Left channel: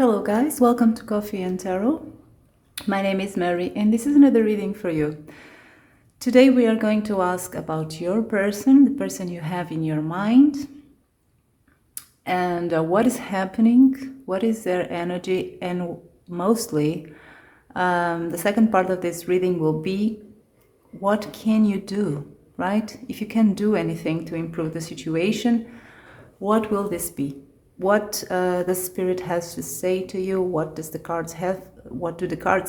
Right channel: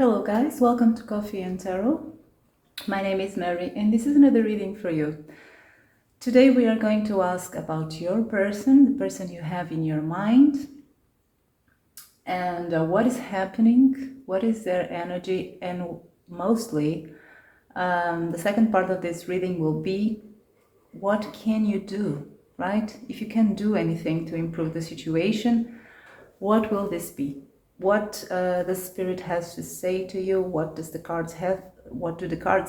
Hello guys, welcome to Coffee and Tarot. My name is Mary and this is another reading for you. Today we are going to ask about your person, the person you have in your mind, and what is happening, what is their energy, and mostly the second part of this reading will be what can you do, right? If you can do anything to improve the situation, what will this be? What the spirit has to say to you? What do the cards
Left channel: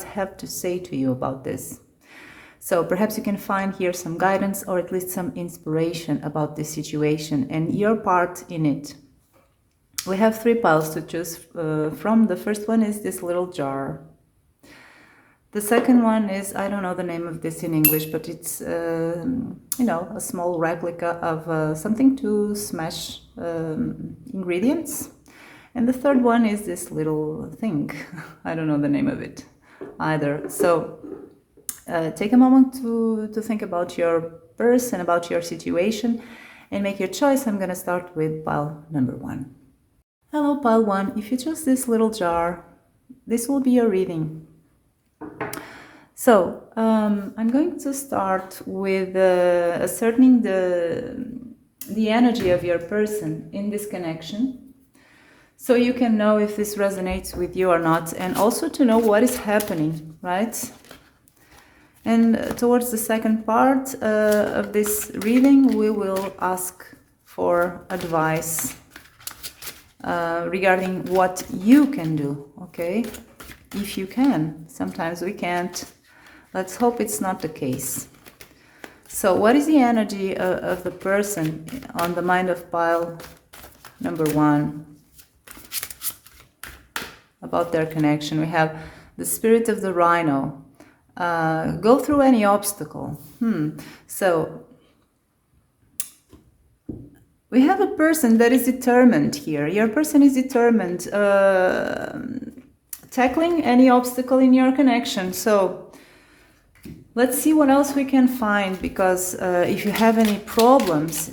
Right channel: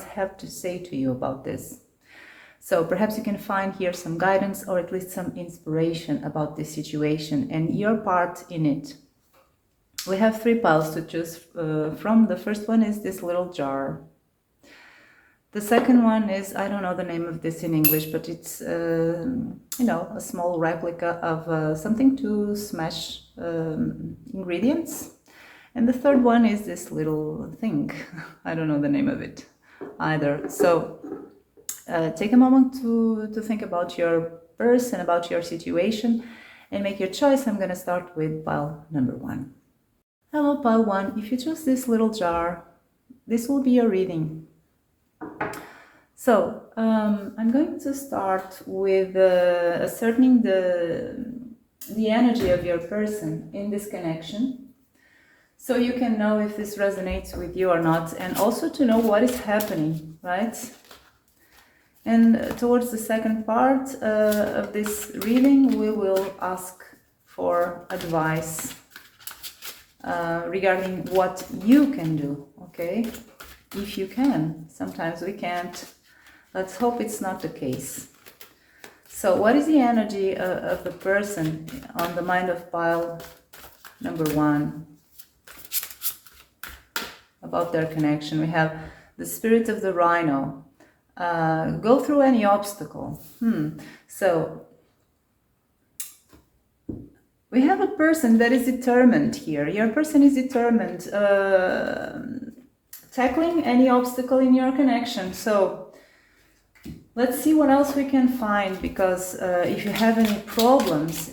have to say to you about this? So perhaps you can find here some guidance or at least some inspiration about this situation and your part in it. We have 3 piles to choose from. The first one is this little jar. The second one is, I don't know the name of this in English, but it's, a small replica of something to smash ingredients. And the third one is this little thing. I don't know the name of it either. So take a moment to think about your person, about your situation, and make your choice. I'm going to start with pile number 1. Hello, pile 1. If you choose this little jar, this will be your reading. So I'm going to start with ascertaining the energy of your person in this connection, so you can know if this resonates with you or not, and also to know what is happening, right? And towards the second part of this reading, we will ask for advice regarding what you can do, okay? If you can. Sometimes we can't. Let's hope it's not the case. So what is the energy of the person on the mind of pile number 1 about their connection? We have the spirit of the rhino. Go through any obstacle. So we have a person that is determined here. Your person is determined tackling any obstacle in your connection. So let's see what else we can find, because if you have any problems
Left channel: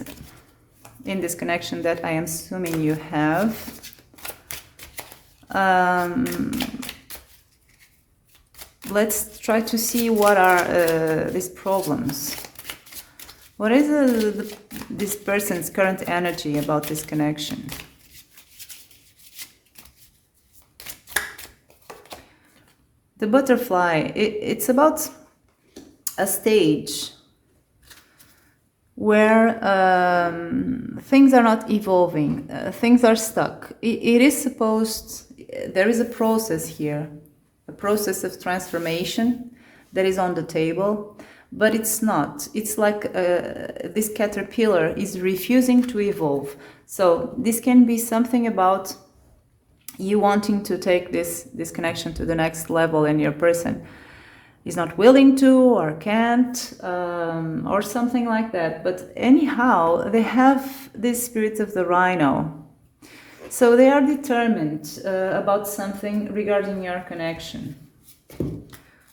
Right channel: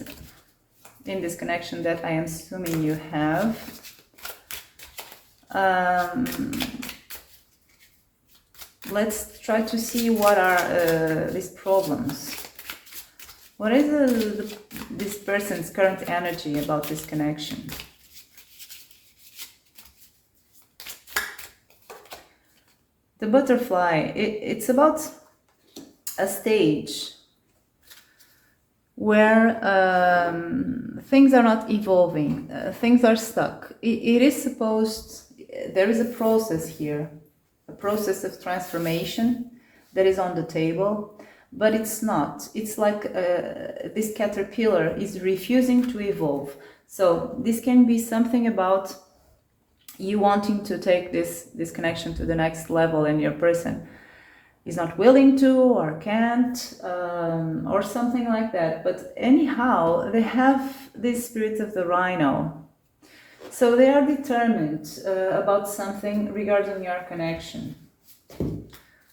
in this connection that I am assuming you have, let's try to see what are these problems. What is this person's current energy about this connection? The butterfly, it's about a stage where things are not evolving, things are stuck. It is supposed, there is a process here, a process of transformation that is on the table, but it's not. It's like this caterpillar is refusing to evolve. So this can be something about you wanting to take this connection to the next level, and your person is not willing to or can't, or something like that. But anyhow, they have this spirit of the rhino. So they are determined about something regarding your connection.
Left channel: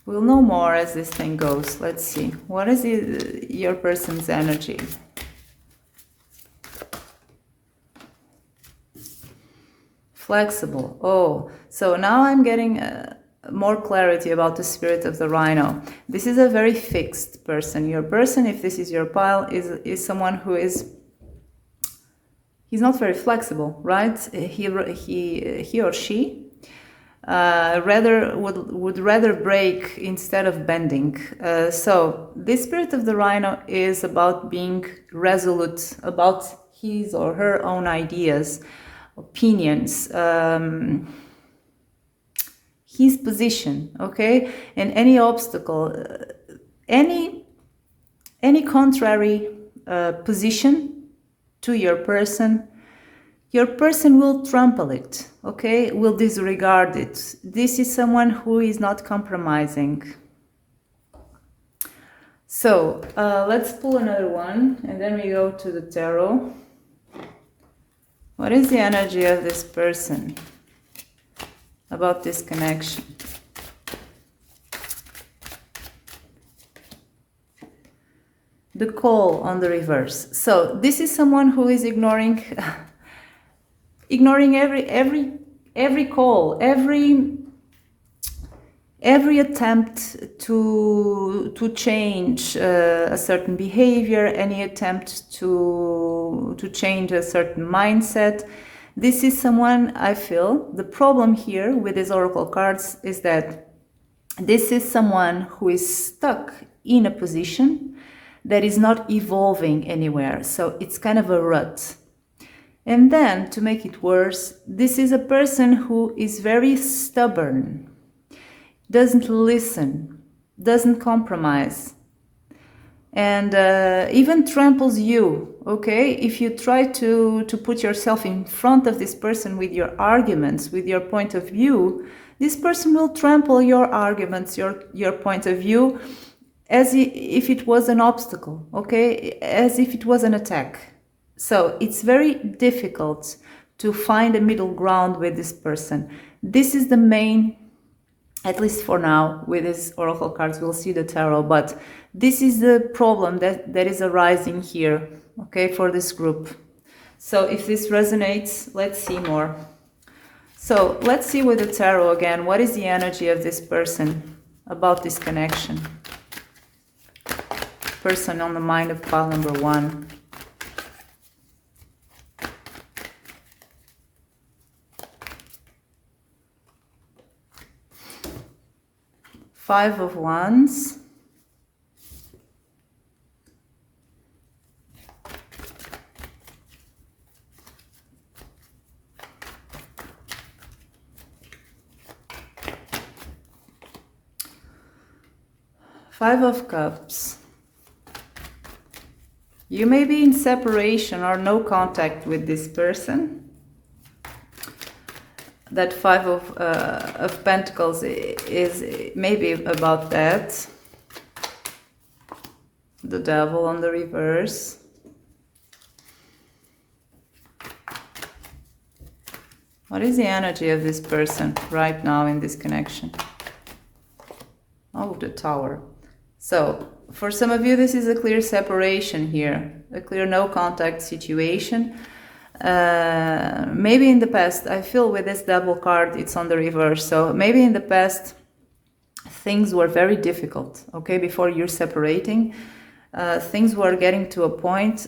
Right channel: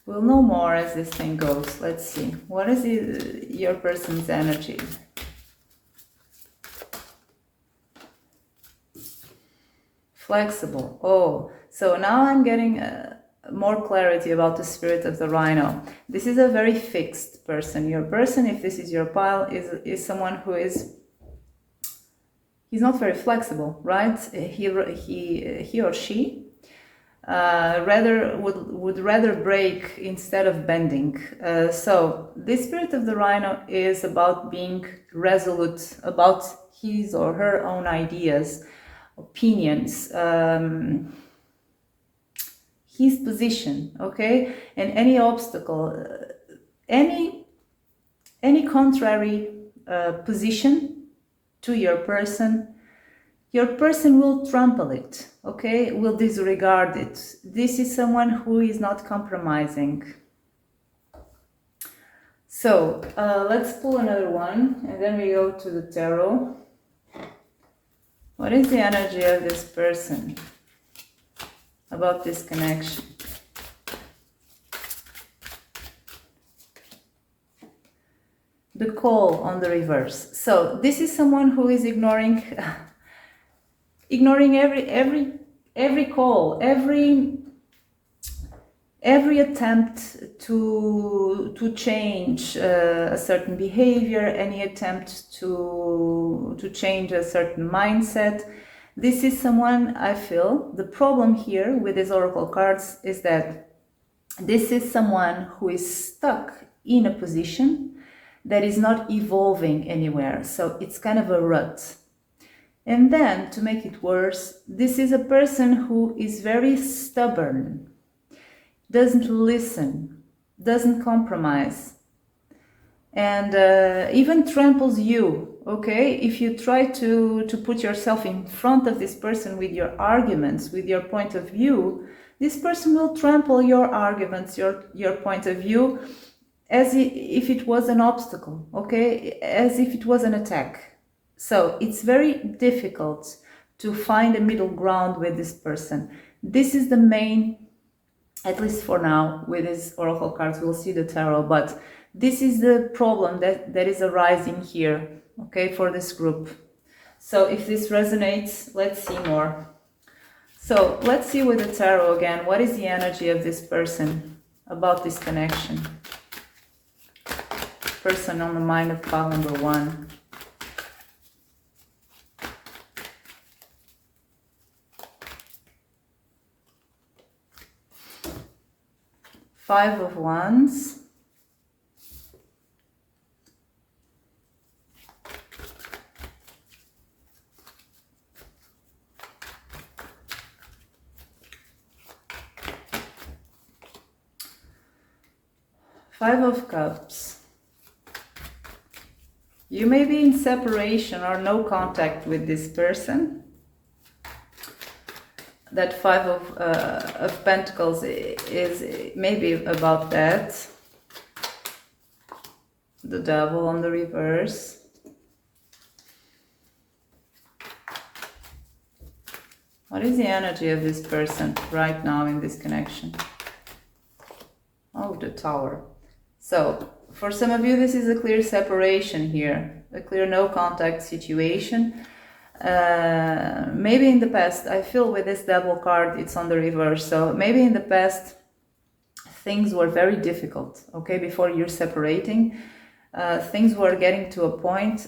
We'll know more as this thing goes. Let's see. What is your person's energy? Flexible. Oh, so now I'm getting more clarity about the spirit of the rhino. This is a very fixed person. Your person, if this is your pile, is someone who he's not very flexible, right? He or she would rather break instead of bending. So this spirit of the rhino is about being resolute about his or her own ideas, opinions, his position, okay? And any obstacle, any contrary position to your person will trample it, okay? Will disregard it. This is someone who is not compromising. So let's pull another one, and then we go to the tarot. What is the energy of this person about this connection? The call on the reverse. So this is someone who is ignoring every every call, every attempt to change a certain behavior, any attempt to change a certain mindset. This is someone, I feel, the problem here with these oracle cards is that this is someone who is stuck in a position that is not evolving anywhere. So it's kind of a rut. And then, to make it worse, this is a person who is very stubborn, doesn't listen, doesn't compromise, and even tramples you, okay? If you try to put yourself in front of this person with your arguments, with your point of view, this person will trample your arguments, your point of view, as if it was an obstacle, okay? As if it was an attack. So it's very difficult to find a middle ground with this person. This is the main, at least for now, with these oracle cards, we'll see the tarot, but this is the problem that is arising here, okay, for this group. So if this resonates, let's see more. So let's see with the tarot again, what is the energy of this person about this connection? Person on the mind of pile number 1. Five of Wands. Five of Cups. You may be in separation or no contact with this person. That Five of Pentacles is maybe about that. The Devil on the reverse. What is the energy of this person right now in this connection? Oh, the Tower. So, for some of you, this is a clear separation here, a clear no contact situation. Maybe in the past, I feel with this Devil card, it's on the reverse. So maybe in the past, things were very difficult, okay, before you're separating. Things were getting to a point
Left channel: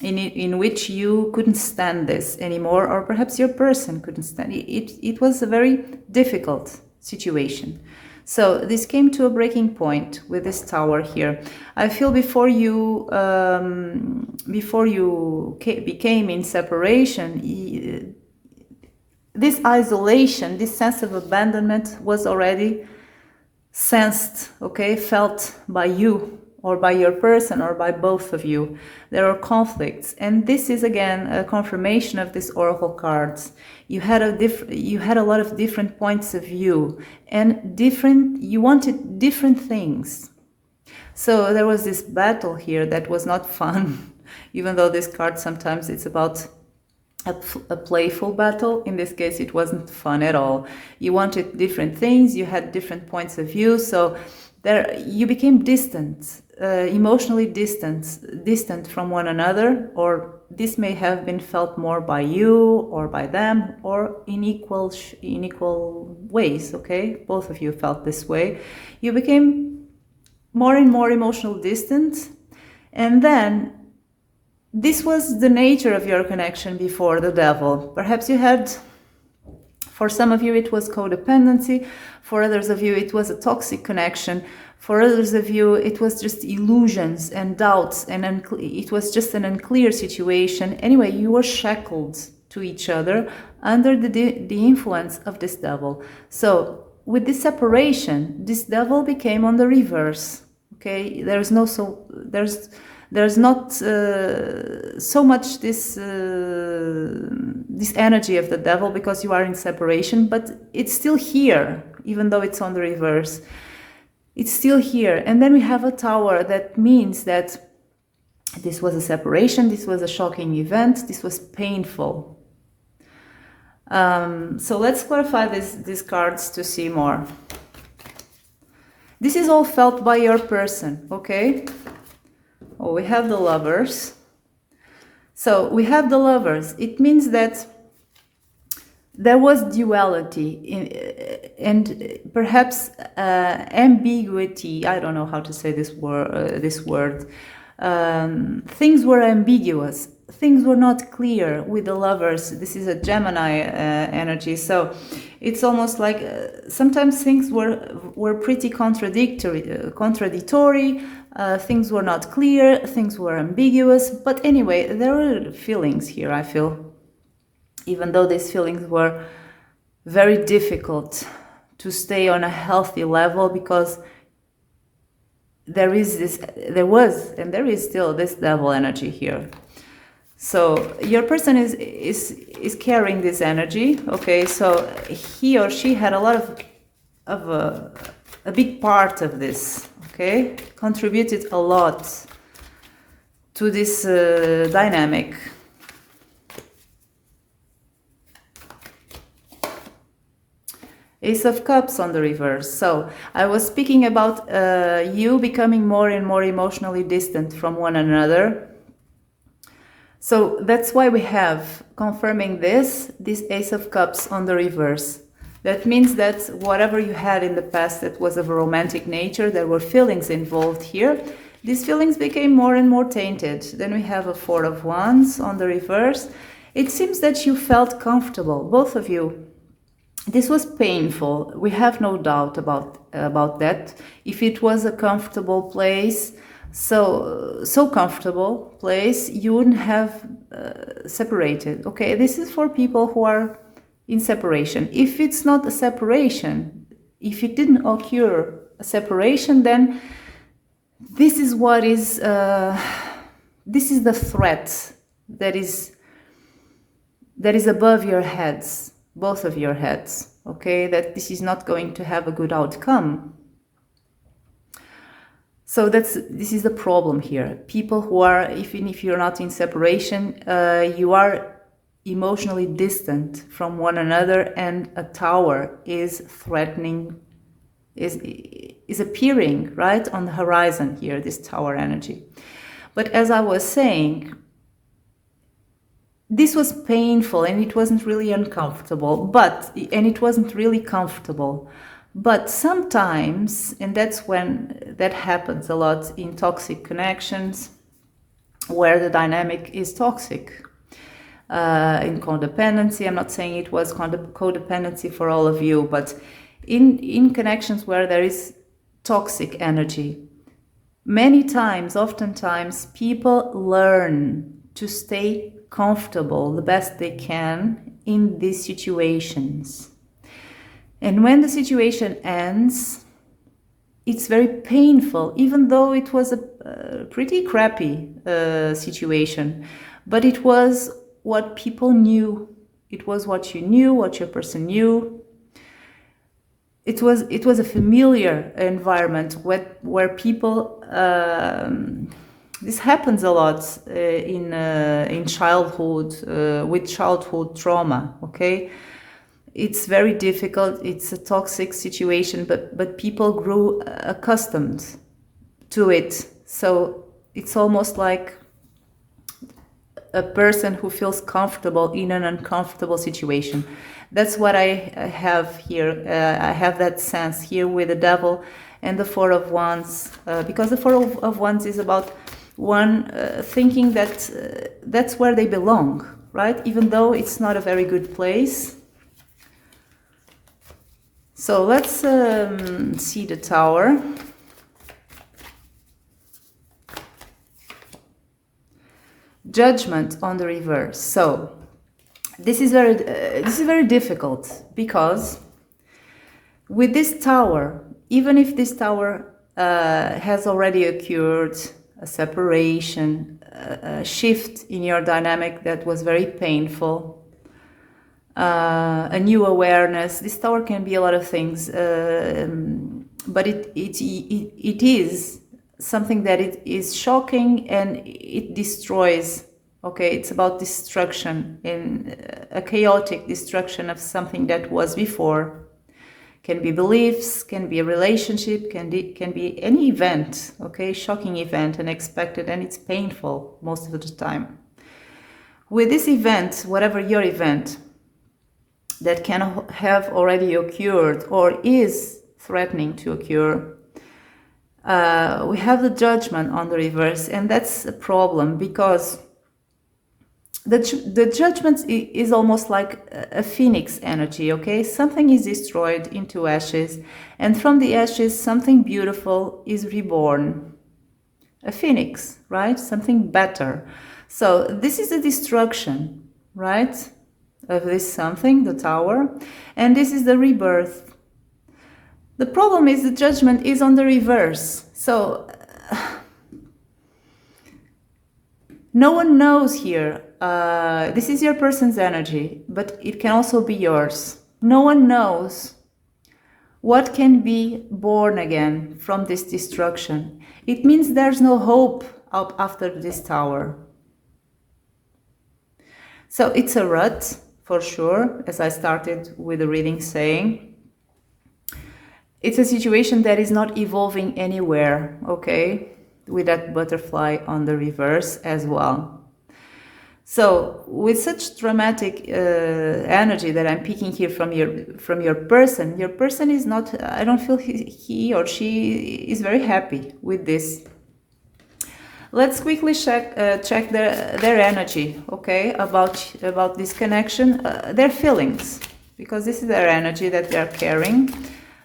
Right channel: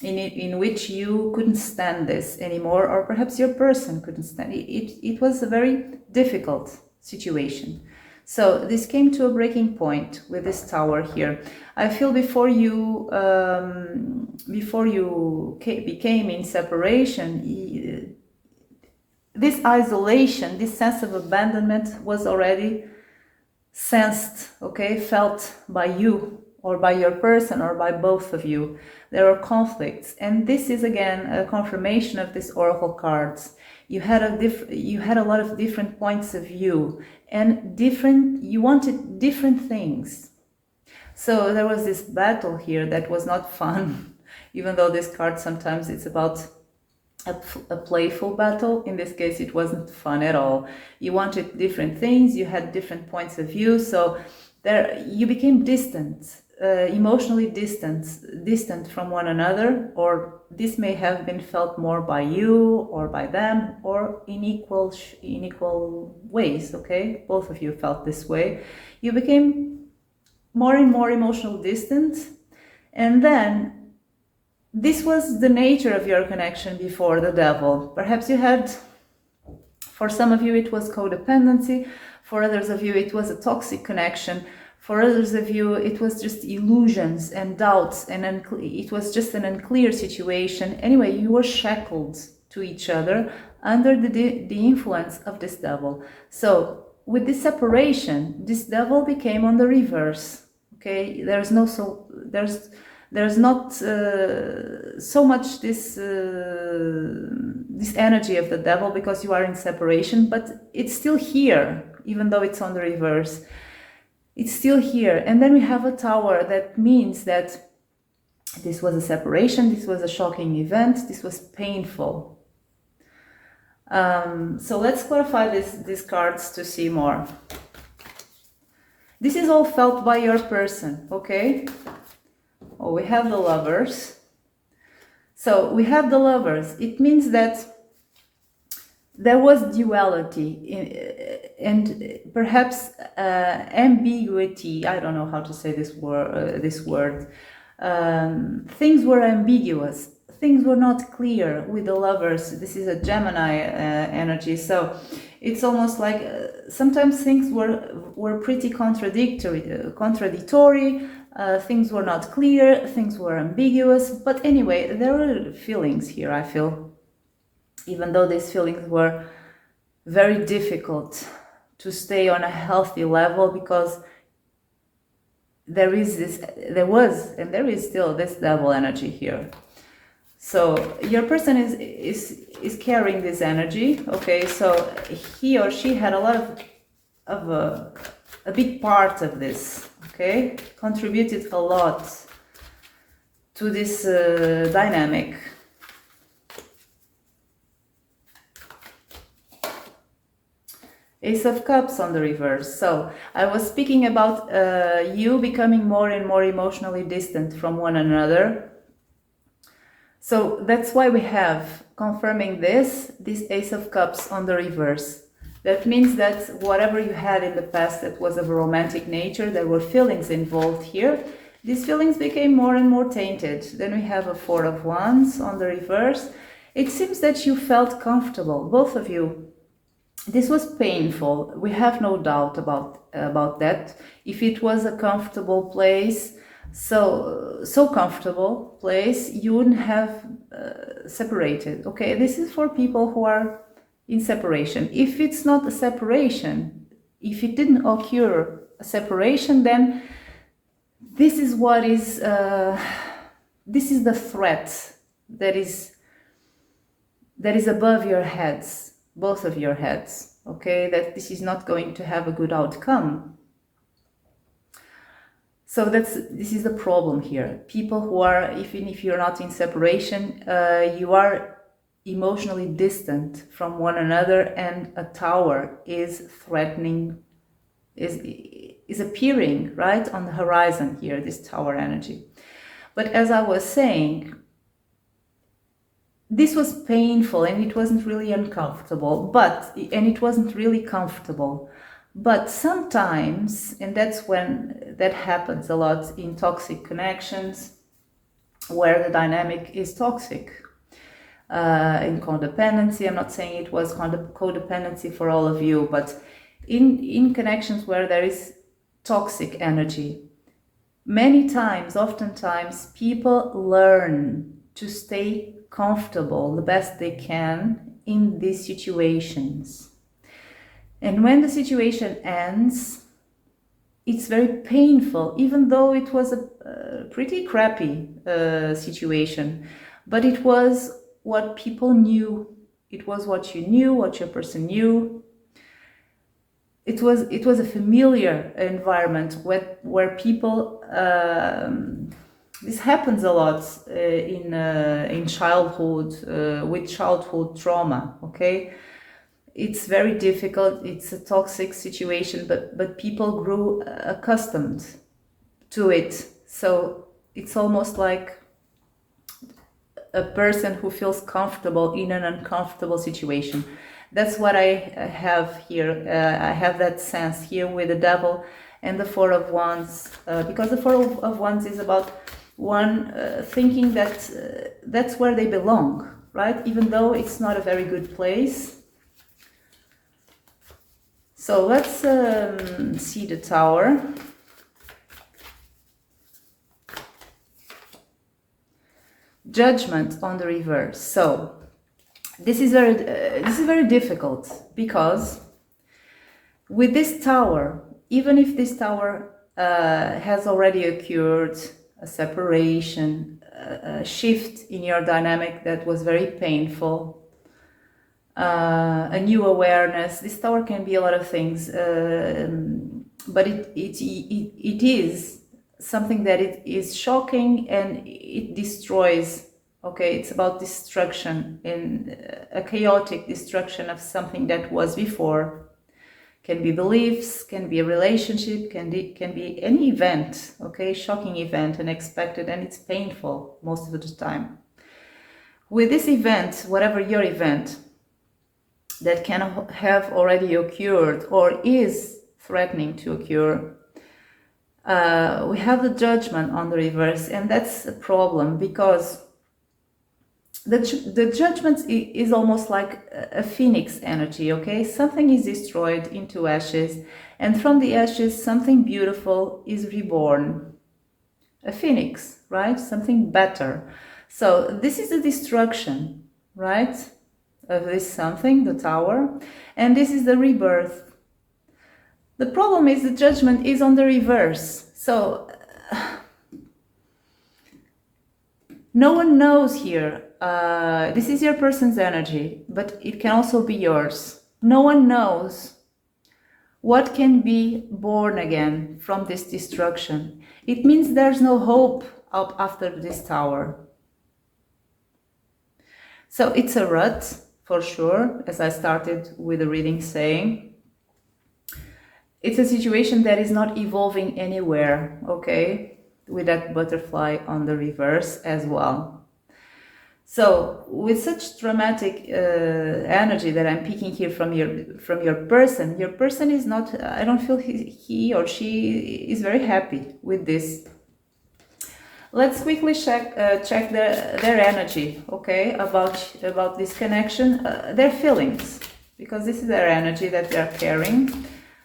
in which you couldn't stand this anymore, or perhaps your person couldn't stand it. It was a very difficult situation. So this came to a breaking point with this Tower here. I feel before you became in separation, this isolation, this sense of abandonment was already sensed, okay, felt by you or by your person or by both of you. There are conflicts, and this is again a confirmation of this oracle cards. You had a lot of different points of view, and you wanted different things. So there was this battle here that was not fun, even though this card sometimes it's about a playful battle. In this case, it wasn't fun at all. You wanted different things, you had different points of view, so there you became distant, emotionally distant from one another, or this may have been felt more by you or by them, or in equal ways, okay? Both of you felt this way. You became more and more emotional distant, and then this was the nature of your connection before the Devil. Perhaps you had, for some of you it was codependency, for others of you it was a toxic connection, for others of you it was just illusions and doubts, and it was just an unclear situation. Anyway, you were shackled to each other under the influence of this Devil. So with this separation, this Devil became on the reverse, okay? There's not so much this energy of the Devil because you are in separation, but it's still here, even though it's on the reverse. It's still here. And then we have a Tower. That means that this was a separation, this was a shocking event, this was painful. So let's clarify these cards to see more. This is all felt by your person, okay? Oh, we have the Lovers. So we have the Lovers. It means that there was duality and perhaps ambiguity. I don't know how to say this word. Things were ambiguous. Things were not clear with the lovers. This is a Gemini energy, so it's almost like sometimes things were pretty contradictory. Things were not clear. Things were ambiguous. But anyway, there were feelings here, I feel, even though these feelings were very difficult to stay on a healthy level, because there was and there is still this devil energy here. So your person is carrying this energy, okay? So he or she had a lot of a big part of this, okay? Contributed a lot to this dynamic. Ace of Cups on the reverse. So I was speaking about you becoming more and more emotionally distant from one another. So that's why we have, confirming this Ace of Cups on the reverse. That means that whatever you had in the past that was of a romantic nature, there were feelings involved here. These feelings became more and more tainted. Then we have a Four of Wands on the reverse. It seems that you felt comfortable, both of you. This was painful. We have no doubt about that. If it was a comfortable place, so comfortable place, you wouldn't have separated. Okay, this is for people who are in separation. If it's not a separation, if it didn't occur a separation, then this is what is this is the threat that is above your heads, both of your heads. Okay, that this is not going to have a good outcome. So this is the problem here. People who are, even if you're not in separation, you are emotionally distant from one another, and a tower is threatening, is appearing right on the horizon here, this tower energy. But as I was saying, this was painful and it wasn't really uncomfortable, and it wasn't really comfortable. But sometimes, and that's when that happens a lot in toxic connections, where the dynamic is toxic. In codependency, I'm not saying it was codependency for all of you, but in connections where there is toxic energy, oftentimes, people learn to stay comfortable the best they can in these situations. And when the situation ends, it's very painful, even though it was a pretty crappy situation. But it was what people knew. It was what you knew, what your person knew. It was a familiar environment where people. This happens a lot in childhood with childhood trauma. Okay. It's very difficult. It's a toxic situation, but people grew accustomed to it. So it's almost like a person who feels comfortable in an uncomfortable situation. That's what I have here. I have that sense here with the devil and the Four of Wands, because the Four of Wands is about one thinking that that's where they belong, right? Even though it's not a very good place. So let's see the Tower. Judgment on the reverse. So this is very difficult, because with this Tower, even if this Tower has already occurred, a separation, a shift in your dynamic that was very painful, a new awareness. This Tower can be a lot of things, but it is something that it is shocking and it destroys. Okay, it's about destruction, in a chaotic destruction of something that was before. Can be beliefs, can be a relationship, can be any event. Okay, shocking event, unexpected, and it's painful most of the time. With this event, whatever your event, that can have already occurred or is threatening to occur. We have the Judgment on the reverse, and that's a problem because the Judgment is almost like a phoenix energy, okay? Something is destroyed into ashes, and from the ashes something beautiful is reborn. A phoenix, right? Something better. So this is the destruction, right, of this something, the tower, and this is the rebirth. The problem is the Judgment is on the reverse. So no one knows here. This is your person's energy, but it can also be yours. No one knows what can be born again from this destruction. It means there's no hope up after this tower. So it's a rut, for sure, as I started with the reading saying. It's a situation that is not evolving anywhere, okay? With that butterfly on the reverse as well. So with such dramatic energy that I'm picking here from your person is not, I don't feel he or she is very happy with this. Let's quickly check their energy, okay, about this connection, their feelings, because this is their energy that they're carrying.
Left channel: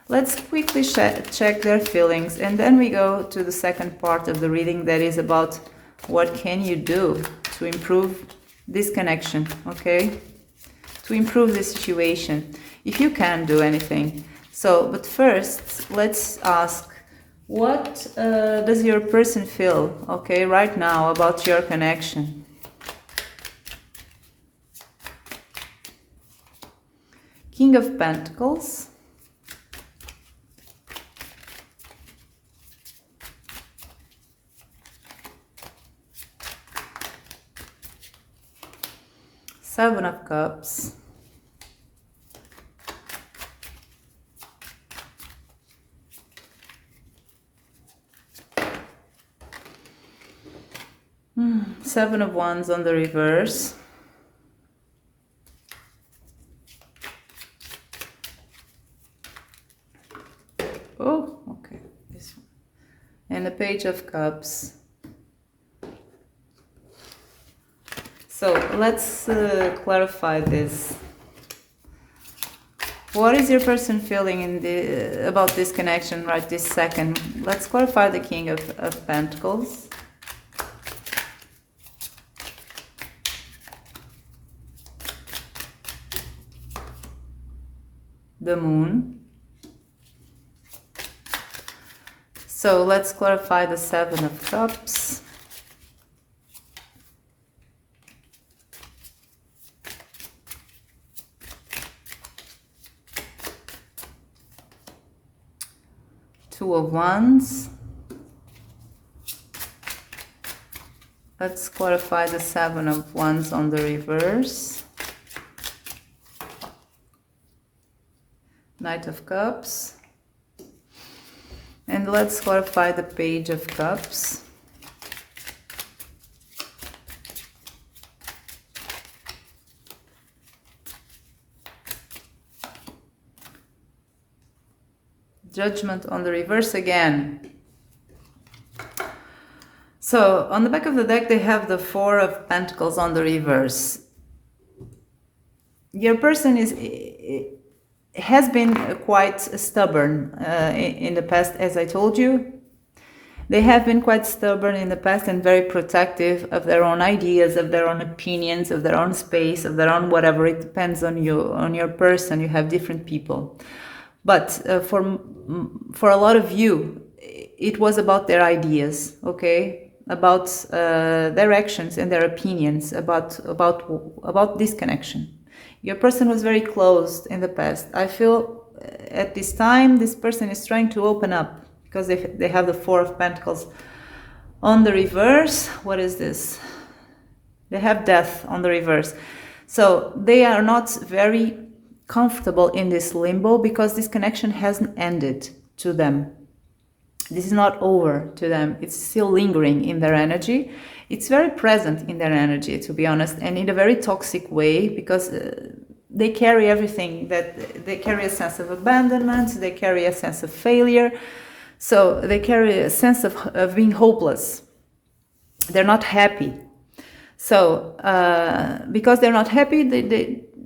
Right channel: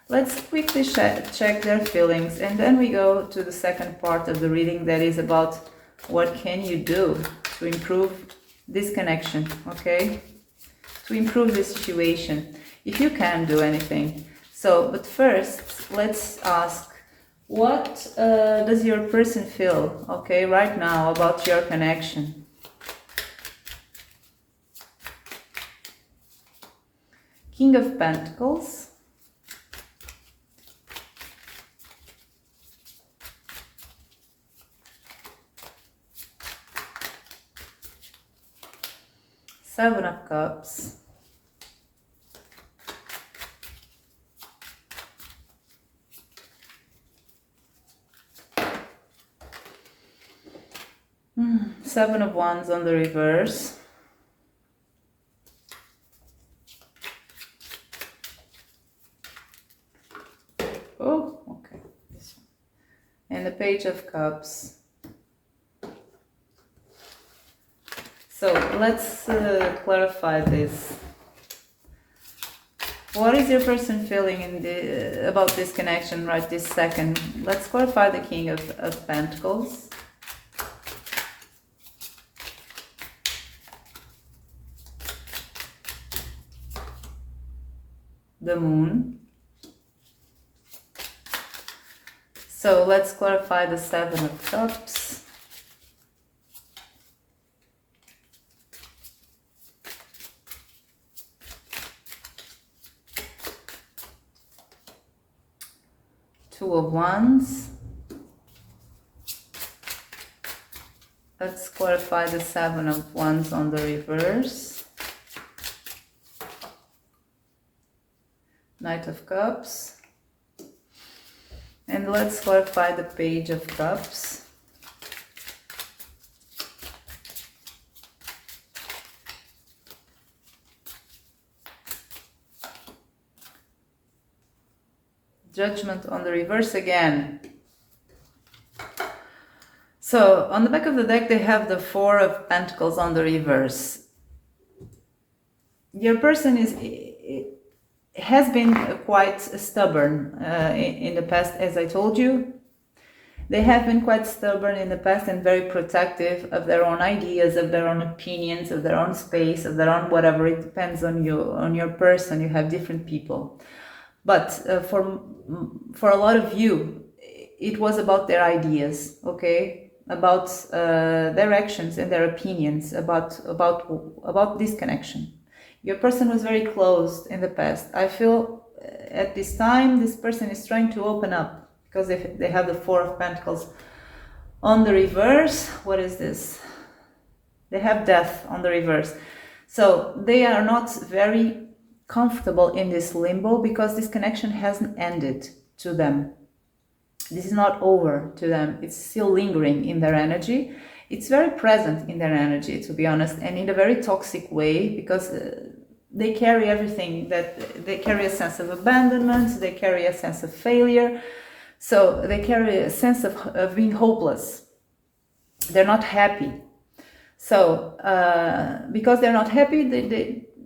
Let's quickly check their feelings, and then we go to the second part of the reading that is about what can you do to improve this connection, okay? To improve the situation, if you can do anything. So, but first, let's ask, what does your person feel, okay, right now about your connection? King of Pentacles. Seven of Cups. Seven of Wands on the reverse. Oh, okay, this one. And the Page of Cups. So let's clarify this. What is your person feeling about this connection right this second? Let's clarify the King of Pentacles. The Moon. So let's clarify the Seven of Cups. Two of Wands. Let's clarify the Seven of Wands on the reverse. Knight of Cups. And let's clarify the Page of Cups. Judgment on the reverse again. So on the back of the deck they have the Four of Pentacles on the reverse. Your person has been quite stubborn in the past, as I told you. They have been quite stubborn in the past and very protective of their own ideas, of their own opinions, of their own space, of their own whatever. It depends on you, on your person. You have different people. But for a lot of you, it was about their ideas, okay? About their actions and their opinions about this connection. Your person was very closed in the past. I feel at this time, this person is trying to open up because they have the Four of Pentacles on the reverse. What is this? They have Death on the reverse. So they are not very comfortable in this limbo because this connection hasn't ended to them. This is not over to them. It's still lingering in their energy. It's very present in their energy, to be honest, and in a very toxic way, because they carry everything, that they carry a sense of abandonment, they carry a sense of failure, so they carry a sense of being hopeless. They're not happy. So because they're not happy,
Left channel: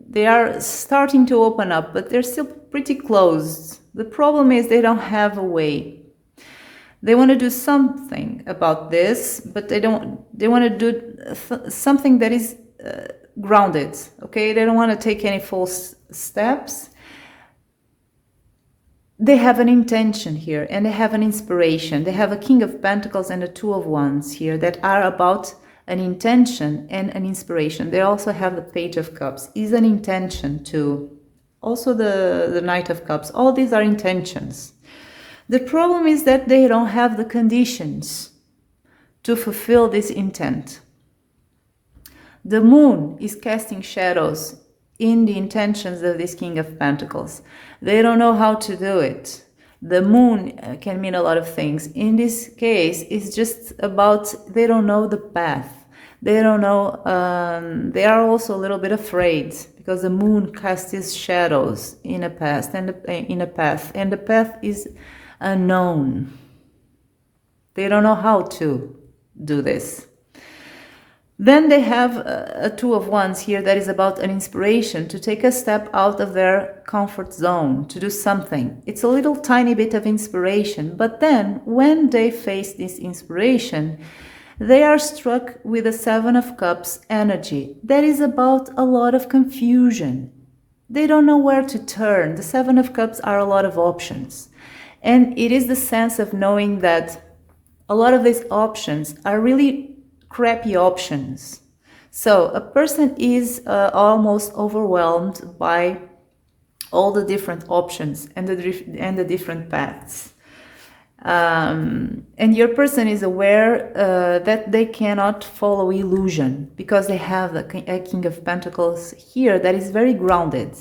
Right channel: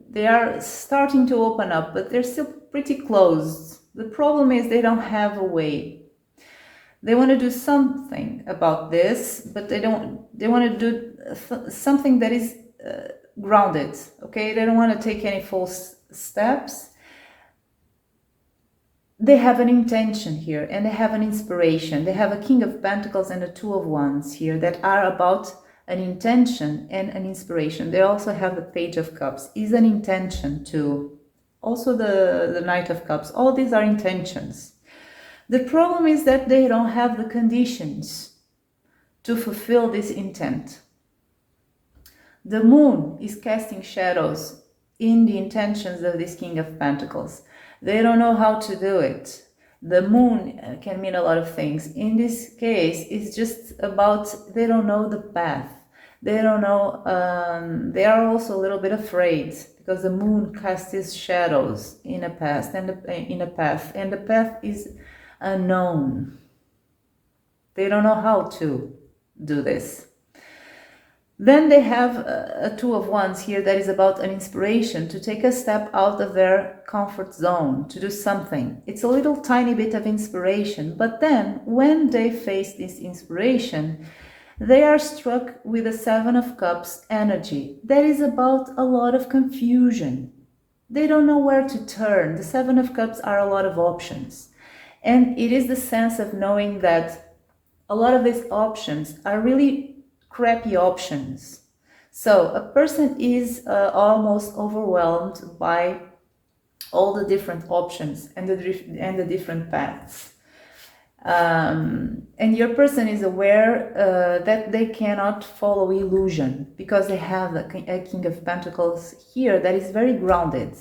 they are starting to open up, but they're still pretty closed. The problem is they don't have a way. They want to do something about this, but they want to do something that is grounded, okay? They don't want to take any false steps. They have an intention here, and they have an inspiration. They have a King of Pentacles and a Two of Wands here that are about an intention and an inspiration. They also have the Page of Cups, is an intention too. Also the Knight of Cups. All these are intentions. The problem is that they don't have the conditions to fulfill this intent. The Moon is casting shadows in the intentions of this King of Pentacles. They don't know how to do it. The Moon can mean a lot of things. In this case, it's just about they don't know the path. They don't know, they are also a little bit afraid because the Moon casts its shadows in a path, and the path is unknown. They don't know how to do this. Then they have a Two of Wands here that is about an inspiration to take a step out of their comfort zone, to do something. It's a little tiny bit of inspiration, but then when they face this inspiration, they are struck with a Seven of Cups energy that is about a lot of confusion. They don't know where to turn. The Seven of Cups are a lot of options. And it is the sense of knowing that a lot of these options are really crappy options. So a person is almost overwhelmed by all the different options and the different paths. And your person is aware that they cannot follow illusion because they have a King of Pentacles here that is very grounded.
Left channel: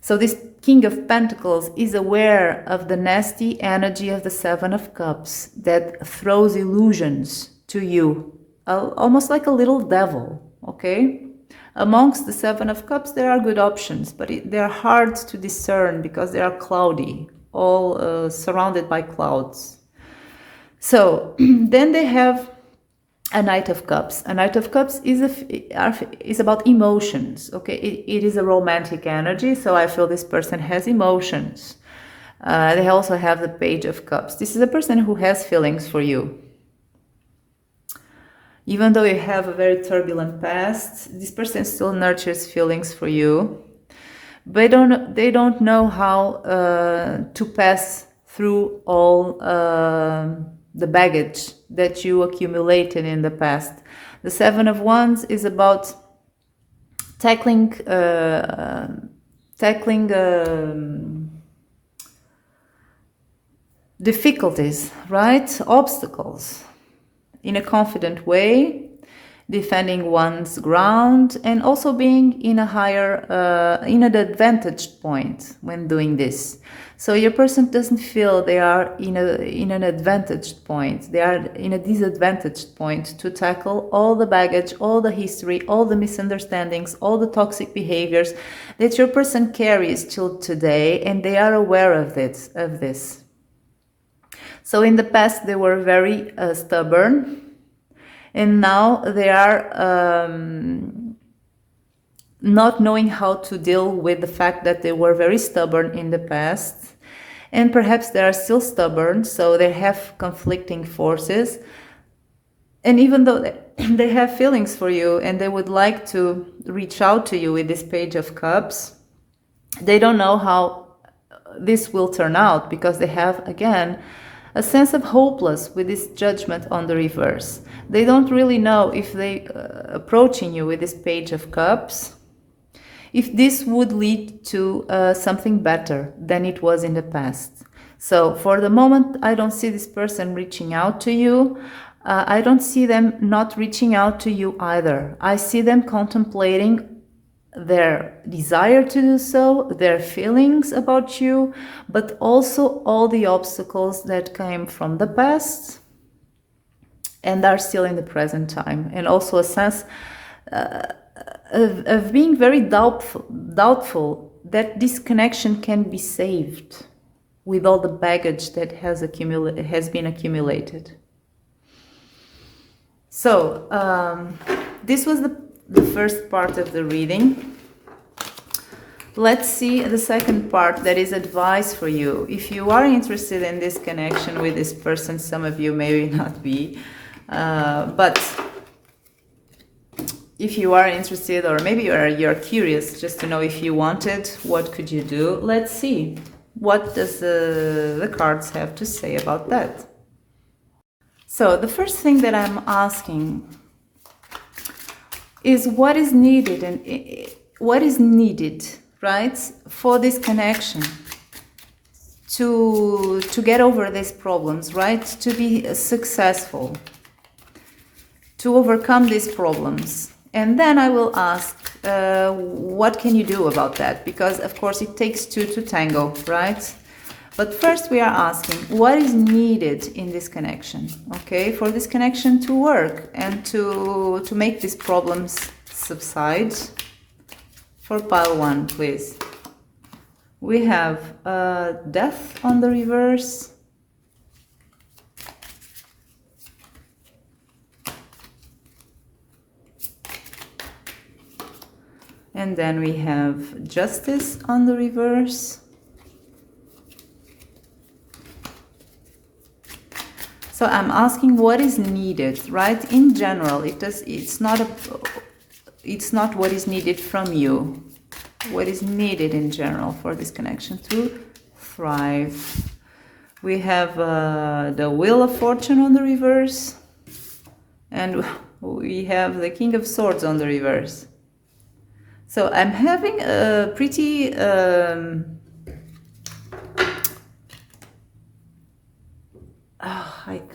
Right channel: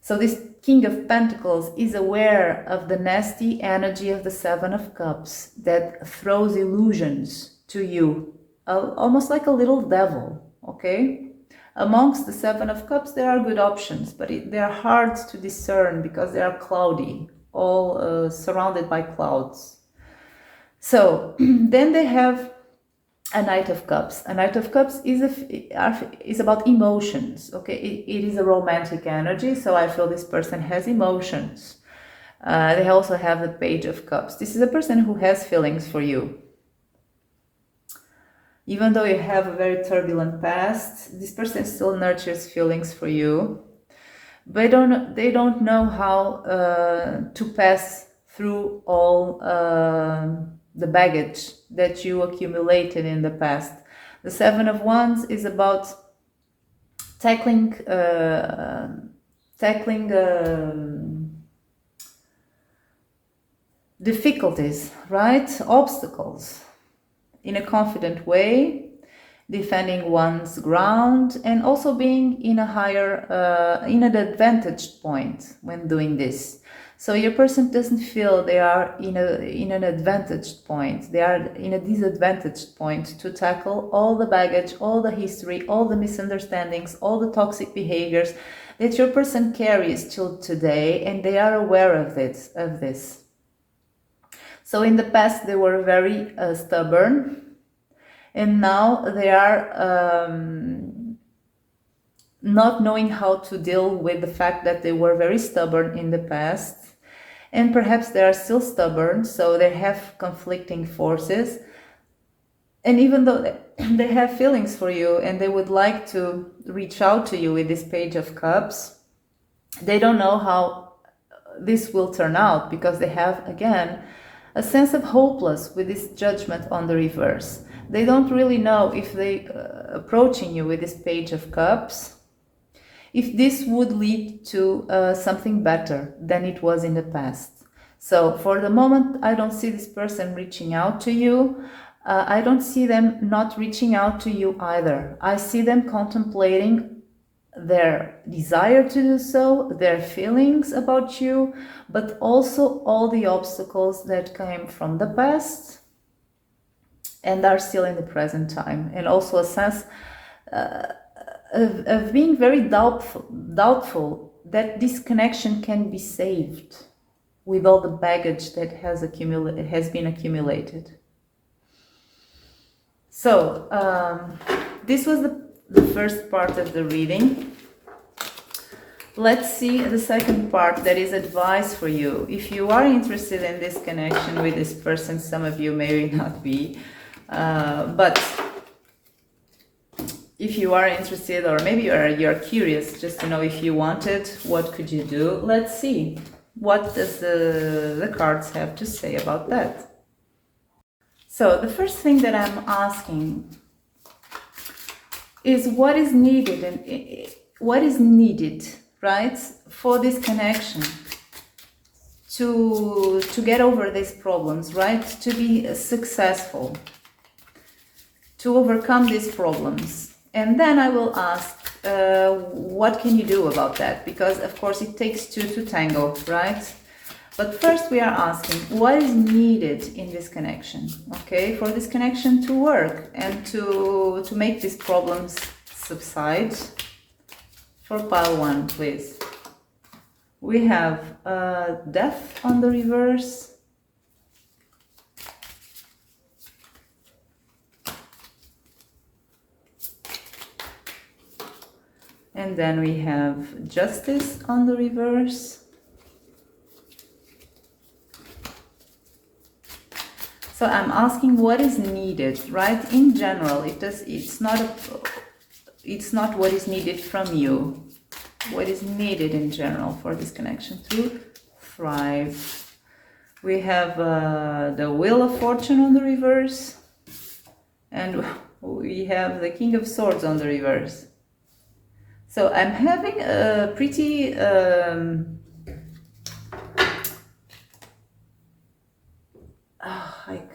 So this King of Pentacles is aware of the nasty energy of the Seven of Cups that throws illusions to you, almost like a little devil, okay? Amongst the Seven of Cups, there are good options, but they're hard to discern because they are cloudy, all surrounded by clouds. So then they have a Knight of Cups. A Knight of Cups is about emotions, okay? It is a romantic energy, so I feel this person has emotions. They also have the Page of Cups. This is a person who has feelings for you. Even though you have a very turbulent past, this person still nurtures feelings for you. But they don't know how to pass through all the baggage that you accumulated in the past. The Seven of Wands is about tackling difficulties, right? Obstacles in a confident way, defending one's ground, and also being in a higher, in an advantaged point when doing this. So your person doesn't feel they are in an advantaged point. They are in a disadvantaged point to tackle all the baggage, all the history, all the misunderstandings, all the toxic behaviors that your person carries till today, and they are aware of this. So in the past they were very stubborn, and now they are not knowing how to deal with the fact that they were very stubborn in the past, and perhaps they are still stubborn, so they have conflicting forces. And even though they have feelings for you and they would like to reach out to you with this Page of Cups, they don't know how this will turn out because they have, again, a sense of hopeless with this Judgment on the reverse. They don't really know if they approaching you with this Page of Cups, if this would lead to something better than it was in the past. So for the moment, I don't see this person reaching out to you. I don't see them not reaching out to you either. I see them contemplating their desire to do so, their feelings about you, but also all the obstacles that came from the past and are still in the present time. And also a sense of being very doubtful that this connection can be saved with all the baggage that has been accumulated. So this was the first part of the reading. Let's see the second part, that is advice for you. If you are interested in this connection with this person, some of you may not be, but if you are interested, or maybe you're curious just to know if you wanted, what could you do? Let's see. What does the cards have to say about that? So the first thing that I'm asking is what is needed, and what is needed, right, for this connection to get over these problems, right, to be successful, to overcome these problems. And then I will ask, what can you do about that? Because of course it takes two to tango, right? But first we are asking, what is needed in this connection, okay? For this connection to work and to make these problems subside. For pile 1, please. We have death on the reverse. And then we have justice on the reverse. So I'm asking what is needed, right? In general, it's not what is needed from you. What is needed in general for this connection to thrive. We have the Wheel of Fortune on the reverse. And we have the King of Swords on the reverse. So I'm having a pretty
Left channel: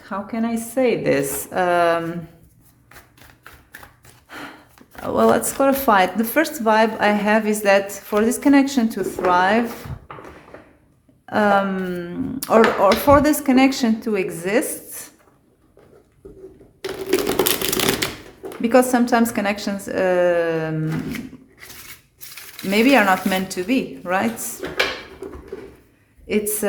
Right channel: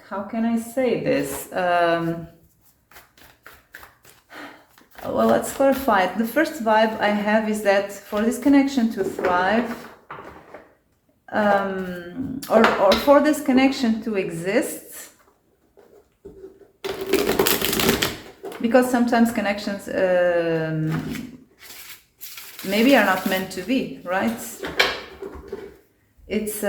how can I say this? Well, let's clarify it. The first vibe I have is that for this connection to thrive, or for this connection to exist, because sometimes connections maybe are not meant to be, right? It's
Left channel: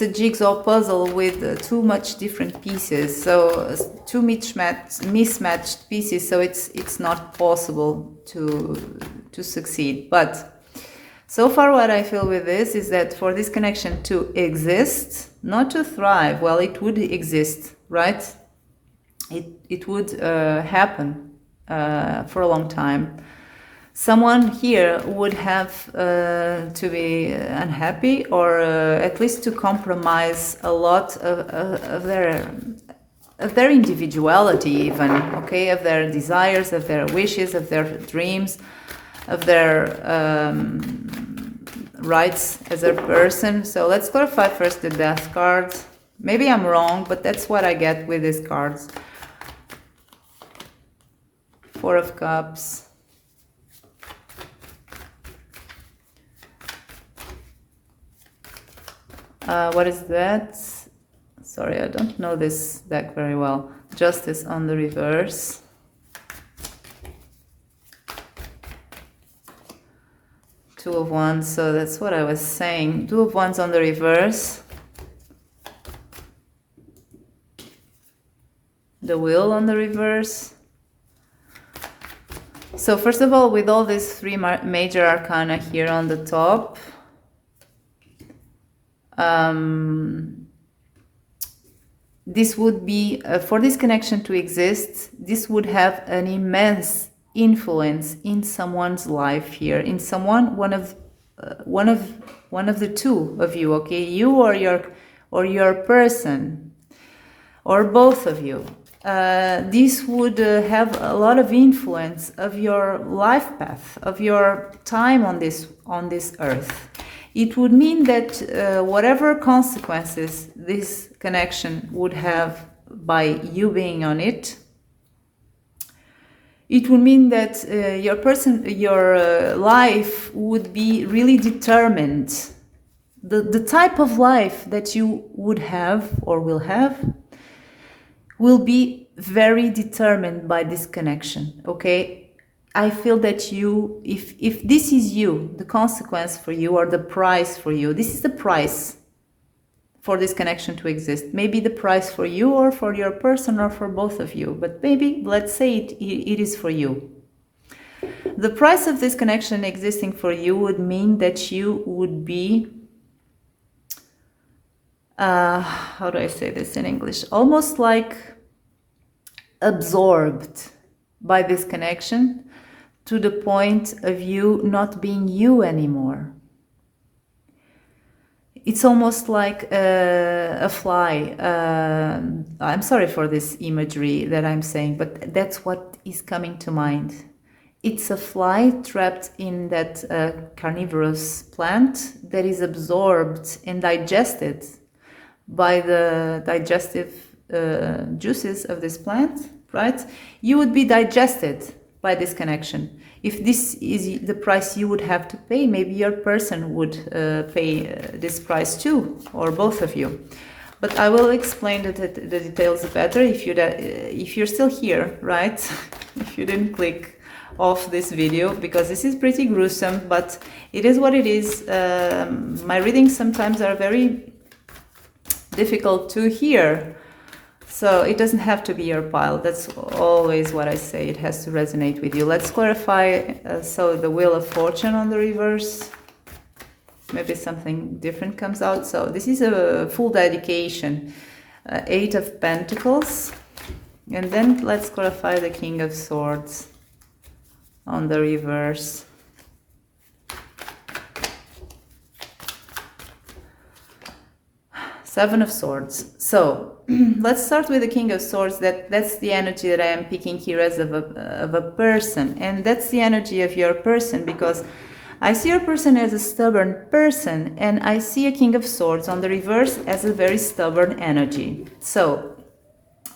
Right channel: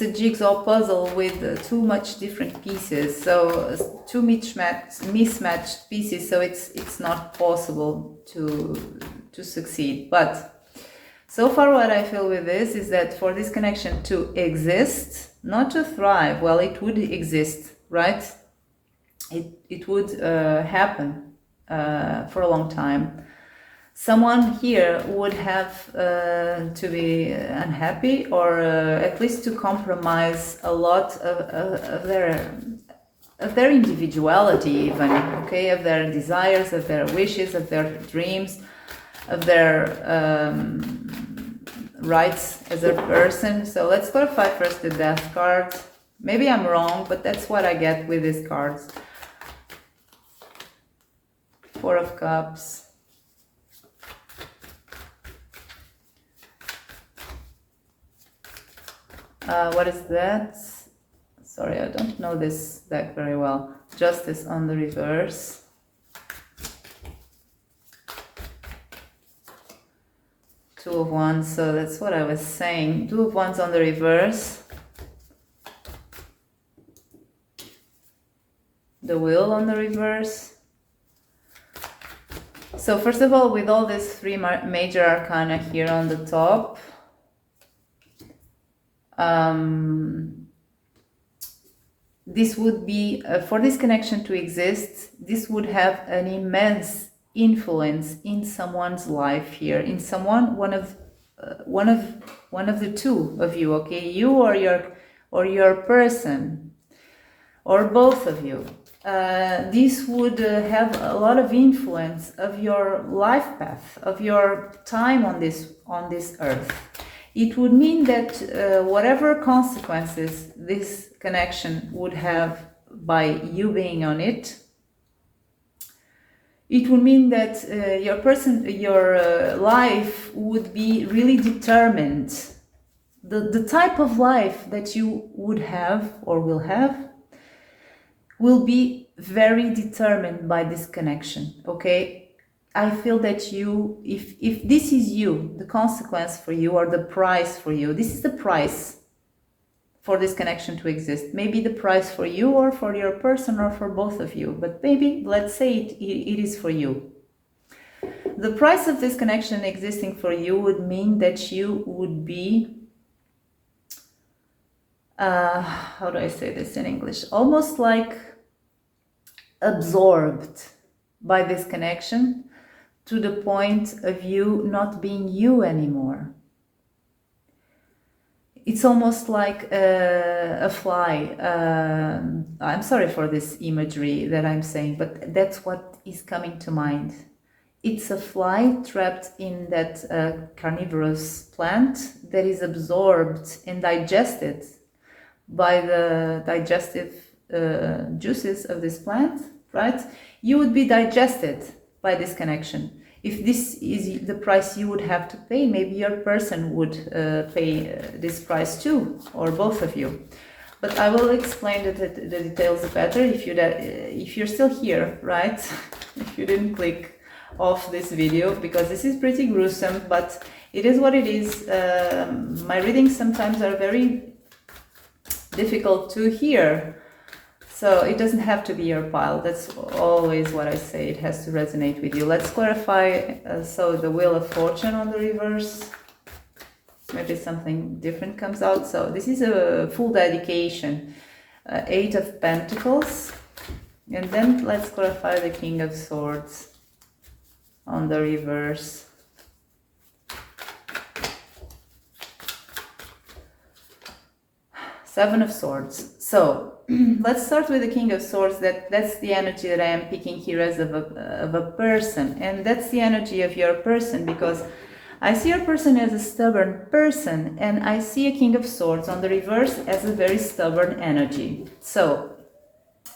a jigsaw puzzle with too much different pieces, so too mismatched pieces, so it's not possible to succeed. But so far what I feel with this is that for this connection to exist, not to thrive, well, it would exist, right? It would happen for a long time. Someone here would have to be unhappy, or at least to compromise a lot of their individuality, even, okay, of their desires, of their wishes, of their dreams, of their rights as a person. So let's clarify first the Death card. Maybe I'm wrong, but that's what I get with these cards. Four of Cups. What is that? Sorry, I don't know this deck very well. Justice on the reverse. Two of Wands, so that's what I was saying. Two of Wands on the reverse. The Wheel on the reverse. So first of all, with all these three major arcana here on the top, this would be, for this connection to exist, this would have an immense influence in someone's life here, in one of the two of you, okay, you or your person, or both of you. This would have a lot of influence of your life path, of your time on this earth. It would mean that whatever consequences this connection would have by you being on it, it would mean that your life would be really determined. The type of life that you would have or will have will be very determined by this connection, okay? I feel that you, if this is you, the consequence for you or the price for you, this is the price for this connection to exist. Maybe the price for you or for your person or for both of you, but maybe let's say it is for you. The price of this connection existing for you would mean that you would be, how do I say this in English? Almost like absorbed by this connection to the point of you not being you anymore. It's almost like a fly. I'm sorry for this imagery that I'm saying, but that's what is coming to mind. It's a fly trapped in that carnivorous plant that is absorbed and digested by the digestive juices of this plant, right? You would be digested by this connection. If this is the price you would have to pay, maybe your person would pay this price too, or both of you. But I will explain the details better if you're still here, right? If you didn't click off this video, because this is pretty gruesome, but it is what it is. My readings sometimes are very difficult to hear. So it doesn't have to be your pile. That's always what I say. It has to resonate with you. Let's clarify. So the Wheel of Fortune on the reverse. Maybe something different comes out. So this is a full dedication. Eight of Pentacles. And then let's clarify the King of Swords on the reverse. Seven of Swords. So let's start with the King of Swords. That's the energy that I am picking here as of a person. And that's the energy of your person, because I see your person as a stubborn person, and I see a King of Swords on the reverse as a very stubborn energy. So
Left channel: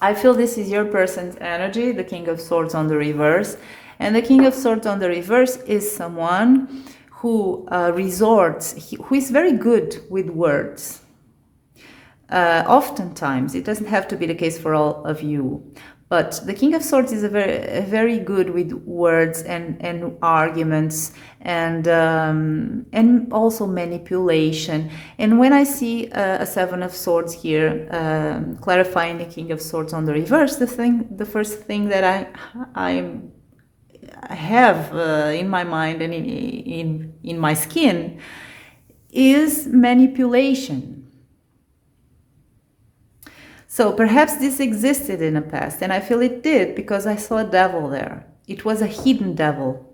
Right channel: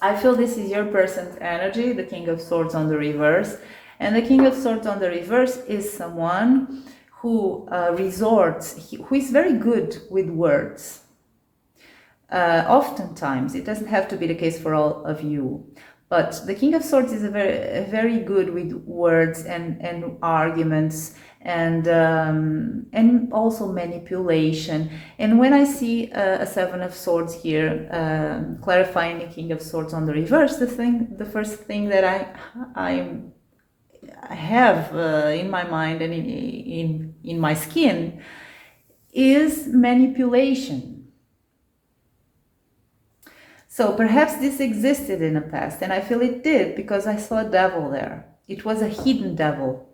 I feel this is your person's energy, the King of Swords on the reverse. And the King of Swords on the reverse is someone who who is very good with words. Oftentimes, it doesn't have to be the case for all of you, but the King of Swords is very good with words and arguments and also manipulation. And when I see a Seven of Swords here, clarifying the King of Swords on the reverse, the first thing that I have in my mind and in my skin is manipulation. So perhaps this existed in the past, and I feel it did because I saw a devil there. It was a hidden devil.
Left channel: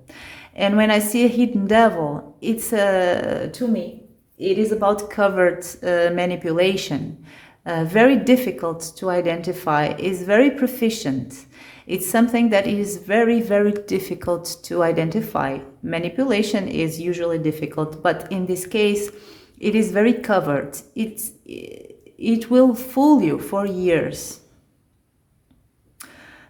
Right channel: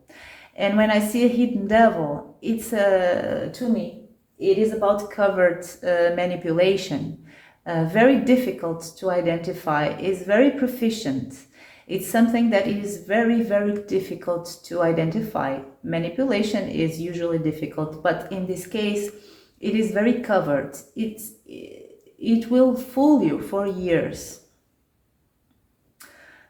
And when I see a hidden devil, it's, to me, it is about covert manipulation. Very difficult to identify, is very proficient. It's something that is very, very difficult to identify. Manipulation is usually difficult, but in this case, it is very covert. It will fool you for years.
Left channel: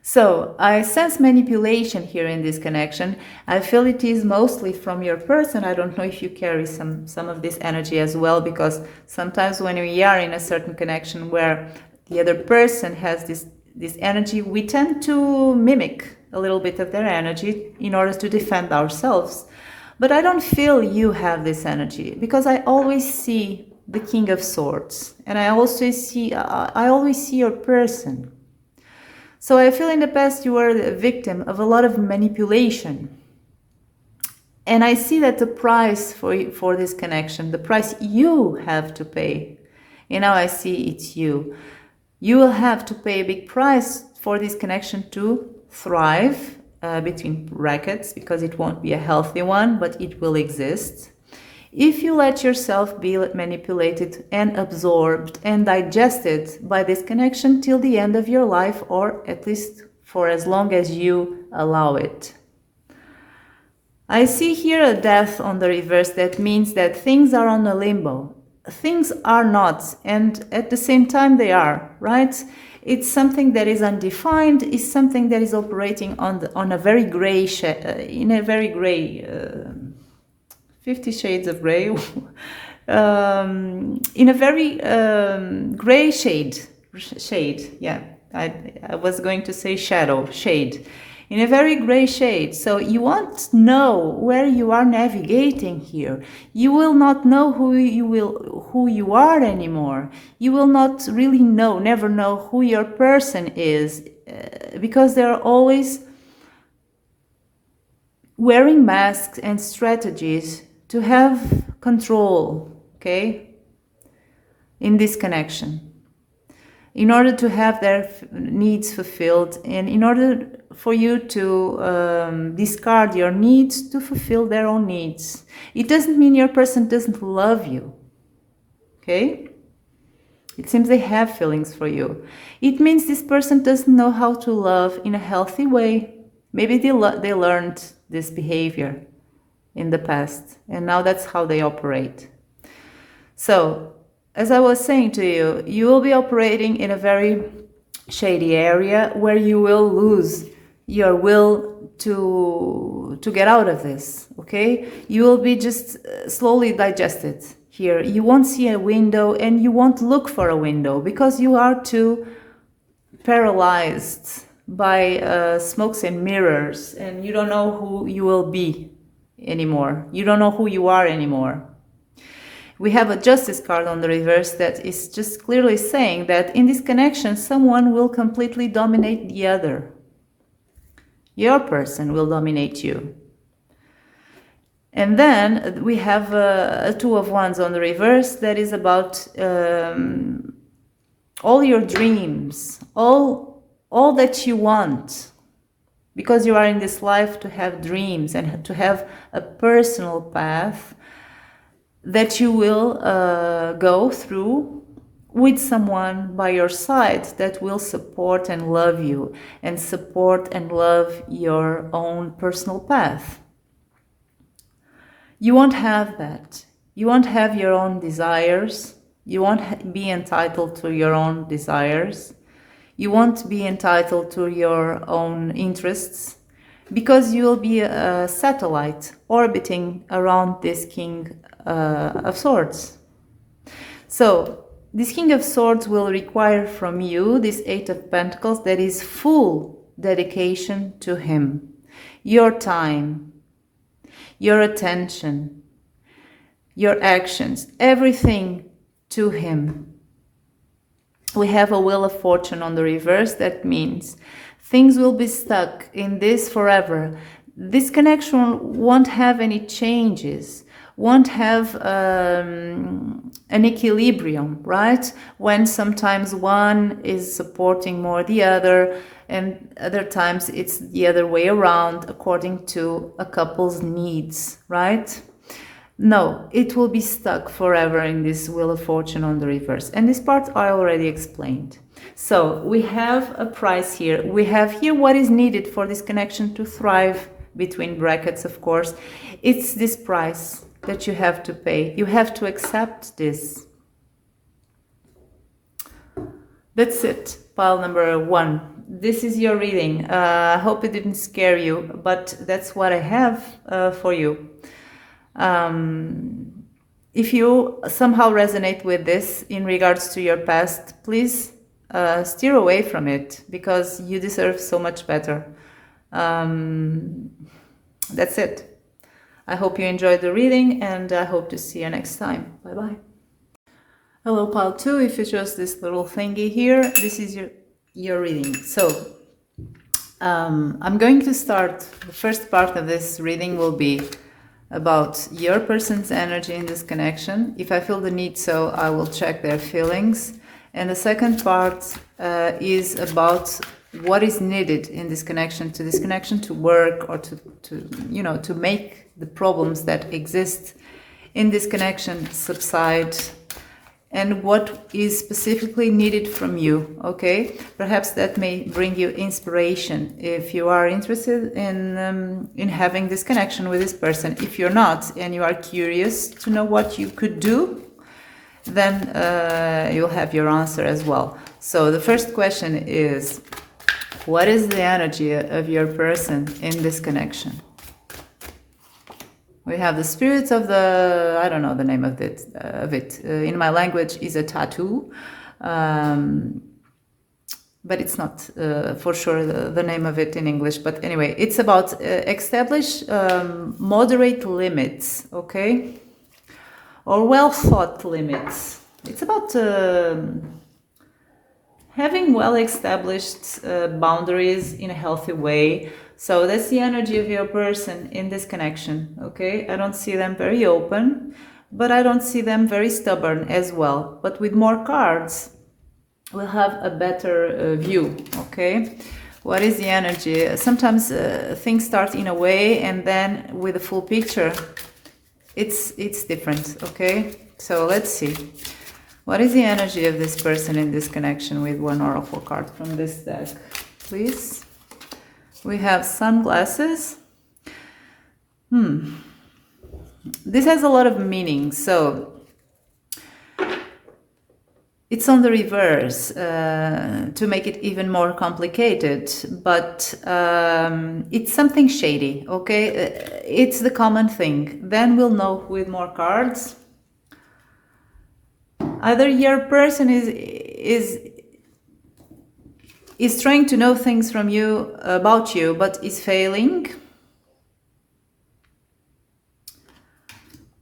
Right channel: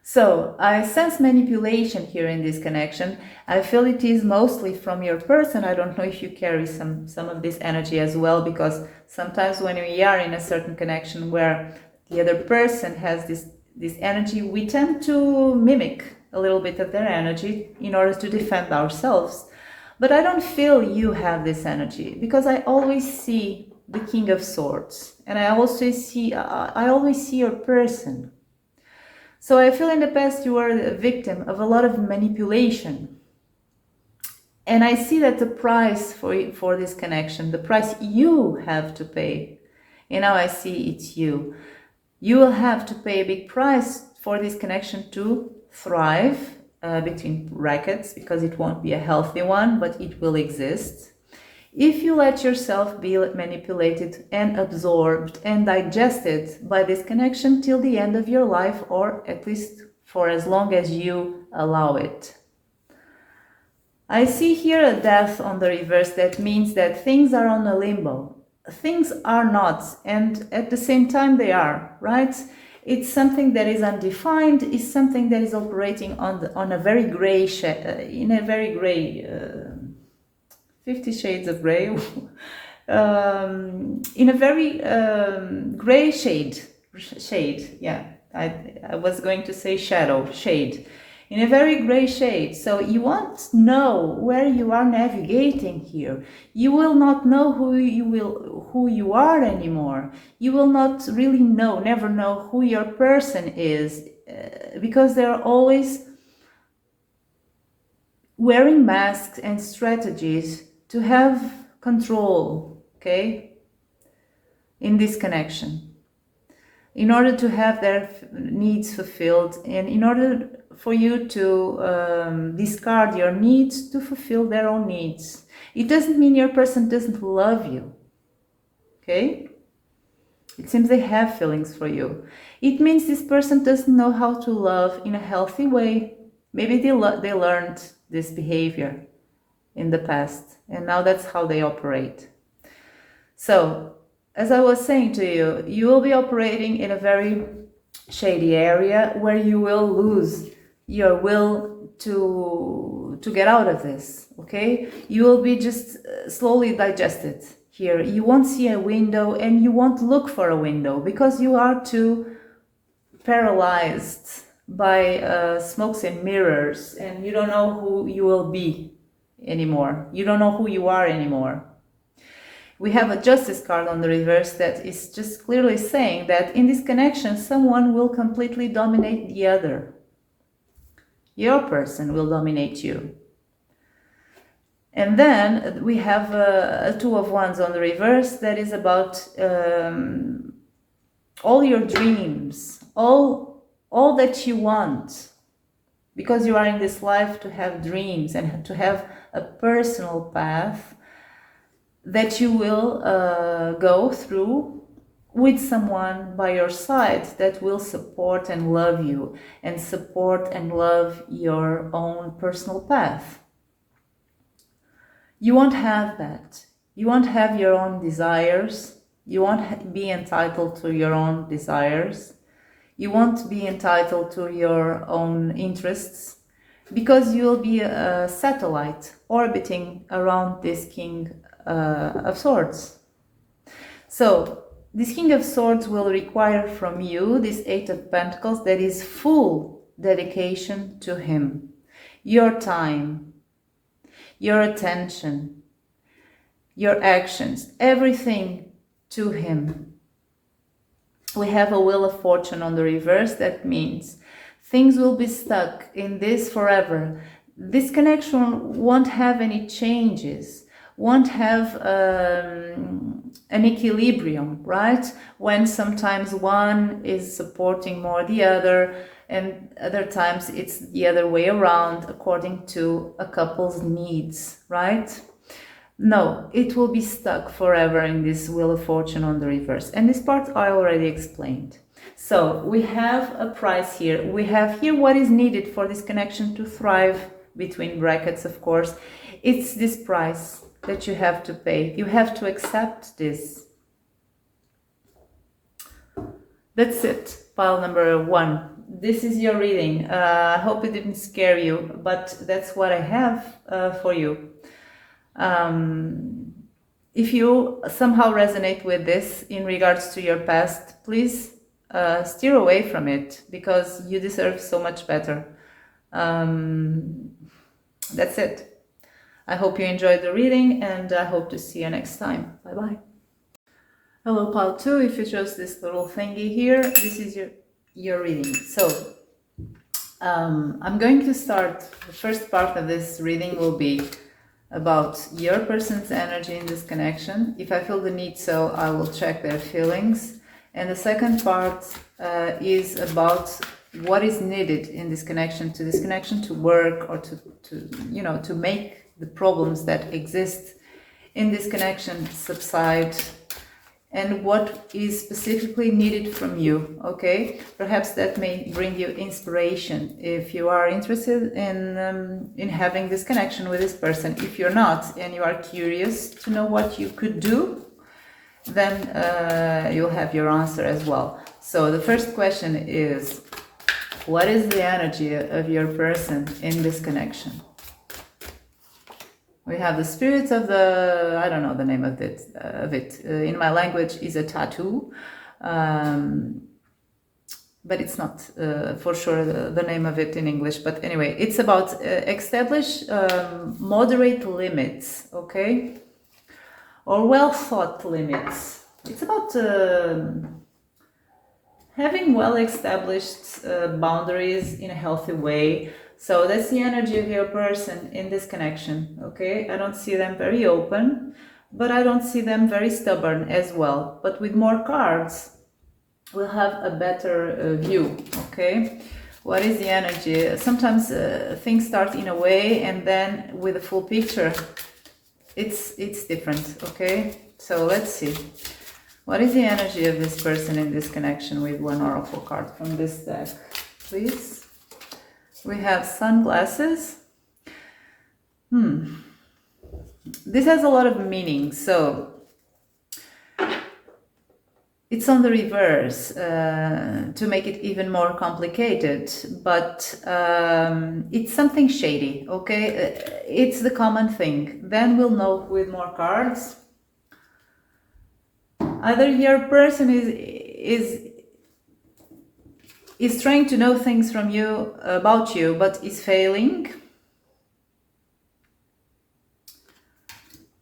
So I sense manipulation here in this connection. I feel it is mostly from your person. I don't know if you carry some of this energy as well, because sometimes when we are in a certain connection where the other person has this energy, we tend to mimic a little bit of their energy in order to defend ourselves. But I don't feel you have this energy, because I always see the King of Swords, and I always see your person. So I feel in the past you were a victim of a lot of manipulation, and I see that the price for this connection, the price you have to pay, and now I see it's you. You will have to pay a big price for this connection to thrive, between brackets, because it won't be a healthy one, but it will exist. If you let yourself be manipulated and absorbed and digested by this connection till the end of your life, or at least for as long as you allow it. I see here a death on the reverse. That means that things are on a limbo. Things are not, and at the same time they are, right? It's something that is undefined, it's something that is operating on a very gray, in a very gray, 50 Shades of Grey, in a very gray shade, yeah, I was going to say shade, in a very gray shade. So you won't know where you are navigating here. You will not know who you are anymore. You will not really never know who your person is, because they're always wearing masks and strategies to have control, okay, in this connection, in order to have their needs fulfilled, and in order for you to discard your needs to fulfill their own needs. It doesn't mean your person doesn't love you, okay? It seems they have feelings for you. It means this person doesn't know how to love in a healthy way. Maybe they learned this behavior in the past, and now that's how they operate. So, as I was saying to you, you will be operating in a very shady area where you will lose your will to get out of this, okay? You will be just slowly digested here. You won't see a window, and you won't look for a window because you are too paralyzed by smokes and mirrors, and you don't know who you will be anymore. You don't know who you are anymore. We have a justice card on the reverse that is just clearly saying that in this connection, someone will completely dominate the other. Your person will dominate you. And then we have a Two of Wands on the reverse that is about all your dreams, all that you want. Because you are in this life to have dreams and to have a personal path that you will go through with someone by your side that will support and love you, and support and love your own personal path. You won't have that. You won't have your own desires. You won't be entitled to your own desires. You won't be entitled to your own interests, because you will be a satellite orbiting around this King of Swords. So this King of Swords will require from you this Eight of Pentacles that is full dedication to him. Your time, your attention, your actions, everything to him. We have a Wheel of Fortune on the reverse. That means things will be stuck in this forever. This connection won't have any changes, won't have an equilibrium, right? When sometimes one is supporting more the other, and other times it's the other way around according to a couple's needs, right? No, it will be stuck forever in this Wheel of Fortune on the reverse. And this part I already explained. So we have a price here. We have here what is needed for this connection to thrive, between brackets, of course. It's this price that you have to pay. You have to accept this. That's it. Pile number 1. This is your reading. I hope it didn't scare you, but that's what I have for you. If you somehow resonate with this in regards to your past, please steer away from it, because you deserve so much better. That's it. I hope you enjoyed the reading, and I hope to see you next time. Bye-bye. Hello, pile 2. If you chose this little thingy here, this is your reading. So I'm going to start. The first part of this reading will be about your person's energy in this connection. If I feel the need, so I will check their feelings. And the second part is about what is needed in this connection to work, or to make the problems that exist in this connection subside, and what is specifically needed from you, okay? Perhaps that may bring you inspiration if you are interested in having this connection with this person. If you're not, and you are curious to know what you could do, then you'll have your answer as well. So the first question is, what is the energy of your person in this connection? We have the spirits of the, I don't know the name of it. In my language is a tattoo. but it's not for sure the name of it in English. But anyway, it's about establish moderate limits, okay? Or well thought limits. It's about having well established boundaries in a healthy way. So that's the energy of your person in this connection, okay? I don't see them very open, but I don't see them very stubborn as well. But with more cards, we'll have a better view, okay? What is the energy? Sometimes things start in a way, and then with a full picture, it's different, okay? So let's see. What is the energy of this person in this connection with one oracle card from this deck, please? We have sunglasses. This has a lot of meaning. So it's on the reverse to make it even more complicated, but it's something shady, okay? It's the common thing. Then we'll know with more cards. Either your person is trying to know things from you, about you, but is failing.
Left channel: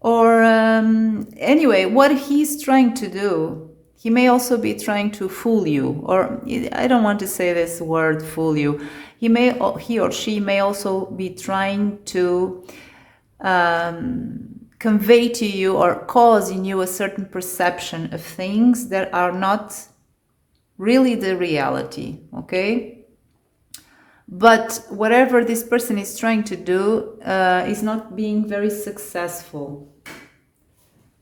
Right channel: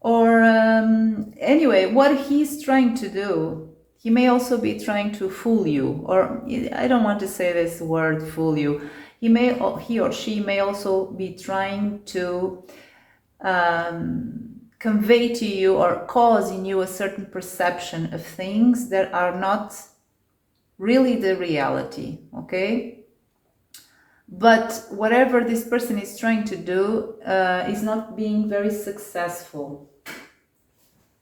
Or anyway, what he's trying to do, he may also be trying to fool you. Or I don't want to say this word, fool you. He or she may also be trying to convey to you or cause in you a certain perception of things that are not really the reality, okay? But whatever this person is trying to do is not being very successful,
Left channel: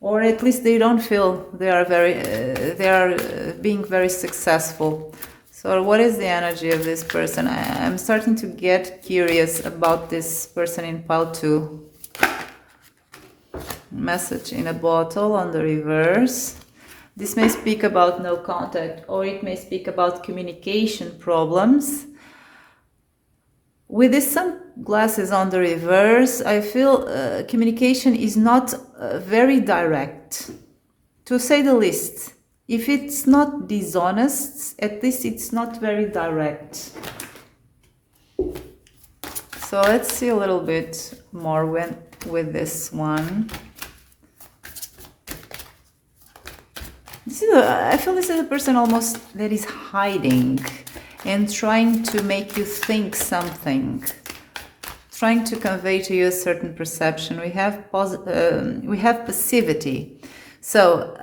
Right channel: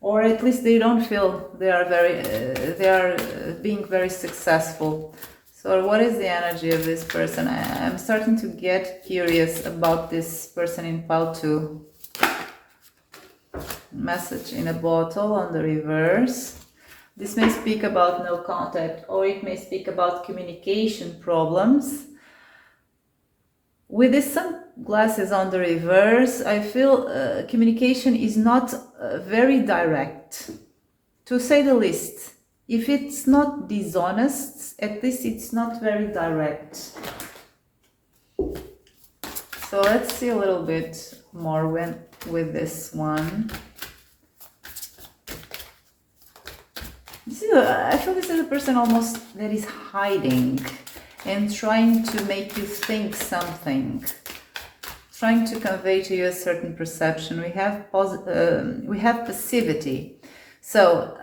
or at least they don't feel they are being very successful. So what is the energy of this person? I'm starting to get curious about this person in pile 2. Message in a bottle on the reverse. This may speak about no contact, or it may speak about communication problems. With these sunglasses on the reverse, I feel communication is not very direct, to say the least. If it's not dishonest, at least it's not very direct. So let's see a little bit more with this one. I feel this is a person almost that is hiding and trying to make you think something, trying to convey to you a certain perception. We have passivity. So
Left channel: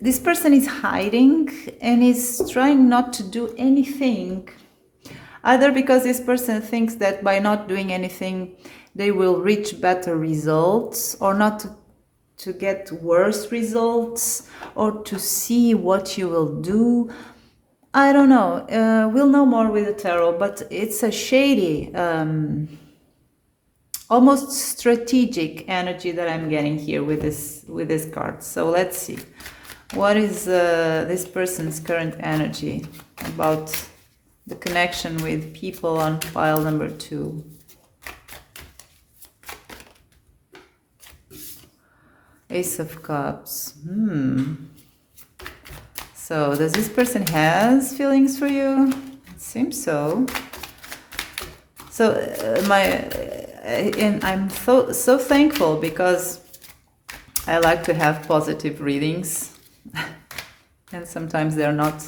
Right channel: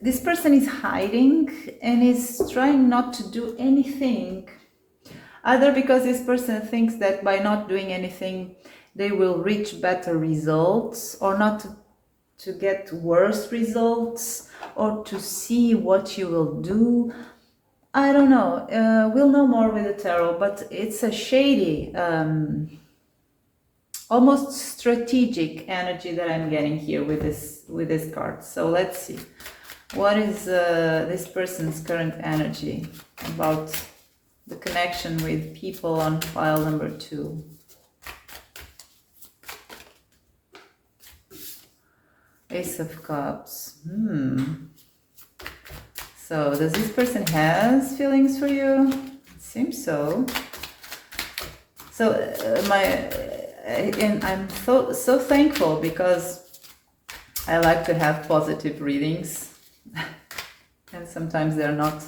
this person is hiding and is trying not to do anything, either because this person thinks that by not doing anything they will reach better results, or not to get worse results, or to see what you will do. I don't know. We'll know more with the tarot, but it's a shady, almost strategic energy that I'm getting here with this card. So let's see. What is this person's current energy about the connection with people on pile number 2? Ace of Cups. So does this person has feelings for you? It seems so. So I'm so thankful, because I like to have positive readings, and sometimes they're not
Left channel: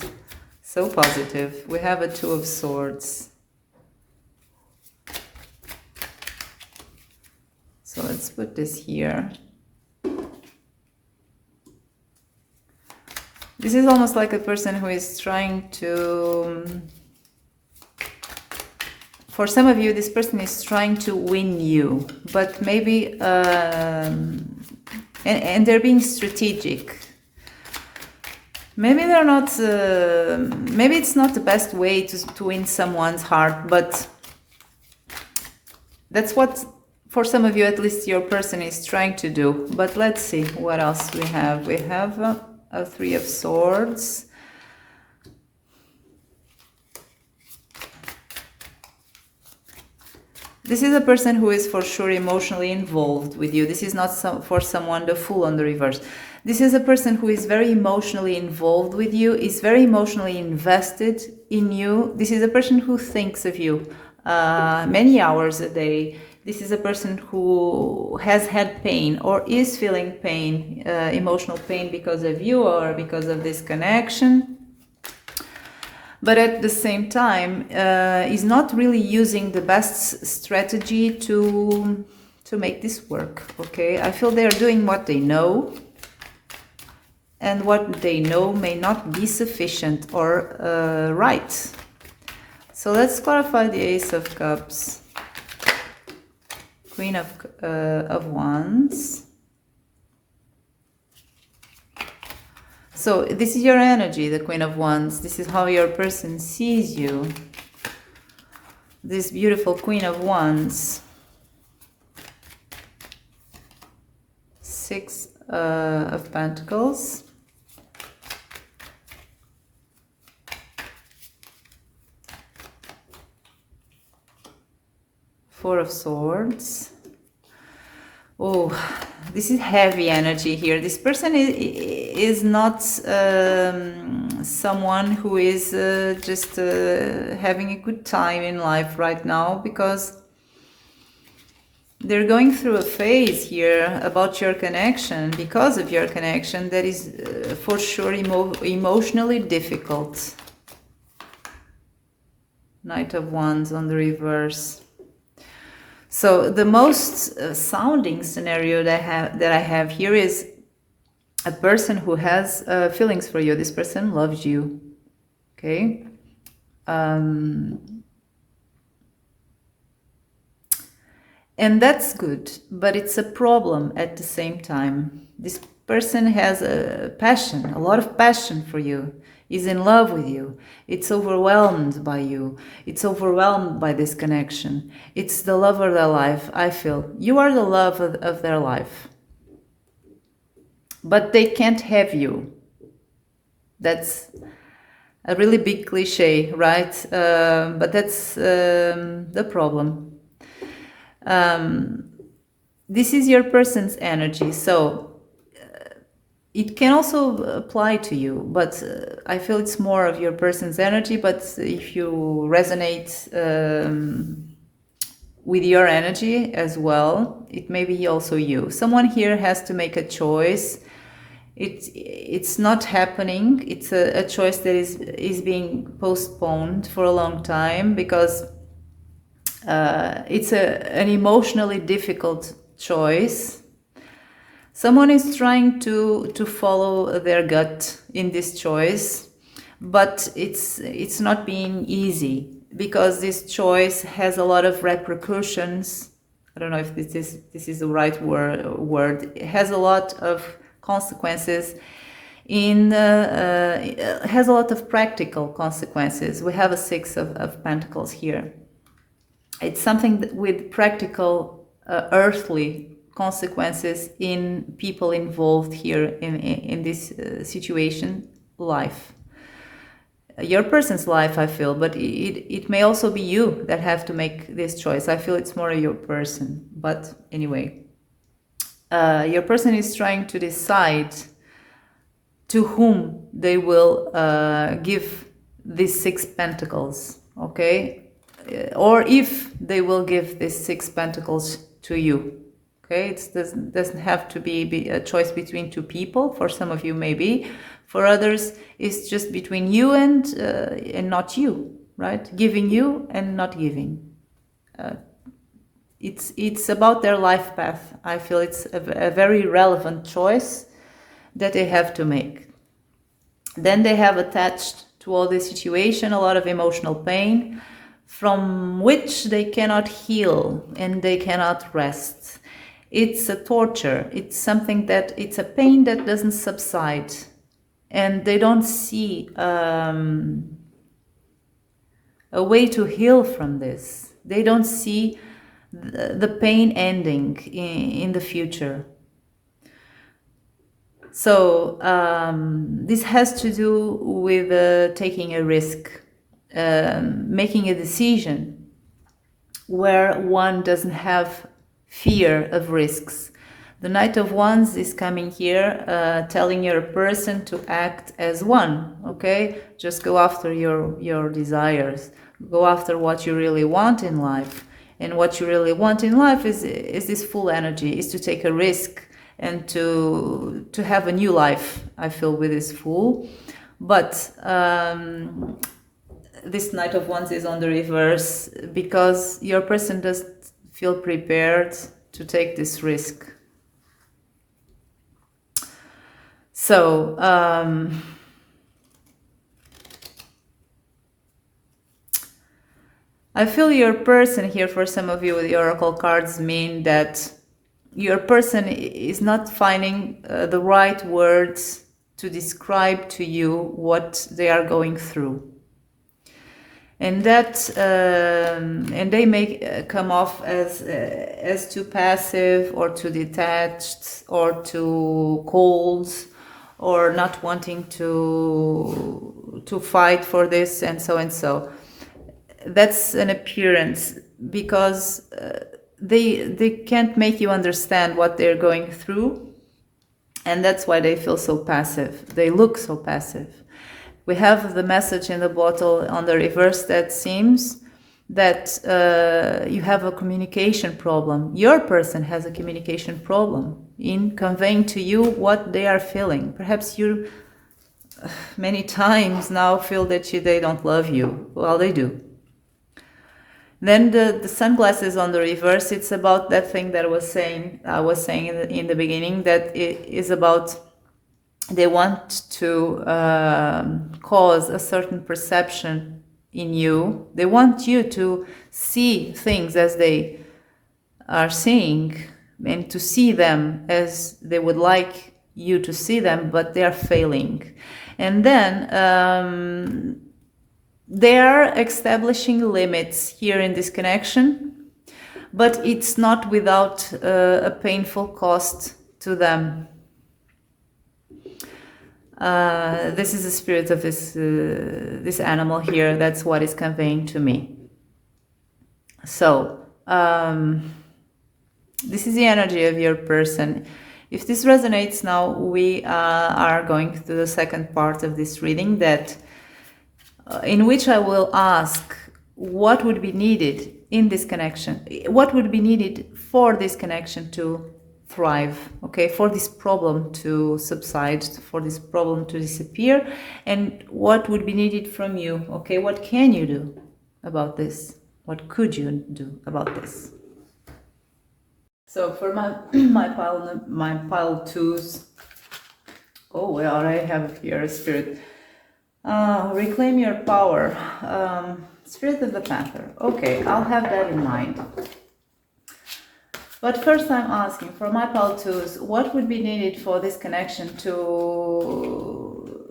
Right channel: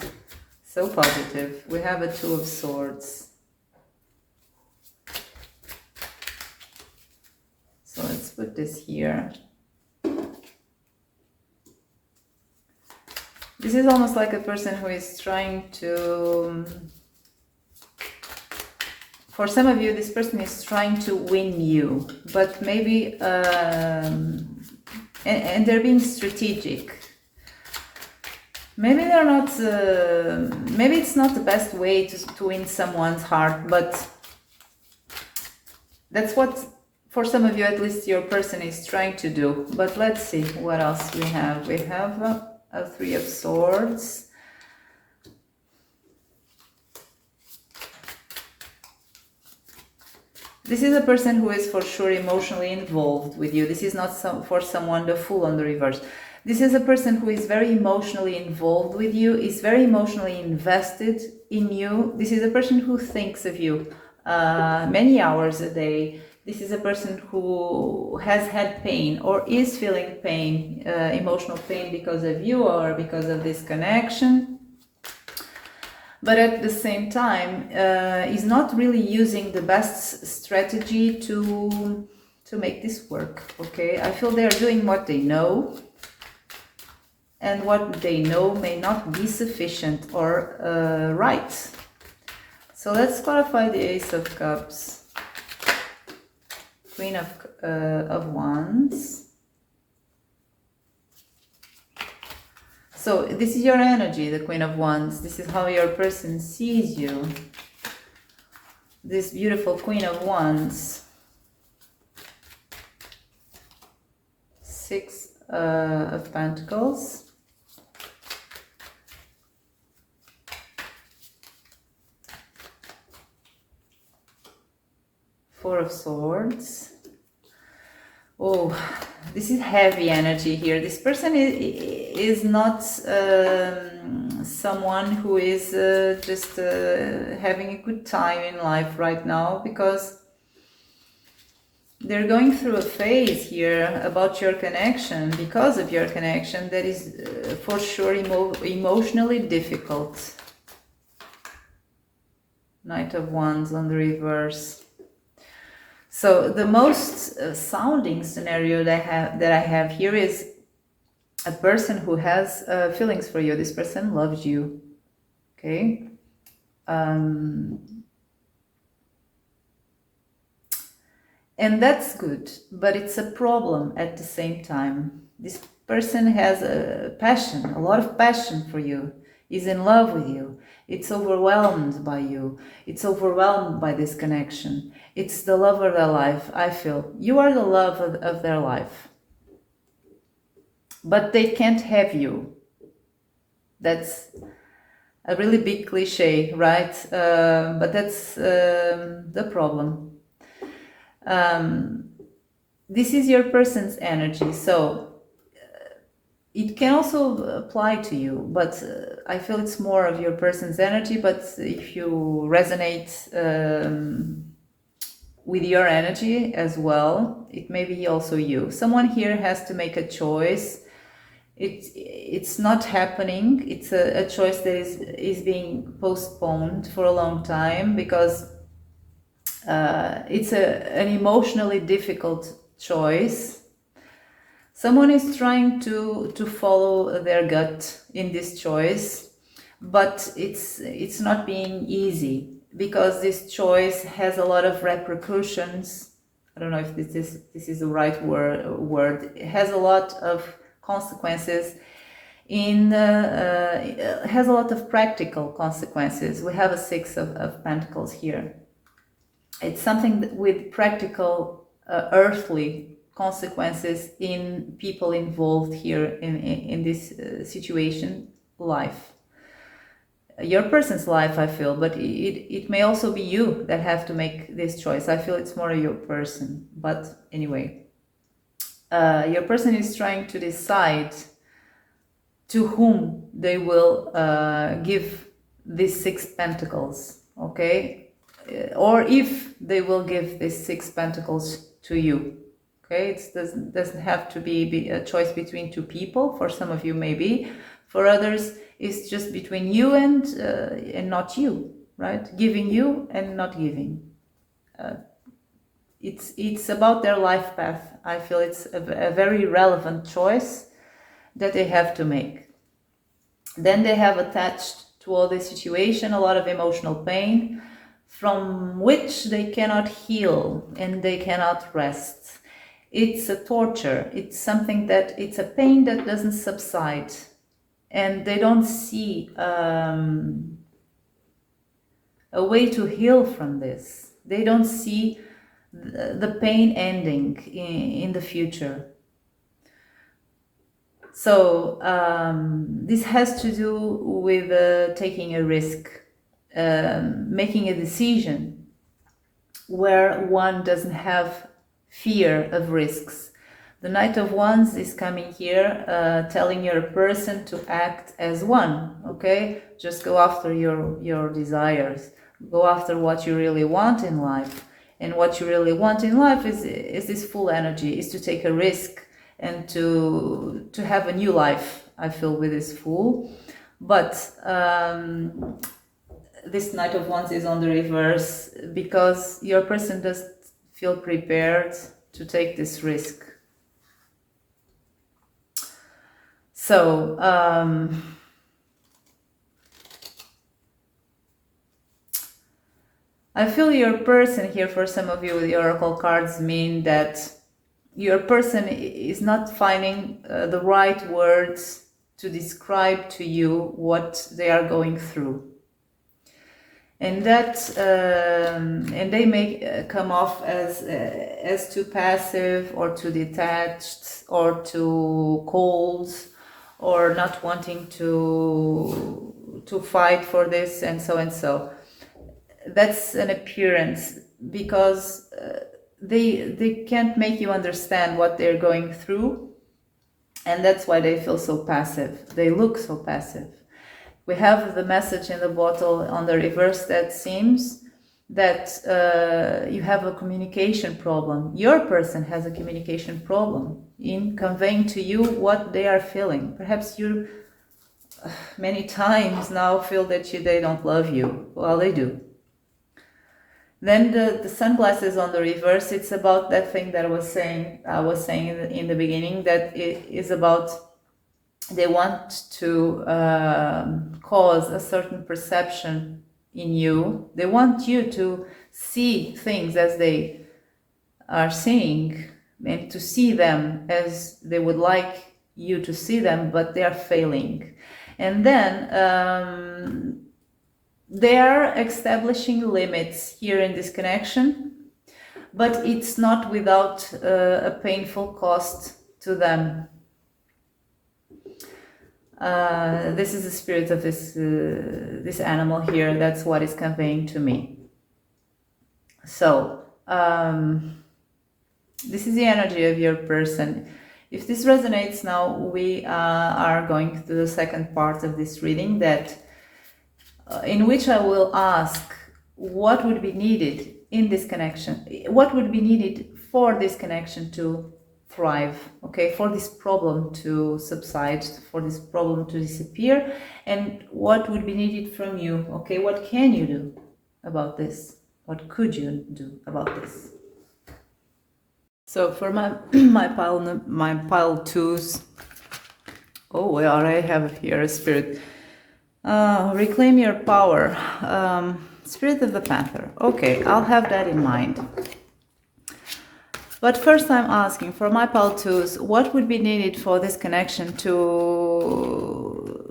so positive. We have a 2 of Swords. So let's put this here. This is almost like a person who is trying to, for some of you, this person is trying to win you, but maybe, and they're being strategic. Maybe they're not, maybe it's not the best way to win someone's heart, but that's what, for some of you at least, your person is trying to do. But let's see what else we have. We have a 3 of Swords. This is a person who is for sure emotionally involved with you. This is not for someone the Fool on the reverse. This is a person who is very emotionally involved with you, is very emotionally invested in you. This is a person who thinks of you many hours a day. This is a person who has had pain or is feeling pain, emotional pain because of you or because of this connection. But at the same time, is not really using the best strategy to make this work, okay? I feel they're doing what they know, and what they know may not be sufficient or right. So let's clarify the Ace of Cups, Queen of Wands. So this is your energy, the Queen of Wands. This is how your person sees you. This beautiful Queen of Wands. Six of Pentacles. Four of Swords. Oh, this is heavy energy here. This person is not someone who is just having a good time in life right now, because they're going through a phase here about your connection, because of your connection, that is for sure emotionally difficult. Knight of Wands on the reverse. So the most sounding scenario that I have here is a person who has feelings for you. This person loves you, okay? And that's good, but it's a problem at the same time. This person has a passion, a lot of passion for you, is in love with you. It's overwhelmed by you. It's overwhelmed by this connection. It's the love of their life, I feel. You are the love of their life. But they can't have you. That's a really big cliche, right? But that's the problem. This is your person's energy, so it can also apply to you, but I feel it's more of your person's energy. But if you resonate with your energy as well, it may be also you. Someone here has to make a choice. It's not happening. It's a choice that is being postponed for a long time, because it's an emotionally difficult choice. Someone is trying to follow their gut in this choice, but it's not being easy, because this choice has a lot of repercussions. I don't know if this is the right word. It has a lot of consequences. It has a lot of practical consequences. We have a Six of Pentacles here. It's something with practical, earthly consequences in people involved here in this situation, life. Your person's life, I feel, but it may also be you that have to make this choice. I feel it's more your person. But anyway, your person is trying to decide to whom they will give these Six Pentacles, okay? Or if they will give these Six Pentacles to you. Okay, it doesn't have to be a choice between two people. For some of you, maybe. For others, it's just between you and not you, right? Giving you and not giving. It's about their life path. I feel it's a very relevant choice that they have to make. Then they have attached to all this situation a lot of emotional pain, from which they cannot heal and they cannot rest. It's a torture. It's something it's a pain that doesn't subside, and they don't see a way to heal from this. They don't see the pain ending in the future. So this has to do with taking a risk, making a decision where one doesn't have fear of risks. The Knight of Wands is coming here, telling your person to act as one, okay? Just go after your desires. Go after what you really want in life. And what you really want in life is this full energy, is to take a risk and to have a new life, I feel, with this Fool. But this Knight of Wands is on the reverse because your person doesn't feel prepared to take this risk. So, I feel your person here, for some of you, the oracle cards mean that your person is not finding the right words to describe to you what they are going through. And that, and they may come off as too passive or too detached or too cold, or not wanting to fight for this, and so and so. That's an appearance, because they can't make you understand what they're going through, and that's why they feel so passive. They look so passive. We have the message in the bottle on the reverse that seems that you have a communication problem. Your person has a communication problem in conveying to you what they are feeling. Perhaps you many times now feel that they don't love you. Well, they do. Then the sunglasses on the reverse, it's about that thing that I was saying in the beginning, that it is about they want to cause a certain perception in you. They want you to see things as they are seeing, and to see them as they would like you to see them, but they are failing. And then they are establishing limits here in this connection, but it's not without a painful cost to them. This is the spirit of this animal here. That's what is conveying to me. So this is the energy of your person. If this resonates now, we are going to the second part of this reading, that in which I will ask what would be needed in this connection, what would be needed for this connection to thrive, okay, for this problem to subside, for this problem to disappear, and what would be needed from you, okay, what can you do about this, what could you do about this? So for my pile twos, oh, I already have here a spirit. Reclaim your power. Spirit of the Panther. Okay, I'll have that in mind. But first I'm asking for my pile twos, what would be needed for this connection to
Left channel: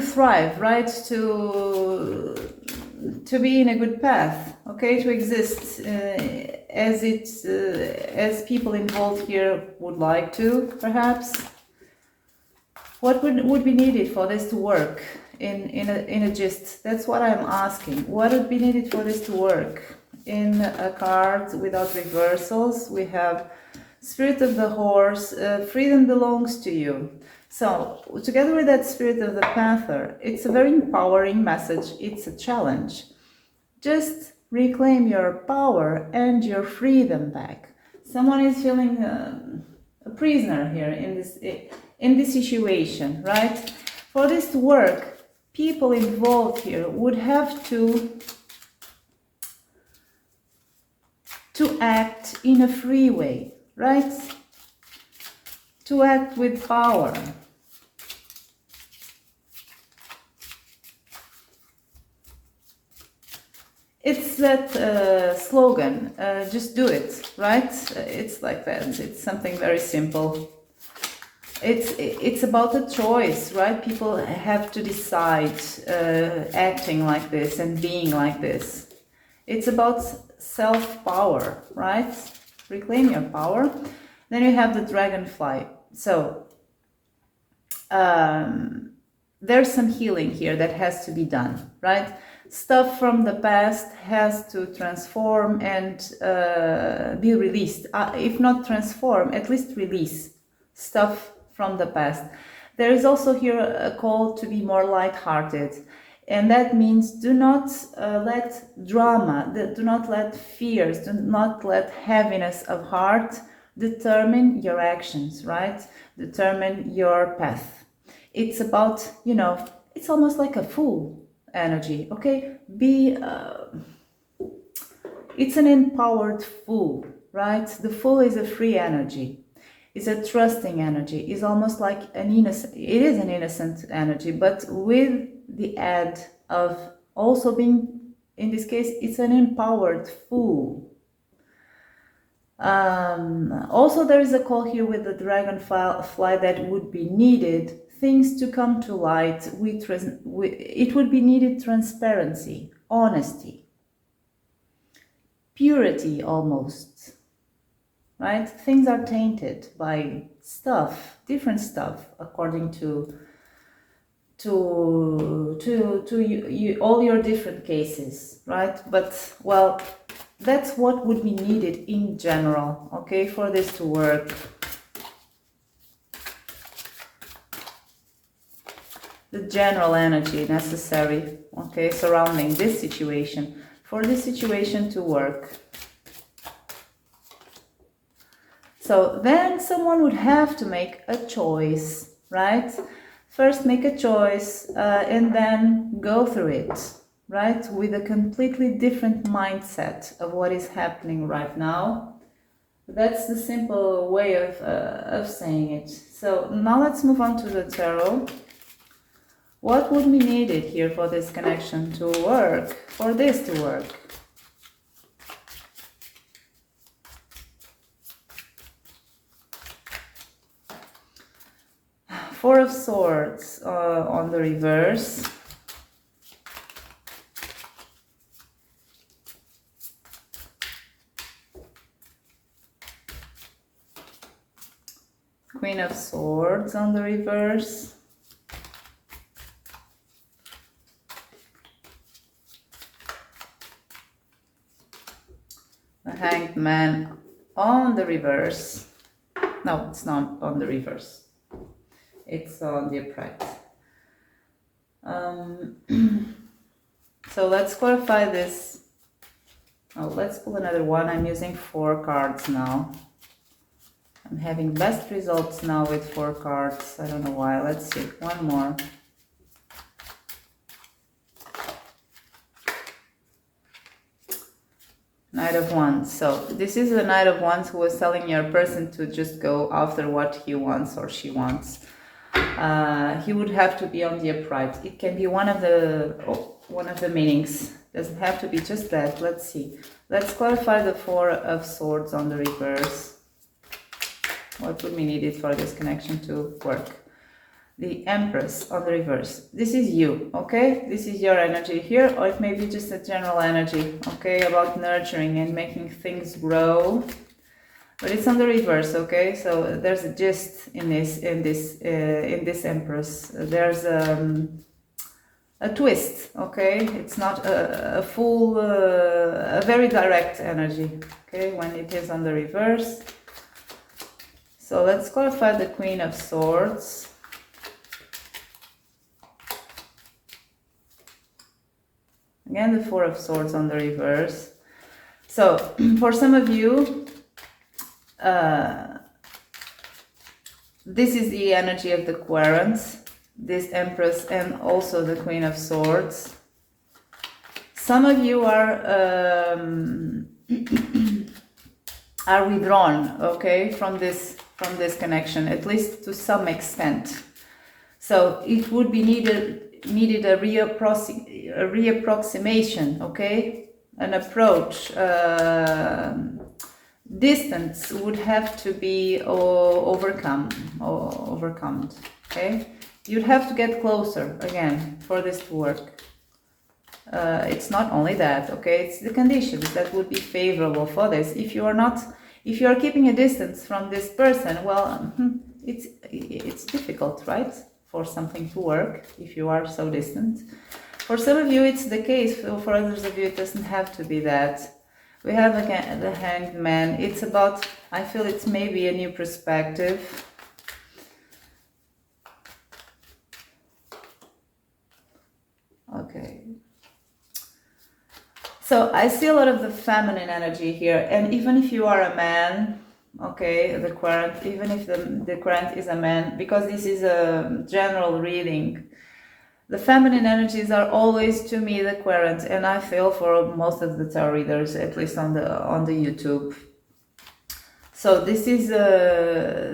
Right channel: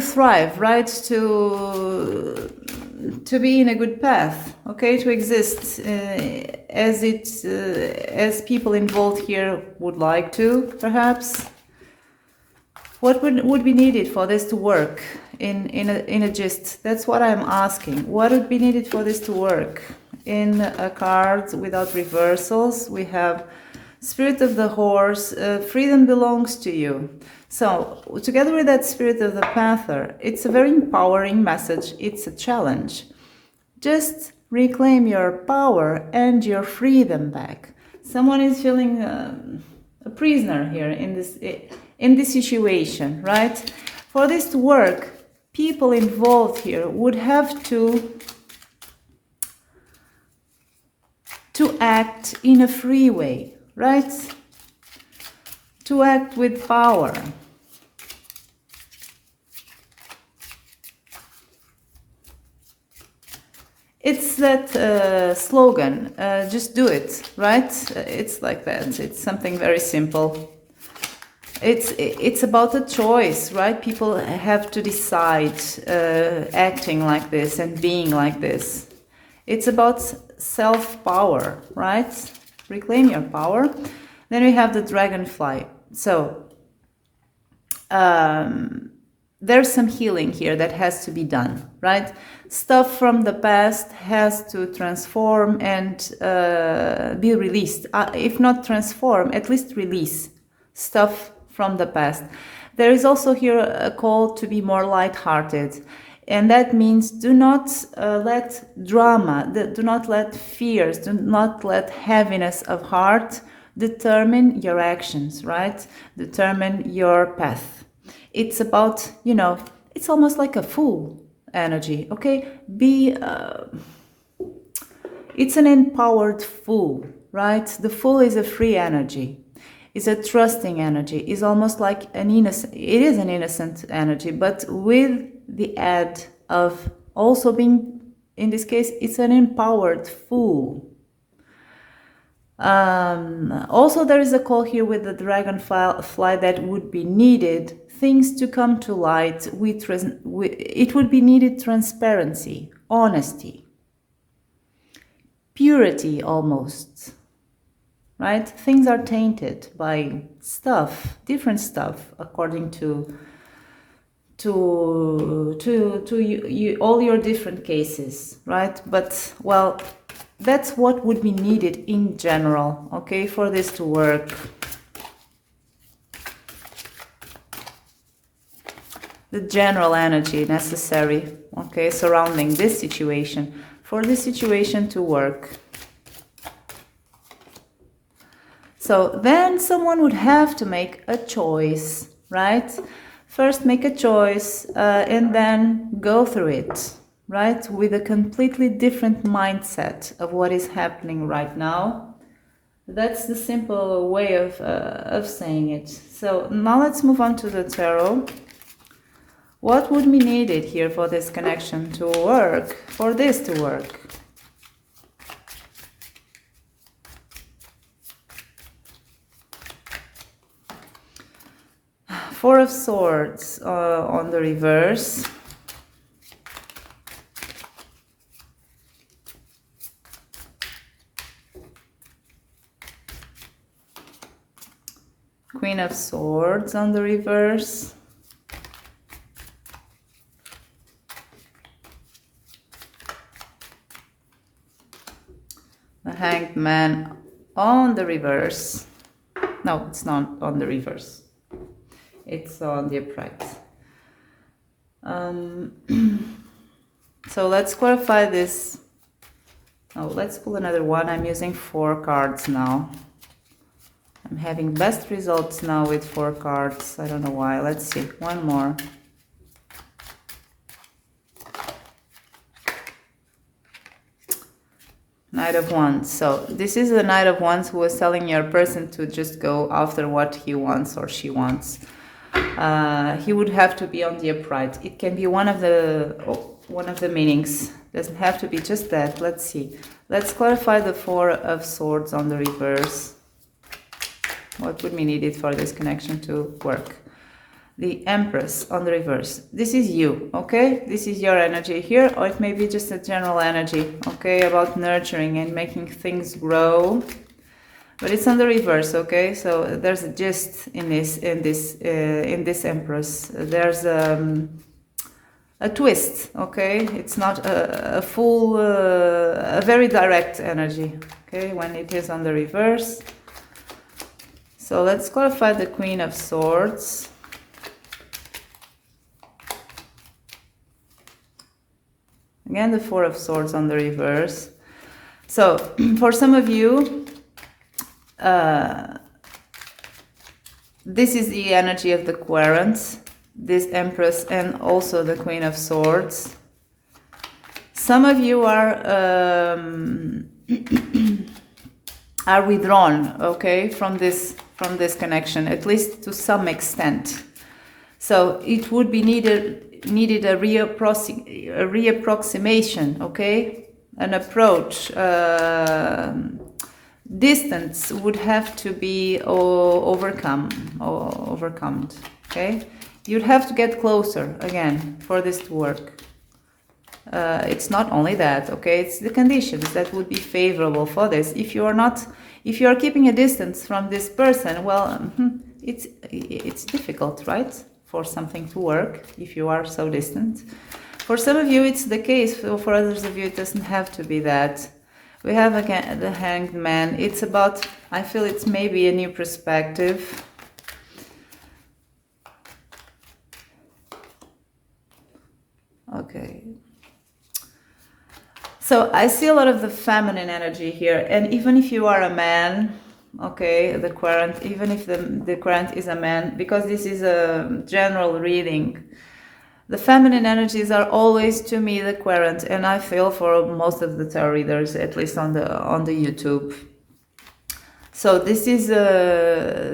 thrive, right? To be in a good path, okay, to exist as people involved here would like to, perhaps. What would be needed for this to work in a gist? That's what I'm asking. What would be needed for this to work? In a card without reversals, we have Spirit of the Horse, freedom belongs to you. So, together with that Spirit of the Panther, it's a very empowering message. It's a challenge. Just reclaim your power and your freedom back. Someone is feeling a prisoner here in this situation, right? For this to work, people involved here would have to act in a free way, right? To act with power. It's that slogan, just do it, right? It's like that. It's something very simple. It's about a choice, right? People have to decide acting like this and being like this. It's about self-power, right? Reclaim your power. Then we have the dragonfly. So there's some healing here that has to be done, right? Stuff from the past has to transform and be released. If not transform, at least release stuff from the past. There is also here a call to be more lighthearted. And that means do not let drama, do not let fears, do not let heaviness of heart determine your actions, right? Determine your path. It's about, it's almost like a fool energy, okay? It's an empowered fool, right? The fool is a free energy. It's a trusting energy. It's almost like it is an innocent energy, but with the add of also being, in this case, it's an empowered fool. Also, there is a call here with the dragonfly that would be needed things to come to light. It would be needed transparency, honesty, purity almost, right? Things are tainted by stuff, different stuff, according to all your different cases, right? But, well, that's what would be needed in general, okay, for this to work. The general energy necessary, okay, surrounding this situation, for this situation to work. So then someone would have to make a choice, right? First make a choice and then go through it, right? With a completely different mindset of what is happening right now. That's the simple way of saying it. So now let's move on to the tarot. What would be needed here for this connection to work, for this to work? Four of Swords on the reverse. Queen of Swords on the reverse. The Hanged Man on the reverse. No, it's not on the reverse. It's on the upright. So let's clarify this. Oh, let's pull another one. I'm using 4 cards now. I'm having best results now with 4 cards. I don't know why. Let's see. One more. Knight of Wands. So this is the Knight of Wands who was telling your person to just go after what he wants or she wants. He would have to be on the upright. It can be one of the meanings. Doesn't have to be just that. Let's see. Let's clarify the 4 of Swords on the reverse. What would be needed for this connection to work? The Empress on the reverse. This is you, okay? This is your energy here, or it may be just a general energy, okay, about nurturing and making things grow. But it's on the reverse, okay? So there's a gist in this Empress. There's a twist, okay? It's not a full, a very direct energy, okay? When it is on the reverse. So let's clarify the Queen of Swords. Again, the 4 of Swords on the reverse. So for some of you, this is the energy of the Quarrants, this Empress and also the Queen of Swords. Some of you are withdrawn, okay, from this connection, at least to some extent. So it would be needed a reapproximation, okay, an approach. Distance would have to be overcome, okay? You'd have to get closer again for this to work. It's not only that, okay? It's the conditions that would be favorable for this. If you are keeping a distance from this person, well, it's difficult, right? for something to work, if you are so distant. For some of you it's the case, for others of you it doesn't have to be that. We have again the Hanged Man. It's about, I feel it's maybe a new perspective. Okay. So I see a lot of the feminine energy here, and even if you are a man, okay, the Querent, even if the Querent is a man, because this is a general reading, the feminine energies are always, to me, the Querent, and I feel for most of the tarot readers, at least on the YouTube. So this is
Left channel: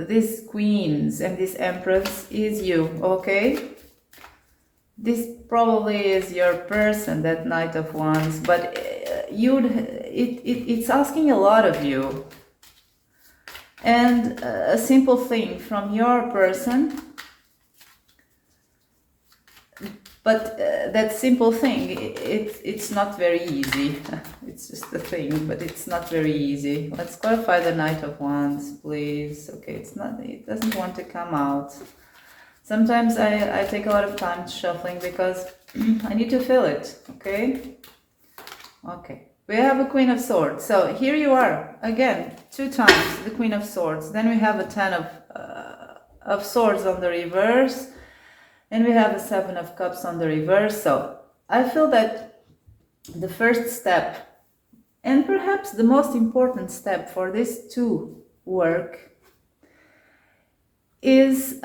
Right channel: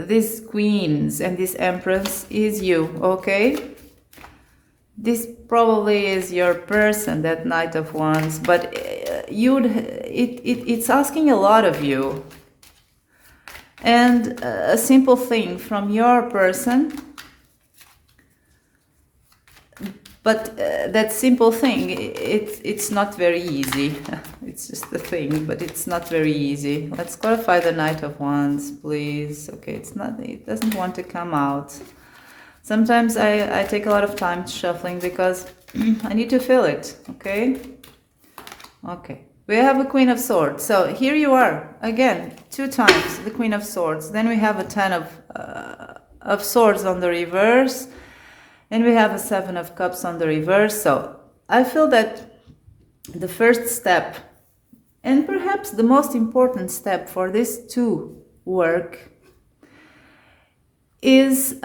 these queens and this Empress is you, okay? This probably is your person, that Knight of Wands, but it's asking a lot of you. And a simple thing from your person, but that simple thing, it's not very easy. It's just a thing, but it's not very easy. Let's clarify the Knight of Wands, please. Okay, it doesn't want to come out. Sometimes I take a lot of time shuffling because I need to feel it, okay? Okay, we have a Queen of Swords. So here you are, again, 2 times the Queen of Swords. Then we have a 10 of Swords on the reverse. And we have a 7 of Cups on the reverse. So I feel that the first step, and perhaps the most important step for this to work, is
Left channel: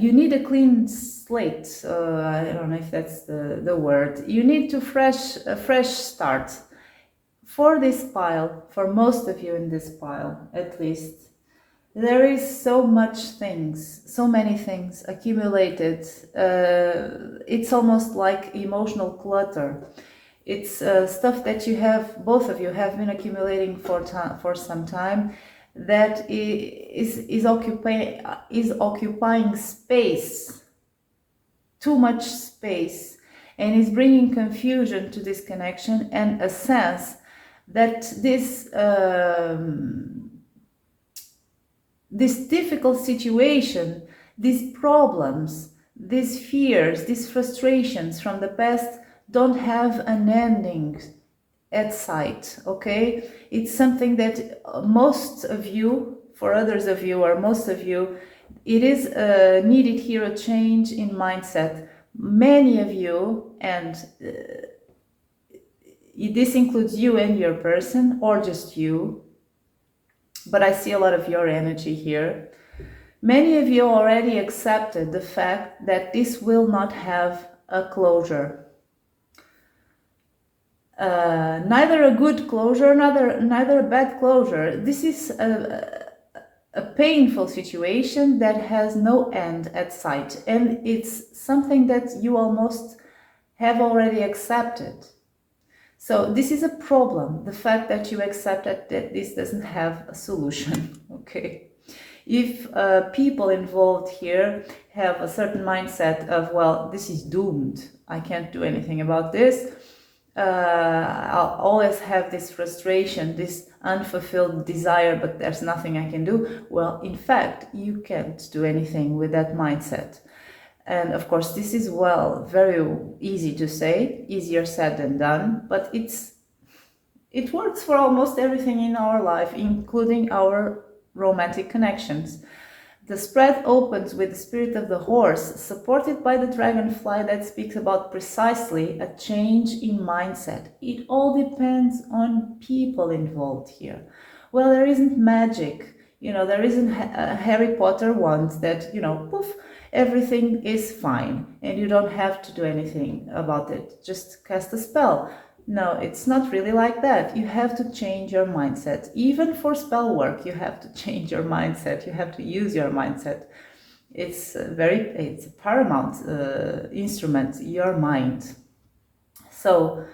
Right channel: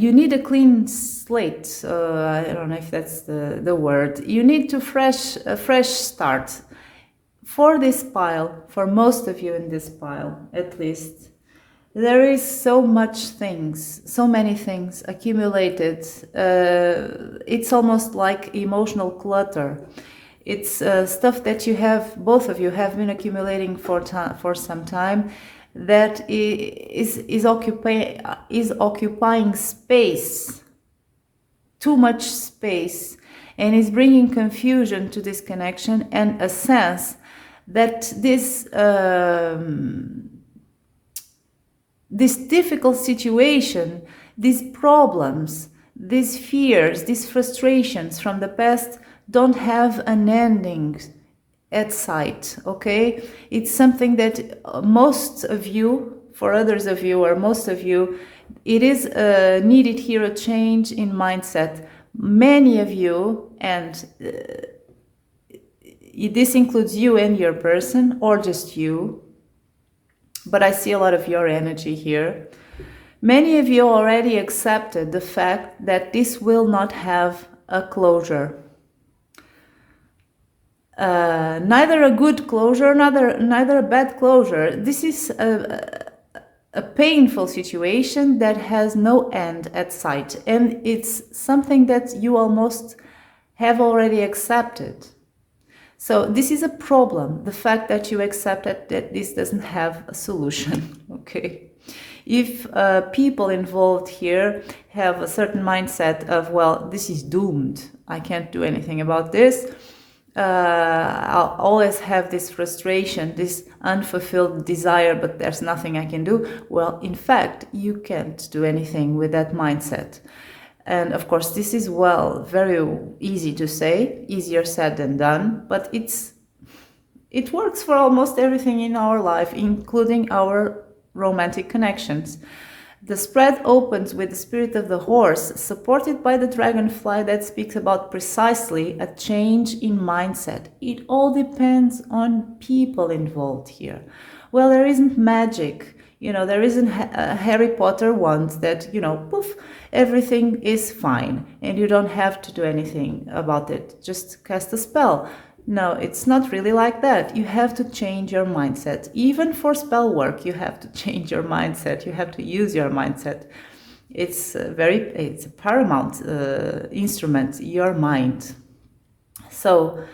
you need a clean slate. I don't know if that's the word. You need a fresh start for this pile, for most of you in this pile at least. There is so many things accumulated. It's almost like emotional clutter. It's stuff that both of you have been accumulating for some time, that is occupying space, too much space, and is bringing confusion to this connection, and a sense that this difficult situation, these problems, these fears, these frustrations from the past don't have an ending at sight, okay? It's something that most of you, for others of you, or most of you, it is needed here a change in mindset. Many of you, and this includes you and your person, or just you, but I see a lot of your energy here. Many of you already accepted the fact that this will not have a closure. Neither a good closure, neither a bad closure. This is a painful situation that has no end at sight, and it's something that you almost have already accepted. So this is a problem, the fact that you accepted that this doesn't have a solution, okay? If people involved here have a certain mindset of, well, this is doomed, I can't do anything about this, I'll always have this frustration, this unfulfilled desire, but there's nothing I can do. Well, in fact, you can't do anything with that mindset. And of course, this is, well, very easy to say, easier said than done, but it works for almost everything in our life, including our romantic connections. The spread opens with the spirit of the horse, supported by the dragonfly that speaks about precisely a change in mindset. It all depends on people involved here. Well, there isn't magic, there isn't a Harry Potter wand that, poof, everything is fine and you don't have to do anything about it. Just cast a spell. No, it's not really like that. You have to change your mindset. Even for spell work, you have to change your mindset. You have to use your mindset. It's a paramount instrument, your mind. So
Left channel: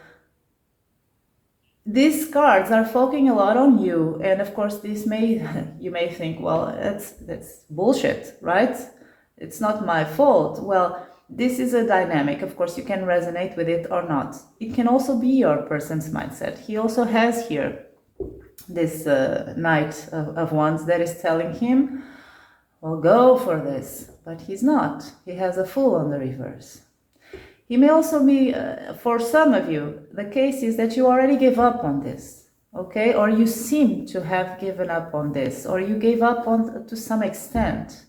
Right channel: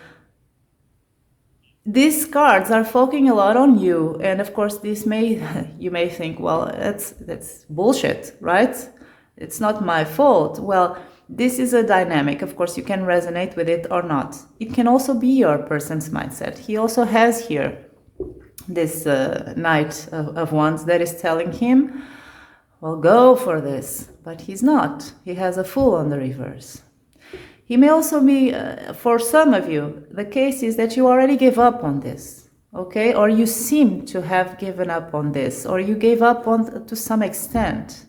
these cards are focusing a lot on you, and of course, you may think, well, that's bullshit, right? It's not my fault. Well, this is a dynamic. Of course, you can resonate with it or not. It can also be your person's mindset. He also has here this Knight of Wands that is telling him, well, go for this. But he's not. He has a Fool on the reverse. He may also be, for some of you, the case is that you already gave up on this, okay? Or you seem to have given up on this, or you gave up on to some extent,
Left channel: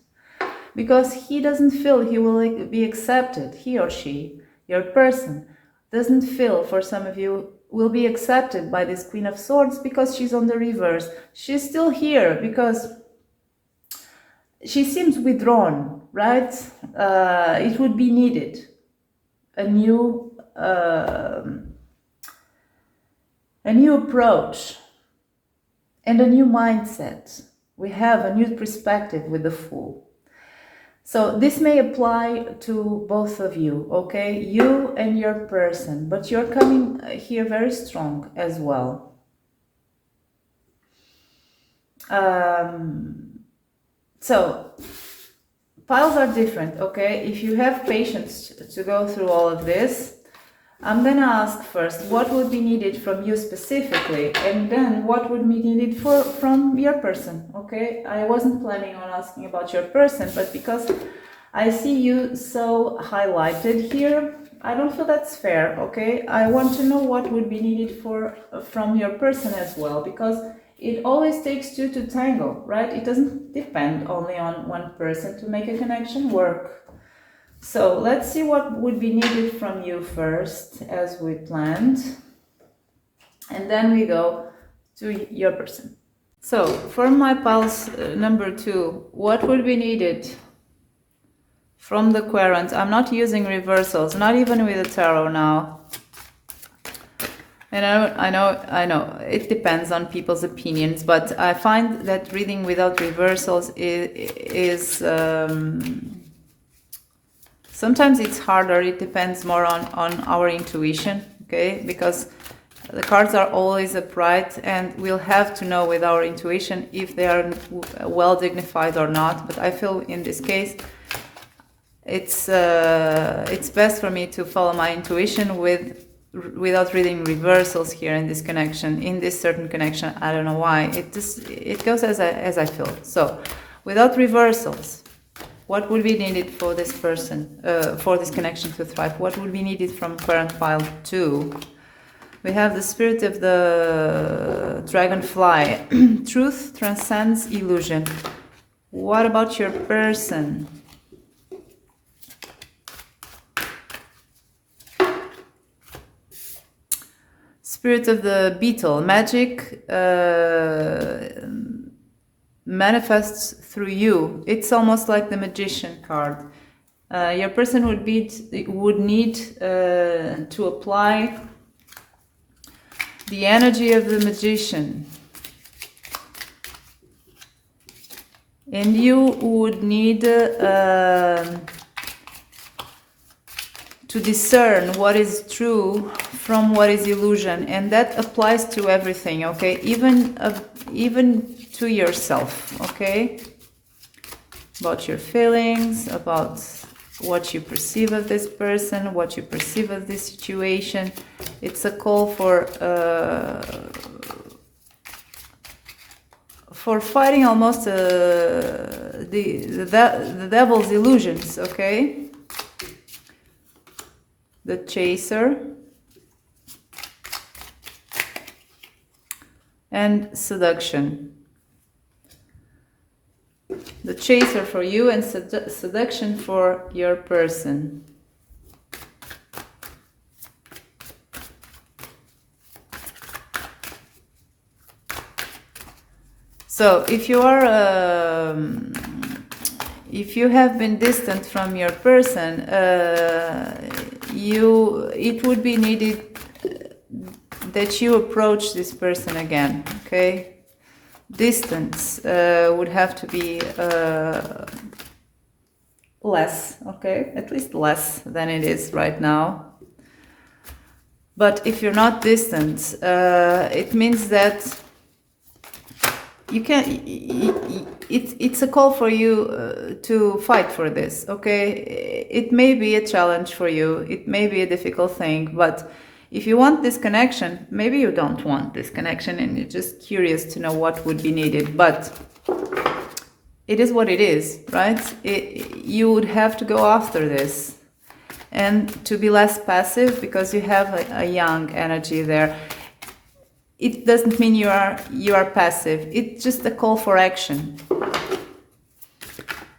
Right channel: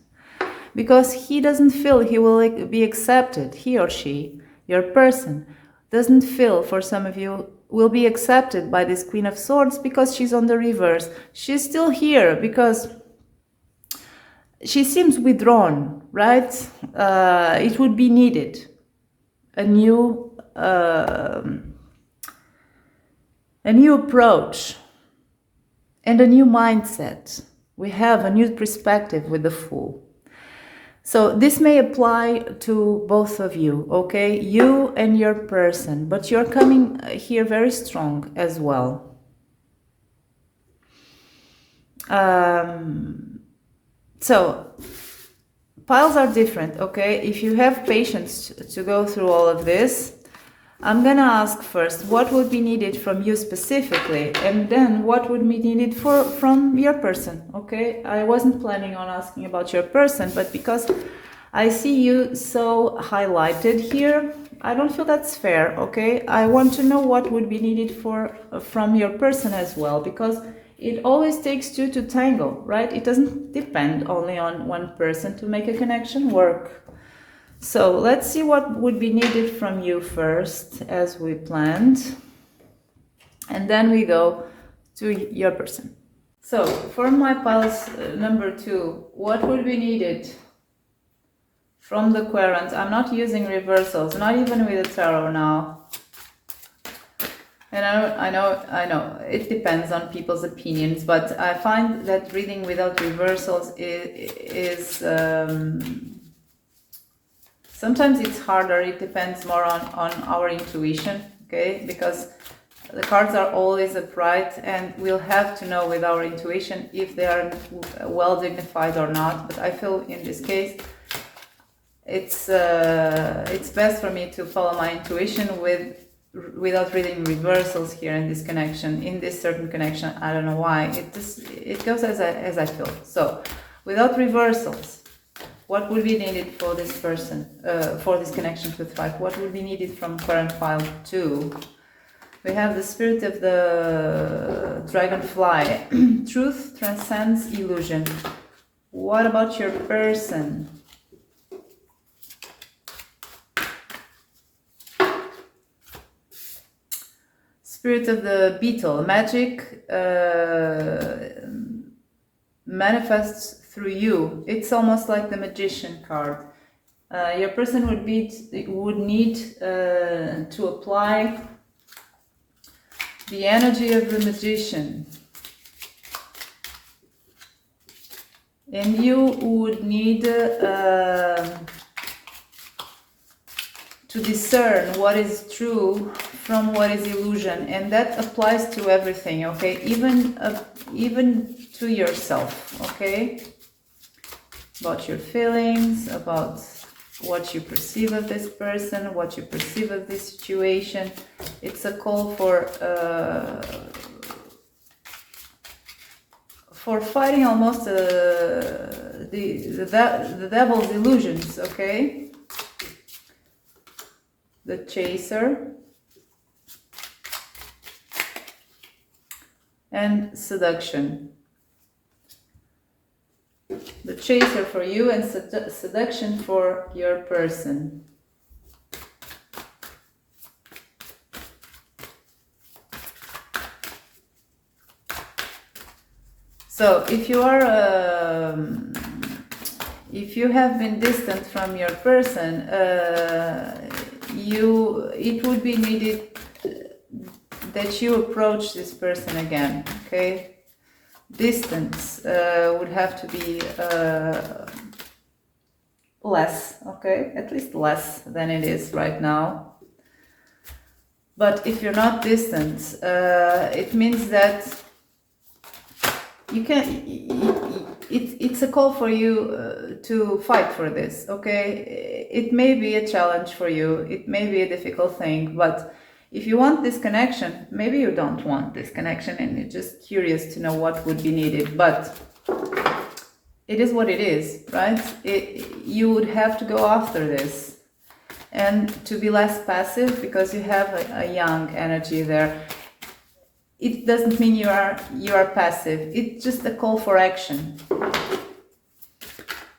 because he doesn't feel he will be accepted. He or she, your person, doesn't feel, for some of you, will be accepted by this Queen of Swords because she's on the reverse. She's still here because she seems withdrawn, right? It would be needed a new approach and a new mindset. We have a new perspective with the Fool. So this may apply to both of you, okay? You and your person, but you're coming here very strong as well. So piles are different, okay? If you have patience to go through all of this, I'm gonna ask first what would be needed from you specifically, and then what would be needed from your person, okay? I wasn't planning on asking about your person, but because I see you so highlighted here, I don't feel that's fair, okay? I want to know what would be needed from your person as well, because it always takes two to tango, right? It doesn't depend only on one person to make a connection work. So let's see what would be needed from you first, as we planned. And then we go to your person. So for my pulse number 2, what would be needed from the querent? I'm not using reversals, not even with the tarot now. And I know, it depends on people's opinions, but I find that reading without reversals is sometimes it's harder. It depends more on our intuition, okay? Because the cards are always upright, and we'll have to know with our intuition if they are well dignified or not. But I feel in this case, it's best for me to follow my intuition without reading reversals here in this connection, in this certain connection. I don't know why. It goes as I feel. So, without reversals, what would be needed for this person, for this connection to thrive? What would be needed from current pile 2? We have the spirit of the dragonfly. Truth transcends illusion. What about your person? Spirit of the beetle. Magic manifests through you. It's almost like the magician card. Your person would need to apply the energy of the magician, and you would need to discern what is true from what is illusion, and that applies to everything, okay? Even to yourself, okay? About your feelings, about what you perceive of this person, what you perceive of this situation. It's a call for fighting almost the devil's illusions, okay? The chaser and seduction. The chaser for you and seduction for your person. So if you are, if you have been distant from your person, it would be needed that you approach this person again, okay? Distance would have to be less, okay? At least less than it is right now. But if you're not distant, it means that you can. It's a call for you to fight for this, okay? It may be a challenge for you. It may be a difficult thing, but if you want this connection, maybe you don't want this connection and you're just curious to know what would be needed, but it is what it is, right? You would have to go after this and to be less passive, because you have a young energy there. It doesn't mean you are passive. It's just a call for action,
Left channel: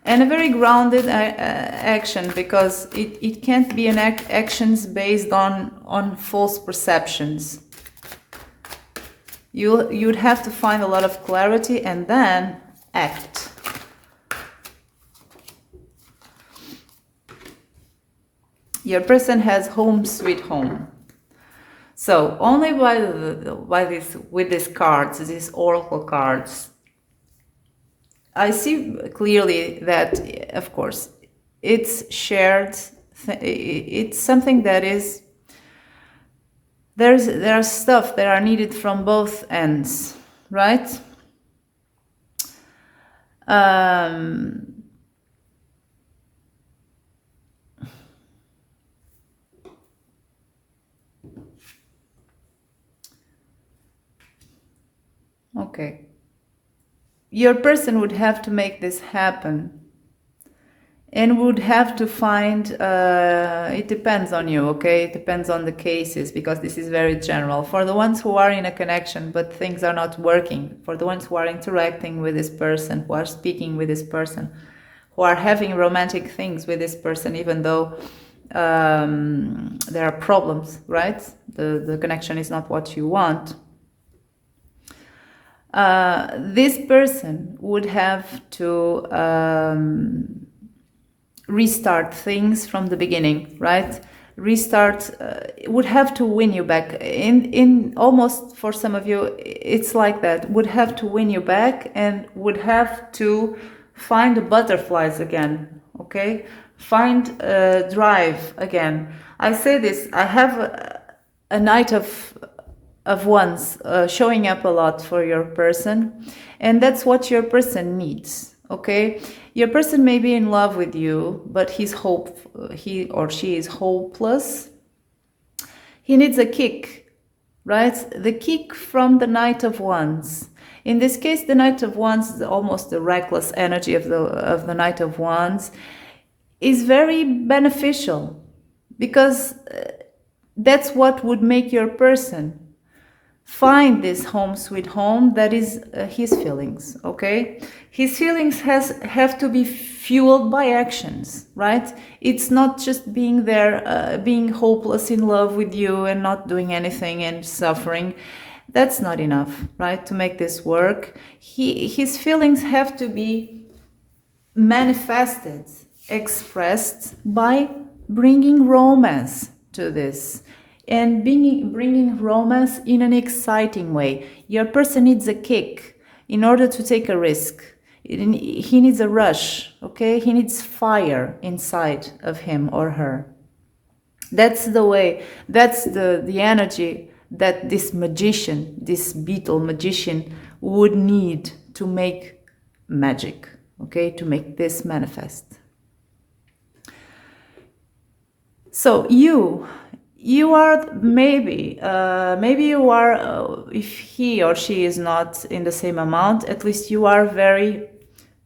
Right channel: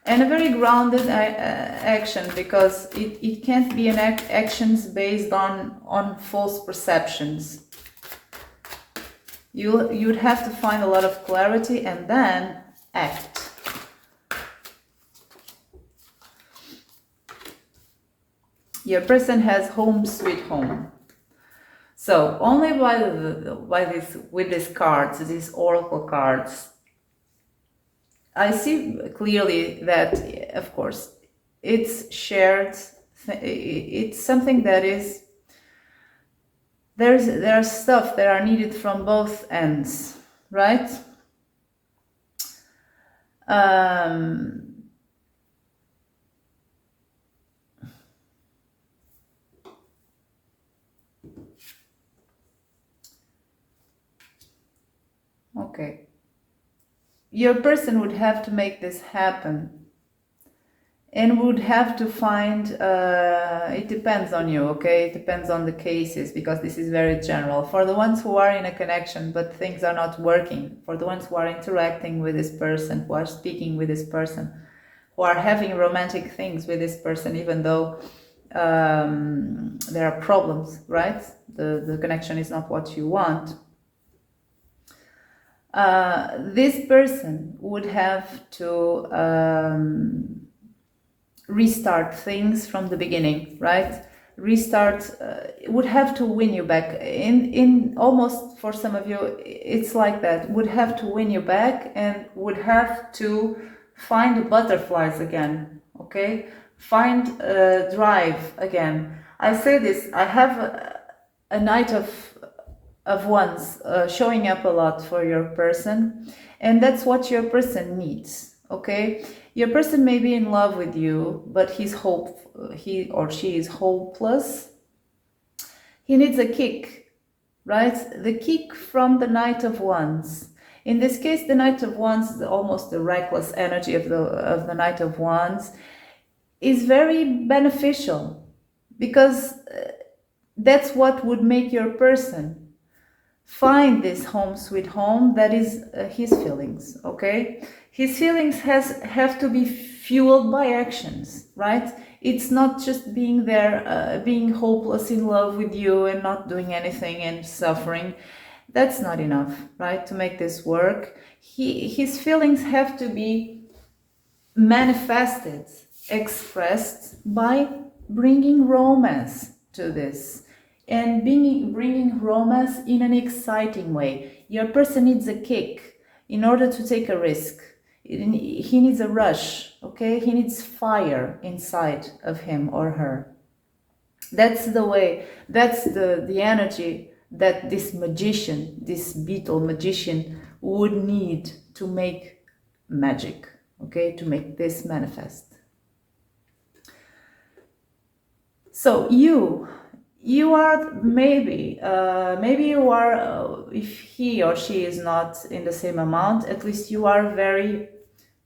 and a very grounded action, because it can't be an actions based on false perceptions. You'd have to find a lot of clarity and then act. Your person has home sweet home. So only with these cards, these oracle cards, I see clearly that, of course, it's shared. It's something that is, there are stuff that are needed from both ends, right? Okay. Your person would have to make this happen, and would have to find, it depends on you, okay? It depends on the cases, because this is very general. For the ones who are in a connection but things are not working, for the ones who are interacting with this person, who are speaking with this person, who are having romantic things with this person, even though there are problems, right? The connection is not what you want. This person would have to restart things from the beginning, right? Restart, would have to win you back. In almost, for some of you, it's like that. Would have to win you back, and would have to find the butterflies again, okay? Find drive again. I say this, I have a Knight of Wands showing up a lot for your person, and that's what your person needs, okay? Your person may be in love with you, but he or she is hopeless. He needs a kick, right? The kick from the Knight of Wands. In this case, the Knight of Wands is almost the reckless energy of the Knight of Wands, is very beneficial, because that's what would make your person find this home sweet home that is his feelings, okay? His feelings have to be fueled by actions, right? It's not just being there, being hopeless in love with you and not doing anything and suffering. That's not enough, right, to make this work. His feelings have to be manifested, expressed by bringing romance to this. And bringing romance in an exciting way. Your person needs a kick in order to take a risk. He needs a rush, okay? He needs fire inside of him or her. That's the way, that's the energy that this magician, this beetle magician, would need to make magic, okay? To make this manifest. So you are maybe you are, if he or she is not in the same amount, at least you are very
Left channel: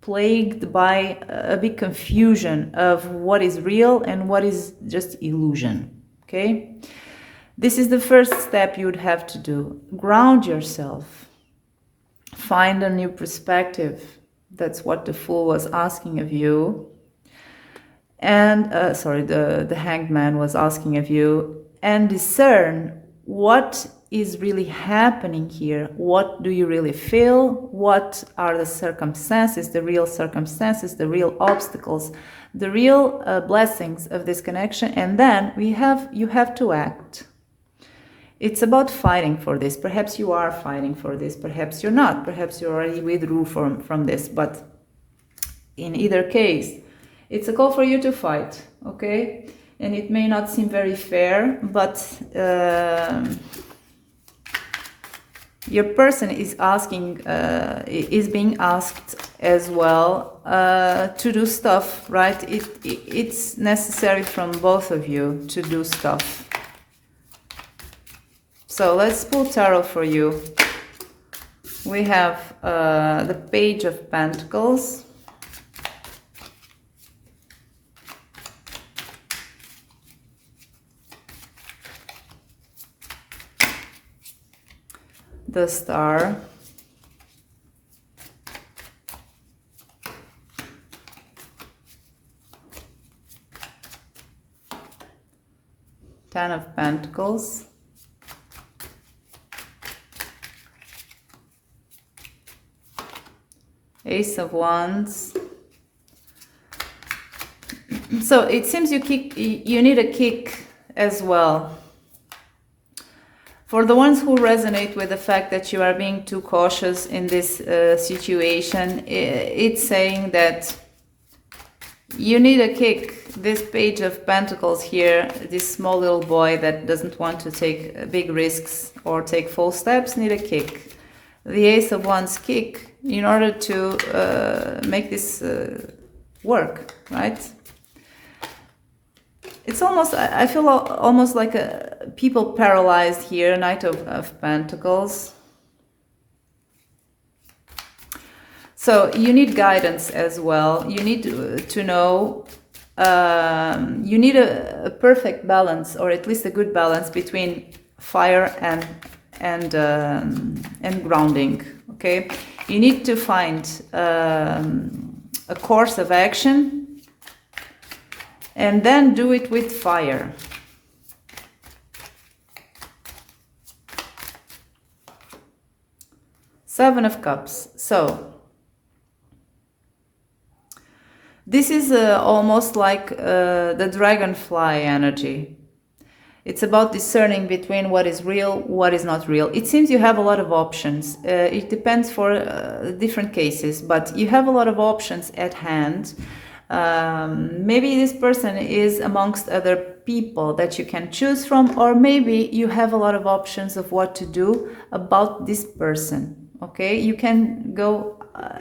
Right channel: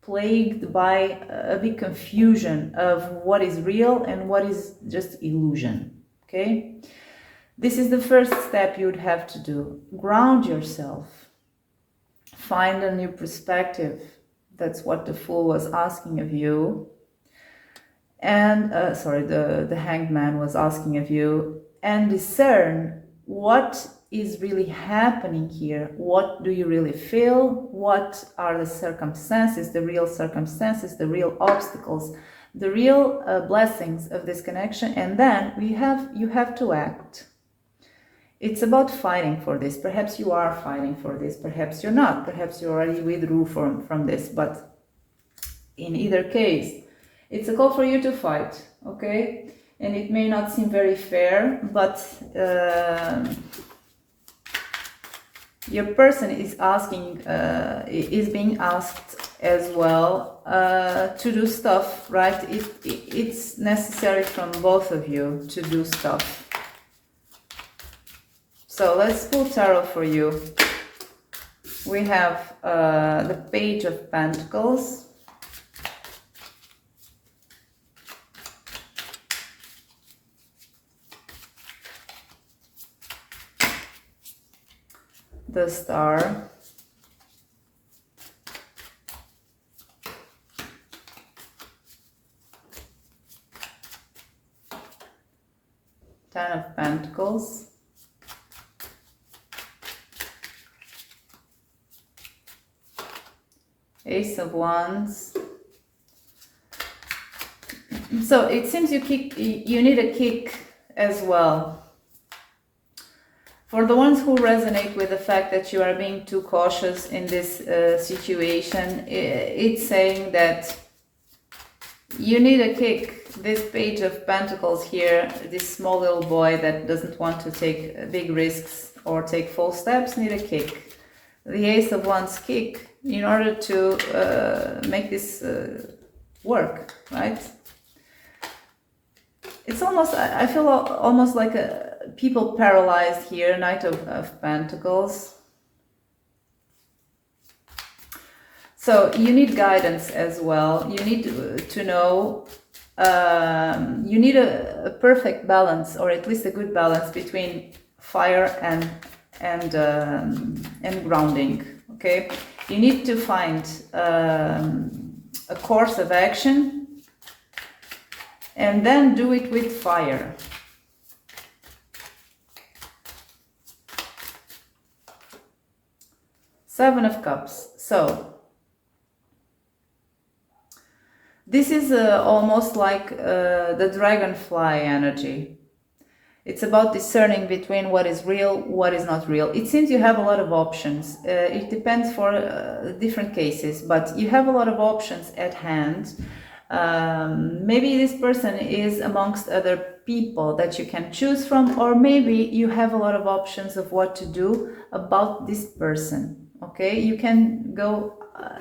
plagued by a big confusion of what is real and what is just illusion, okay? This is the first step you would have to do. Ground yourself. Find a new perspective. That's what the Fool was asking of you. And, the Hanged Man was asking of you. And discern what is really happening here. What do you really feel? What are the circumstances, the real obstacles, the real blessings of this connection? And then you have to act. It's about fighting for this. Perhaps you are fighting for this. Perhaps you're not. Perhaps you already withdrew from this. But in either case, it's a call for you to fight, okay? And it may not seem very fair, but your person is being asked as well to do stuff, right? It's necessary from both of you to do stuff. So let's pull tarot for you. We have the Page of Pentacles. the Star. Ten of Pentacles. Ace of Wands. So it seems you need a kick as well. For the ones who resonate with the fact that you are being too cautious in this situation, it's saying that you need a kick. This Page of Pentacles here, this small little boy that doesn't want to take big risks or take false steps, need a kick. The Ace of Wands kick in order to make this work, right? It's almost, I feel almost like people paralyzed here, Knight of Pentacles. So you need guidance as well. You need to know, you need a perfect balance, or at least a good balance between fire and grounding. Okay, you need to find a course of action, and then do it with fire. Seven of Cups. So this is almost like the dragonfly energy. It's about discerning between what is real, what is not real. It seems you have a lot of options. It depends for different cases, but you have a lot of options at hand. Maybe this person is amongst other people that you can choose from, or maybe you have a lot of options of what to do about this person. Okay, you can go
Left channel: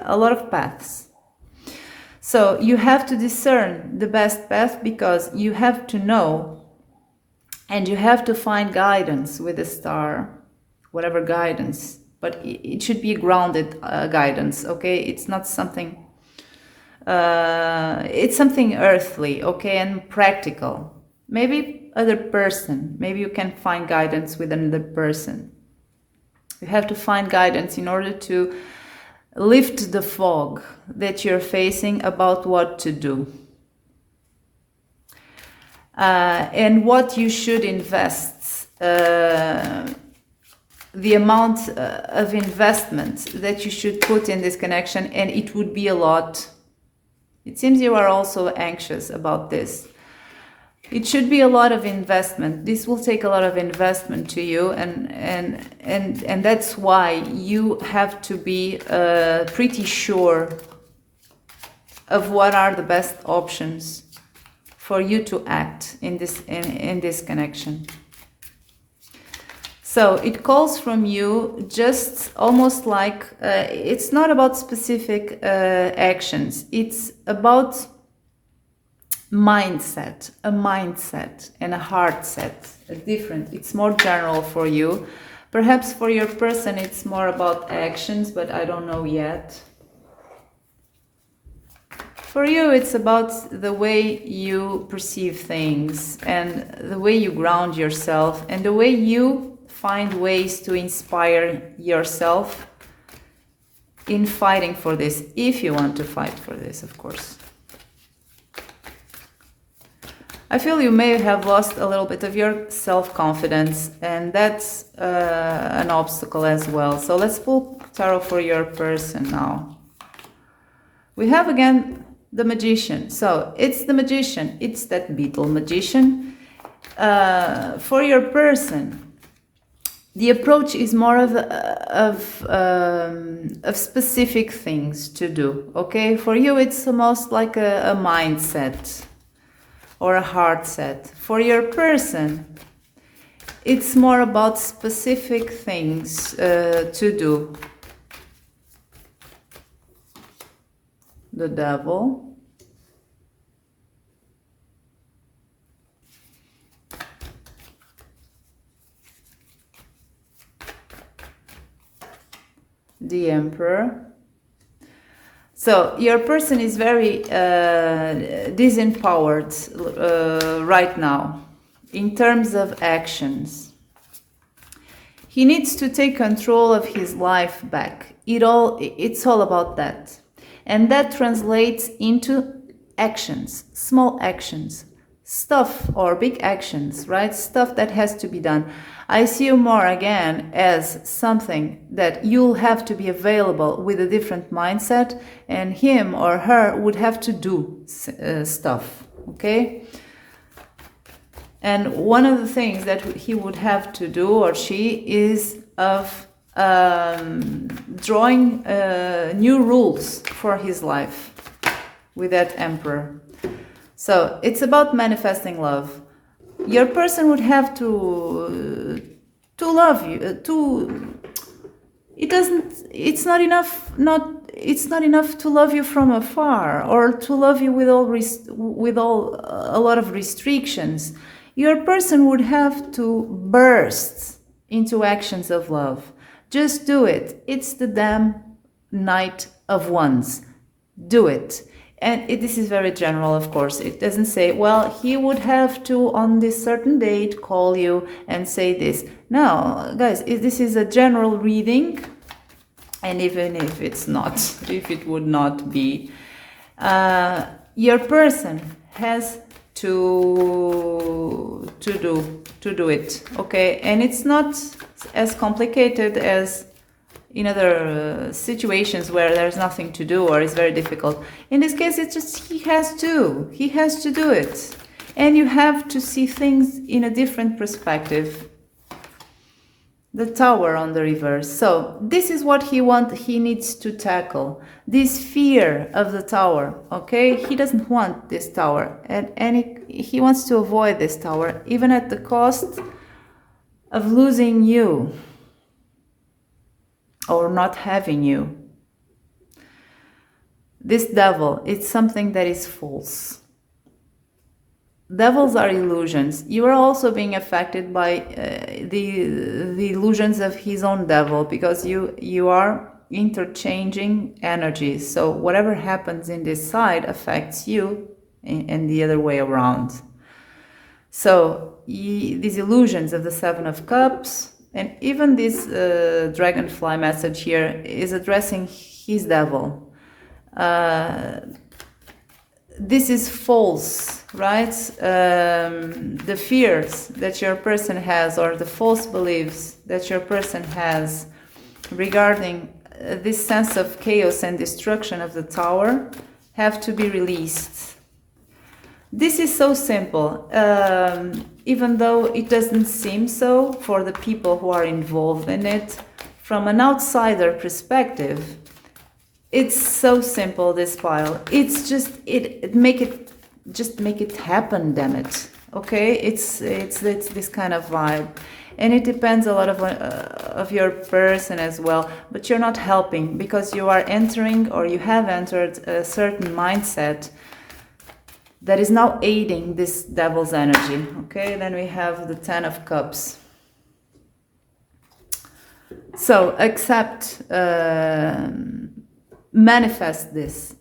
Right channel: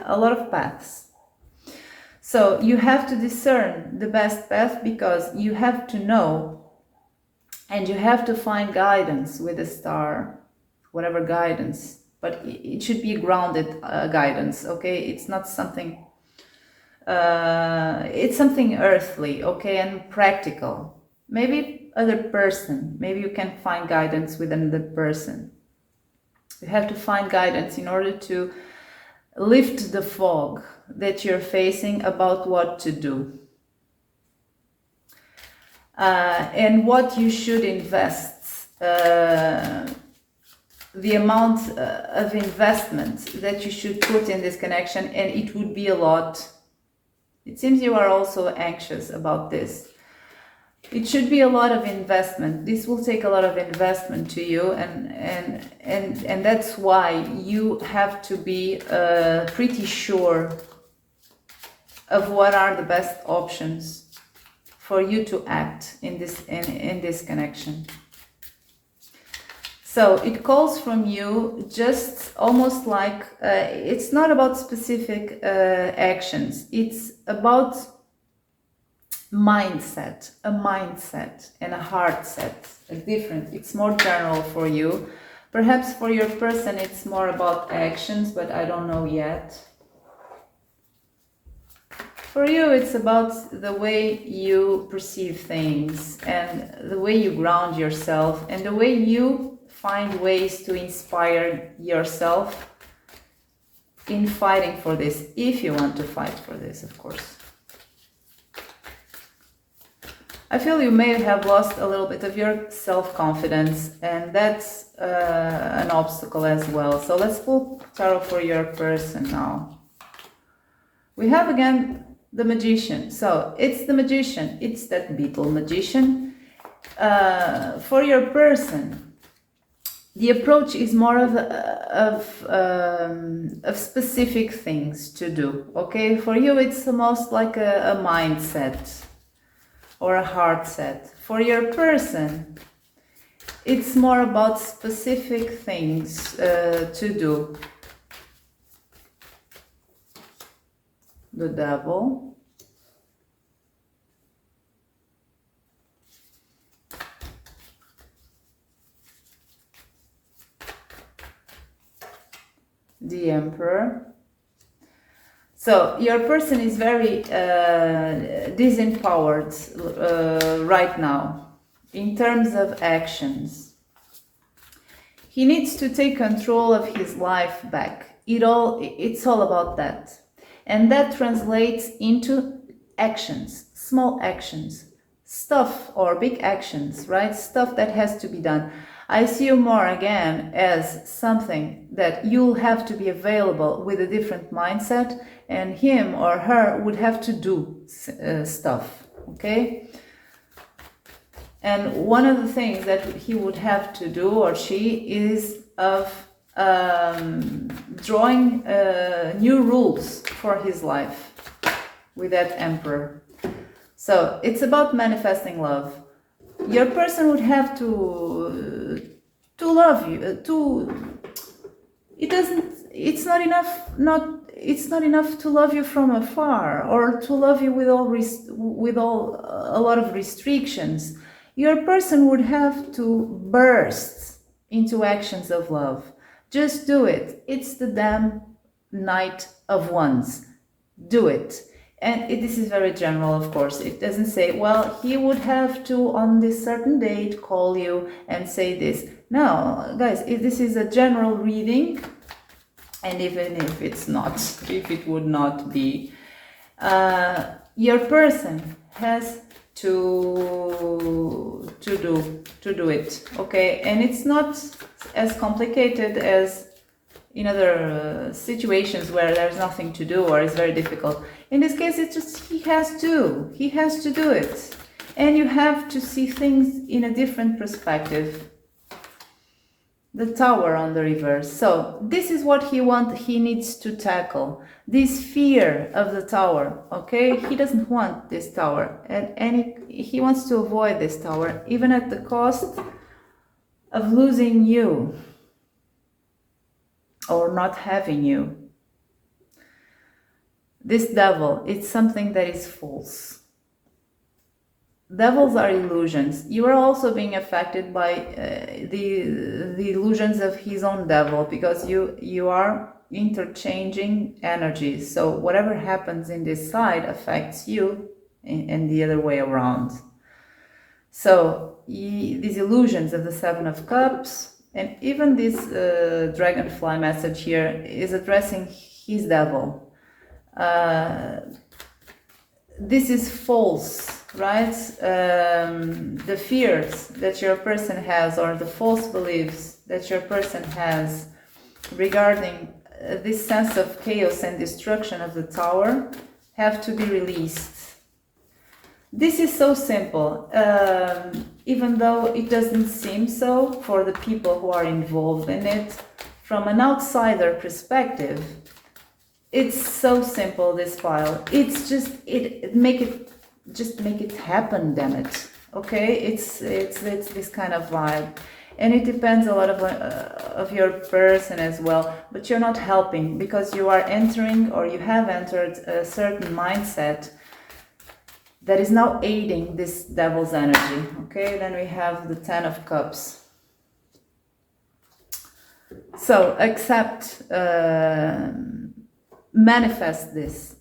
a lot of paths. So you have to discern the best path, because you have to know and you have to find guidance with the Star, whatever guidance, but it should be grounded guidance. Okay, it's not something it's something earthly, okay, and practical. Maybe other person, maybe you can find guidance with another person. You have to find guidance in order to lift the fog that you're facing about what to do. And what you should invest, the amount of investment that you should put in this connection, and it would be a lot. It seems you are also anxious about this. It should be a lot of investment. This will take a lot of investment to you, and that's why you have to be pretty sure of what are the best options for you to act in this connection. So it calls from you just almost like, it's not about specific actions. It's about mindset, a mindset and a heart set, it's more general for you. Perhaps for your person it's more about actions, but I don't know yet. For you, it's about the way you perceive things and the way you ground yourself and the way you find ways to inspire yourself in fighting for this, if you want to fight for this, of course. I feel you may have lost a little bit of your self-confidence, and that's an obstacle as well. So let's pull tarot for your person now. We have again the Magician. So it's the Magician. It's that beetle magician. For your person, the approach is more of specific things to do. Okay, for you it's almost like a mindset or a heart set. For your person, it's more about specific things to do. The Devil. The Emperor. So your person is very disempowered right now in terms of actions. He needs to take control of his life back. It's all about that. And that translates into actions, small actions, stuff or big actions, right? Stuff that has to be done. I see you more again as something that you'll have to be available with a different mindset, and him or her would have to do stuff, okay? And one of the things that he would have to do, or she, is of drawing new rules for his life with that Emperor. So it's about manifesting love. Your person would have to love you. It's not enough to love you from afar, or to love you with a lot of restrictions. Your person would have to burst into actions of love. Just do it. It's the damn Knight of Wands. Do it. And this is very general, of course. It doesn't say, well, he would have to, on this certain date, call you and say this. No, guys, this is a general reading. And even if it's not, if it would not be, your person has to do it, okay? And it's not as complicated as in other situations where there's nothing to do or it's very difficult. In this case, it's just he has to do it. And you have to see things in a different perspective. The Tower on the reverse. So this is what he needs to tackle. This fear of the Tower, okay? He doesn't want this Tower. And he wants to avoid this Tower, even at the cost of losing you. Or not having you. This devil, it's something that is false. Devils are illusions. You are also being affected by the illusions of his own devil, because you are interchanging energies. So whatever happens in this side affects you and the other way around. So these illusions of the Seven of Cups, and even this dragonfly message here is addressing his devil. This is false, right? The fears that your person has, or the false beliefs that your person has regarding this sense of chaos and destruction of the Tower, have to be released. This is so simple, even though it doesn't seem so for the people who are involved in it. From an outsider perspective, it's so simple, this pile. It's just, make it happen, damn it. Okay, it's this kind of vibe. And it depends a lot of your person as well, but you're not helping, because you are entering, or you have entered, a certain mindset that is now aiding this devil's energy. Okay, then we have the Ten of Cups. So accept, manifest this.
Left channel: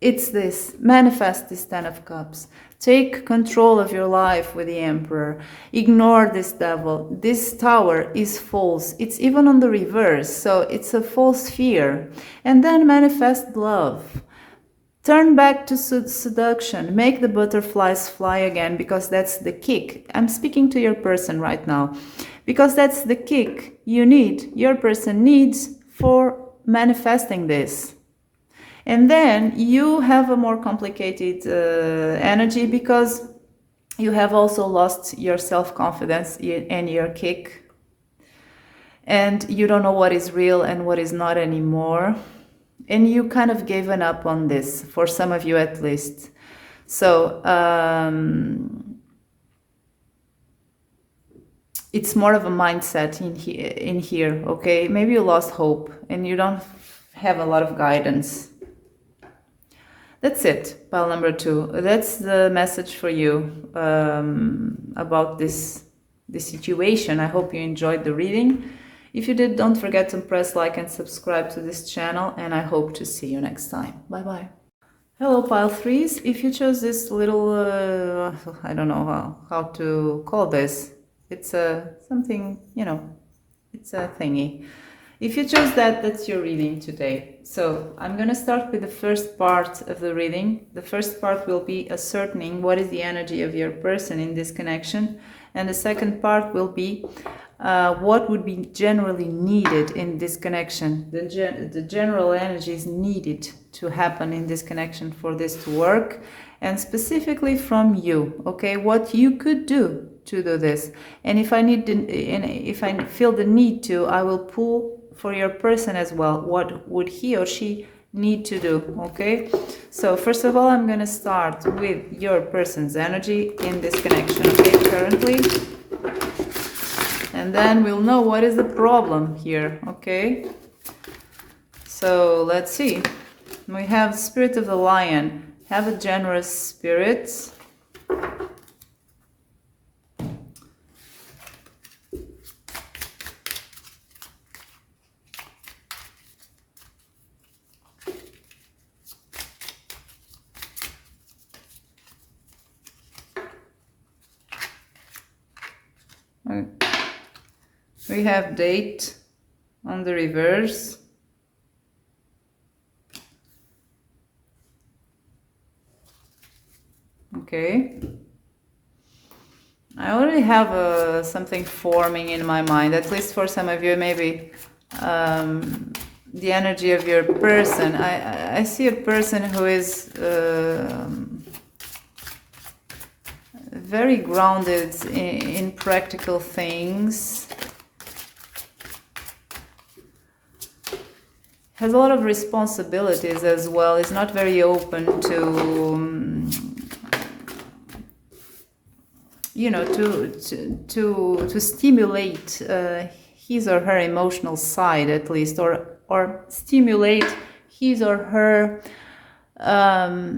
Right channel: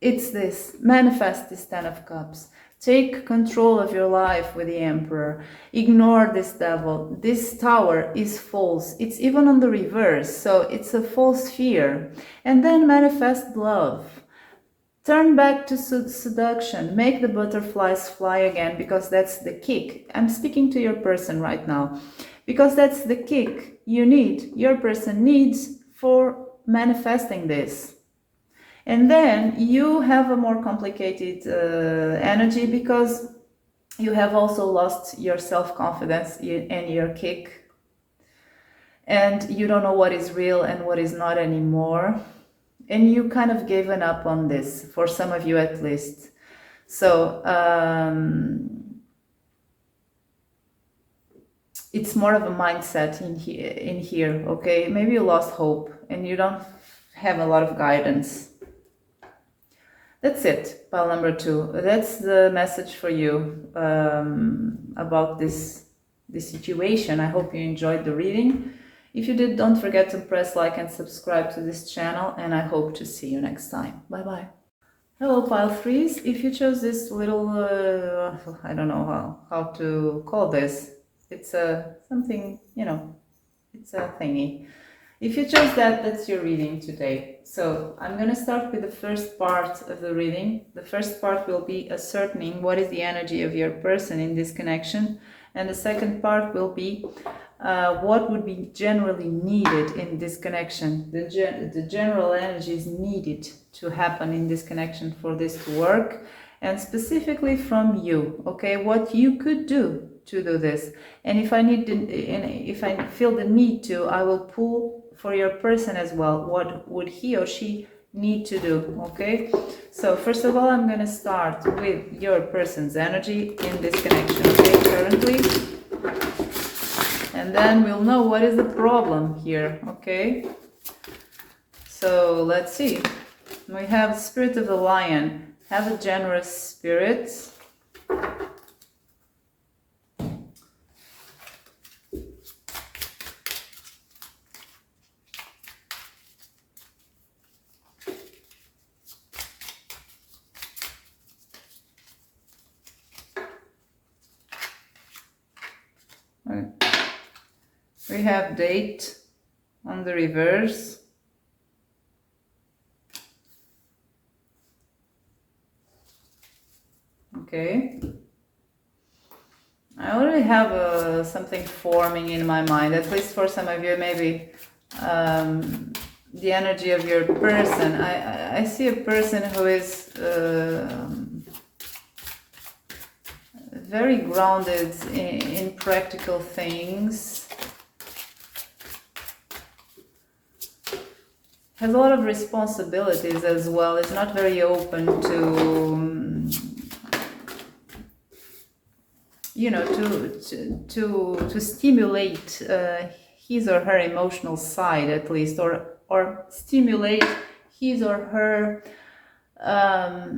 It's this. Manifest this Ten of Cups. Take control of your life with the Emperor. Ignore this devil. This Tower is false. It's even on the reverse, so it's a false fear. And then manifest love. Turn back to seduction. Make the butterflies fly again, because that's the kick. I'm speaking to your person right now, because that's the kick your person needs for manifesting this. And then you have a more complicated energy, because you have also lost your self-confidence and your kick. And you don't know what is real and what is not anymore. And you kind of given up on this, for some of you at least. So it's more of a mindset in here, okay? Maybe you lost hope and you don't have a lot of guidance. That's it, pile number 2. That's the message for you about this situation. I hope you enjoyed the reading. If you did, don't forget to press like and subscribe to this channel, and I hope to see you next time. Bye-bye. Hello, pile 3s. If you chose this little, I don't know how to call this. It's something, It's a thingy. If you chose that, that's your reading today. So I'm going to start with the first part of the reading. The first part will be ascertaining what is the energy of your person in this connection. And the second part will be what would be generally needed in this connection. The general energies needed to happen in this connection for this to work. And specifically from you, okay, what you could do to do this. And if I feel the need to, I will pull for your person as well. What would he or she need to do? Okay, so first of all, I'm going to start with your person's energy in this connection, okay, currently, and then we'll know what is the problem here. Okay, so let's see. We have Spirit of the Lion. Have a generous spirit. We have Date on the reverse. Okay. I already have something forming in my mind, at least for some of you, maybe the energy of your person. I see a person who is very grounded in practical things, has a lot of responsibilities as well, is not very open to to stimulate his or her emotional side, at least, or stimulate his or her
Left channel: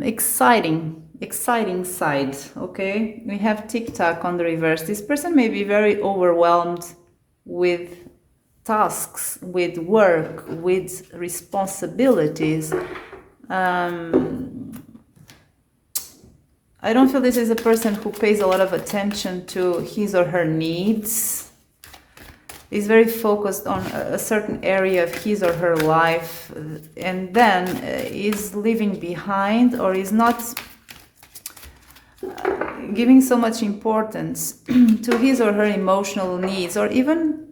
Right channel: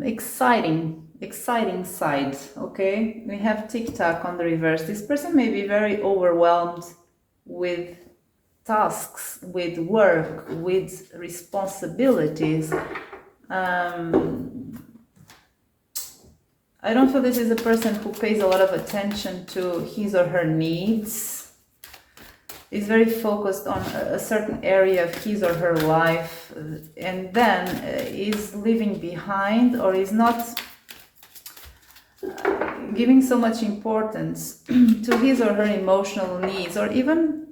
exciting side. Okay, we have Tic-Tac on the reverse. This person may be very overwhelmed with tasks, with work, with responsibilities. I don't feel this is a person who pays a lot of attention to his or her needs. Is very focused on a certain area of his or her life, and then is leaving behind, or is not giving so much importance to his or her emotional needs, or even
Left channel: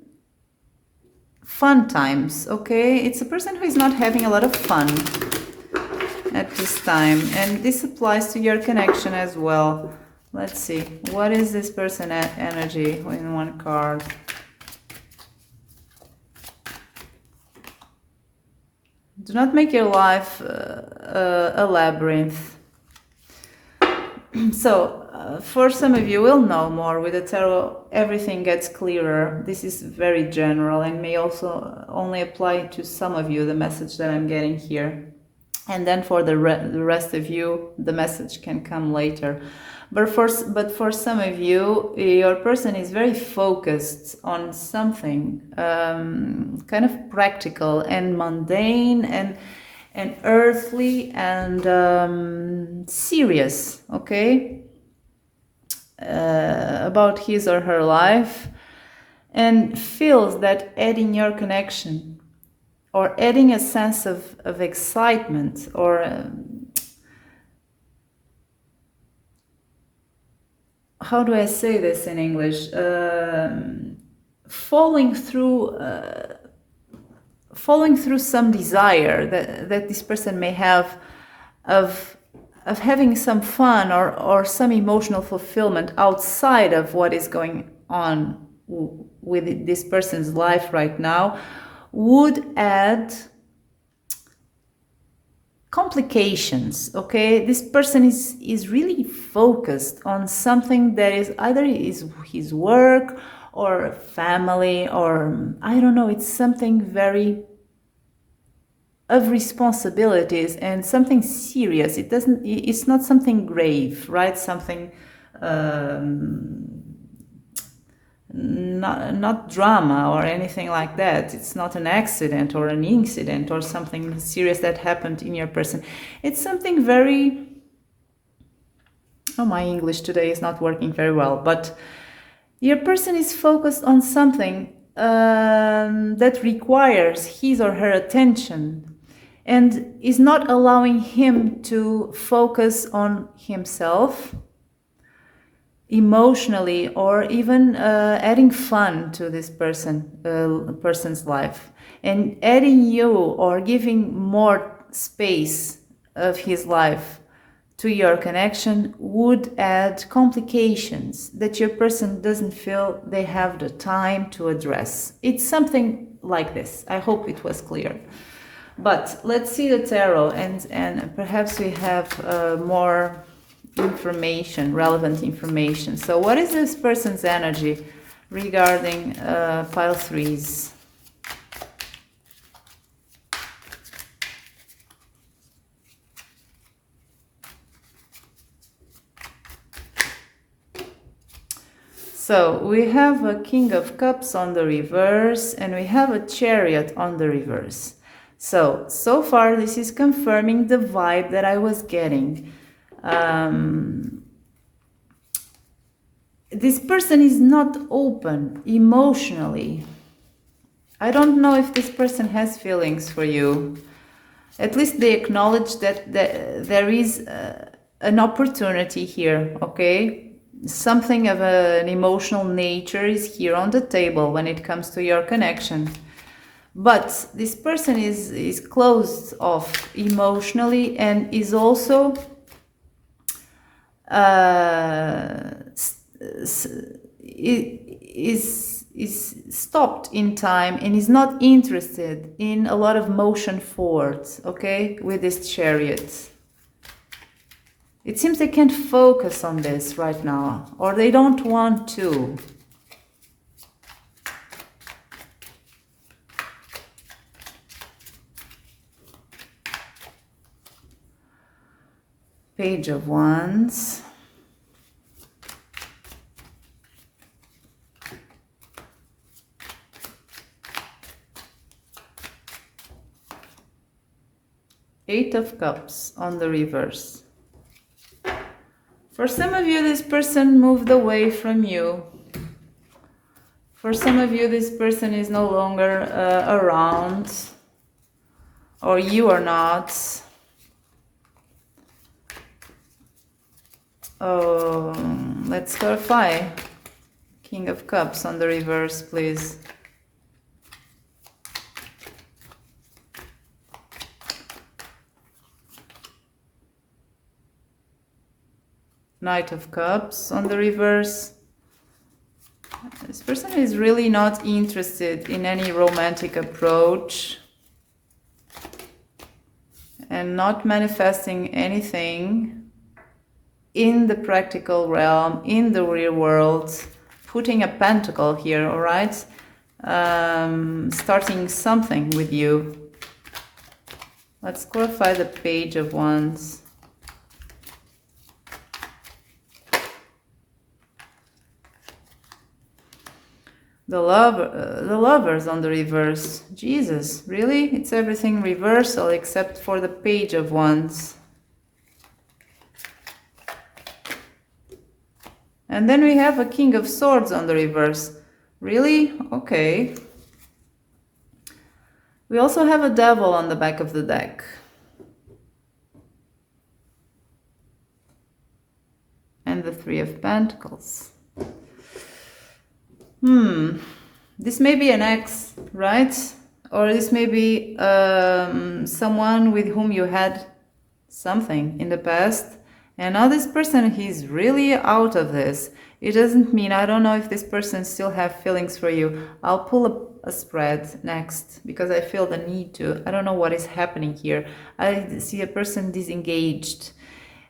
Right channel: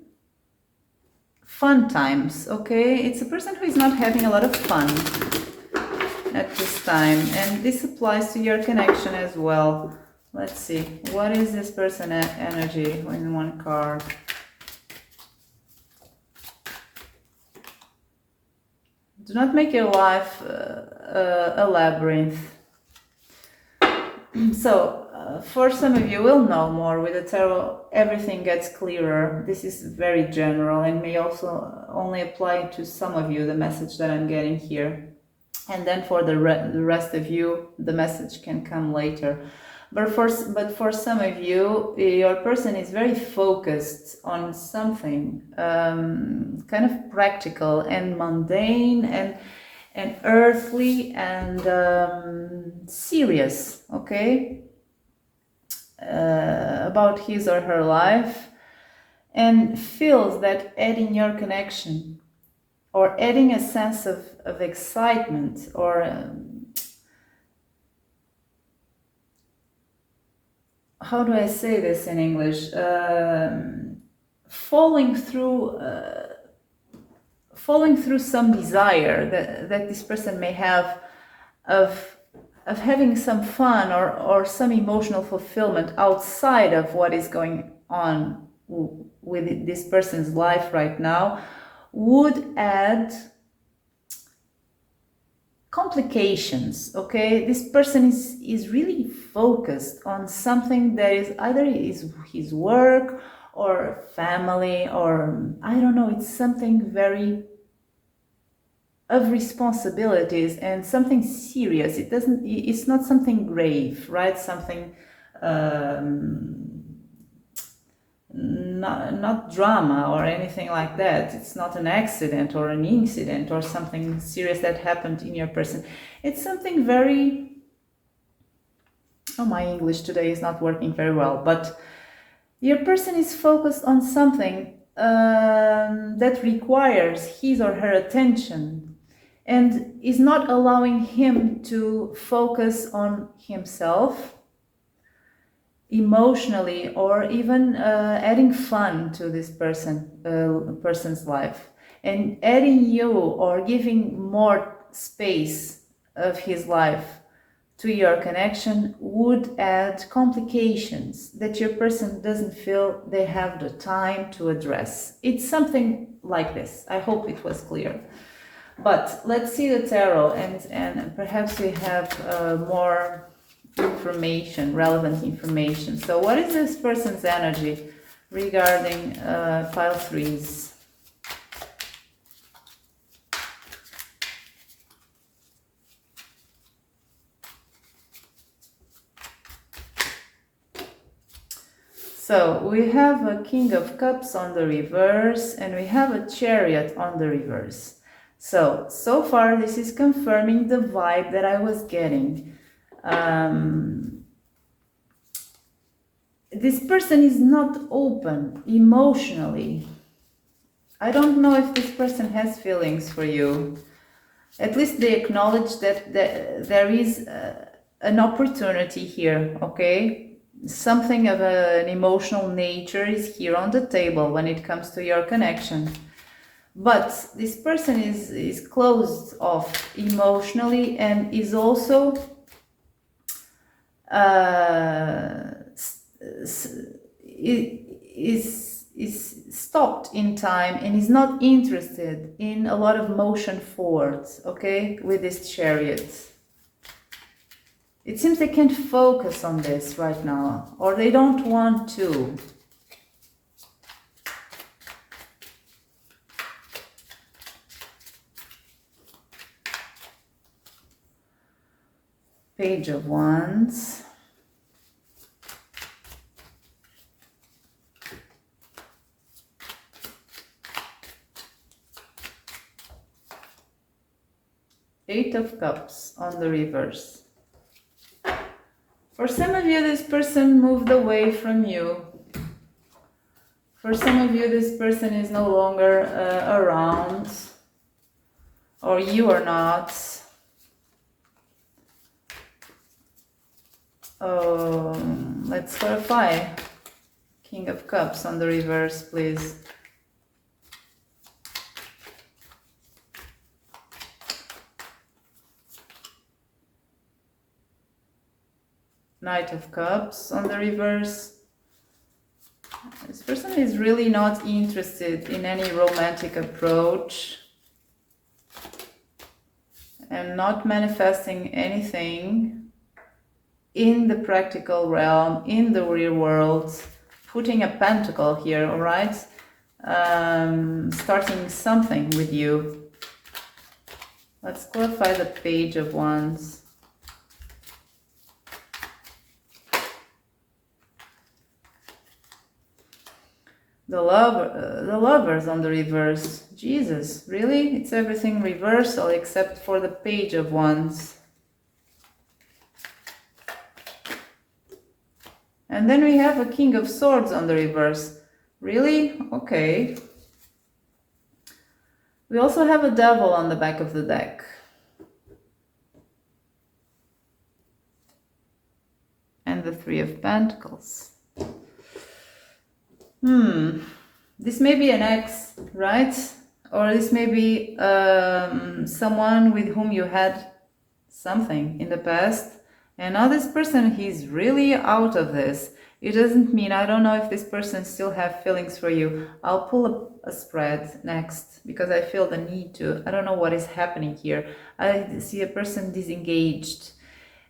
fun times. Okay, it's a person who is not having a lot of fun at this time, and this applies to your connection as well. Let's see, what is this person energy in one card? Do not make your life a labyrinth. So for some of you will know more with the tarot, everything gets clearer. This is very general and may also only apply to some of you, the message that I'm getting here. And then for the rest of you, the message can come later. But for some of you, your person is very focused on something kind of practical and mundane and earthly and serious, okay, about his or her life, and feels that adding your connection or adding a sense of excitement or how do I say this in English? Following through some desire that this person may have of having some fun or some emotional fulfillment outside of what is going on with this person's life right now, would add complications. Okay, this person is really focused on something that is either his work or family, or I don't know, it's something very of responsibilities and something serious. It's not something grave, right? Something not drama or anything like that. It's not an accident or an incident or something serious that happened in your person. It's something very, oh, my English today is not working very well, but your person is focused on something that requires his or her attention and is not allowing him to focus on himself emotionally, or even adding fun to this person's life, and adding you or giving more space of his life to your connection would add complications that your person doesn't feel they have the time to address. It's something like this. I hope it was clear. But let's see the tarot, and perhaps we have more information, relevant information. So what is this person's energy regarding pile threes? So we have a King of Cups on the reverse, and we have a Chariot on the reverse. So far this is confirming the vibe that I was getting. This person is not open emotionally. I don't know if this person has feelings for you. At least they acknowledge that there is an opportunity here, okay? Something of an emotional nature is here on the table when it comes to your connection. But this person is closed off emotionally and is also is stopped in time and is not interested in a lot of motion forwards, okay, with this Chariot. It seems they can't focus on this right now, or they don't want to. Page of Wands. Eight of Cups on the reverse. For some of you, this person moved away from you. For some of you, this person is no longer around, or you are not. Let's clarify. King of Cups on the reverse, please. Knight of Cups on the reverse. This person is really not interested in any romantic approach and not manifesting anything in the practical realm, in the real world. Putting a pentacle here, all right? Starting something with you. Let's clarify the Page of Wands. The Lovers on the reverse. Jesus, really? It's everything reversal except for the Page of Wands. And then we have a King of Swords on the reverse. Really? Okay. We also have a Devil on the back of the deck. And the Three of Pentacles. This may be an ex, right? Or this may be someone with whom you had something in the past. And now this person, he's really out of this. It doesn't mean, I don't know if this person still have feelings for you. I'll pull up a spread next because I feel the need to. I don't know what is happening here. I see a person disengaged.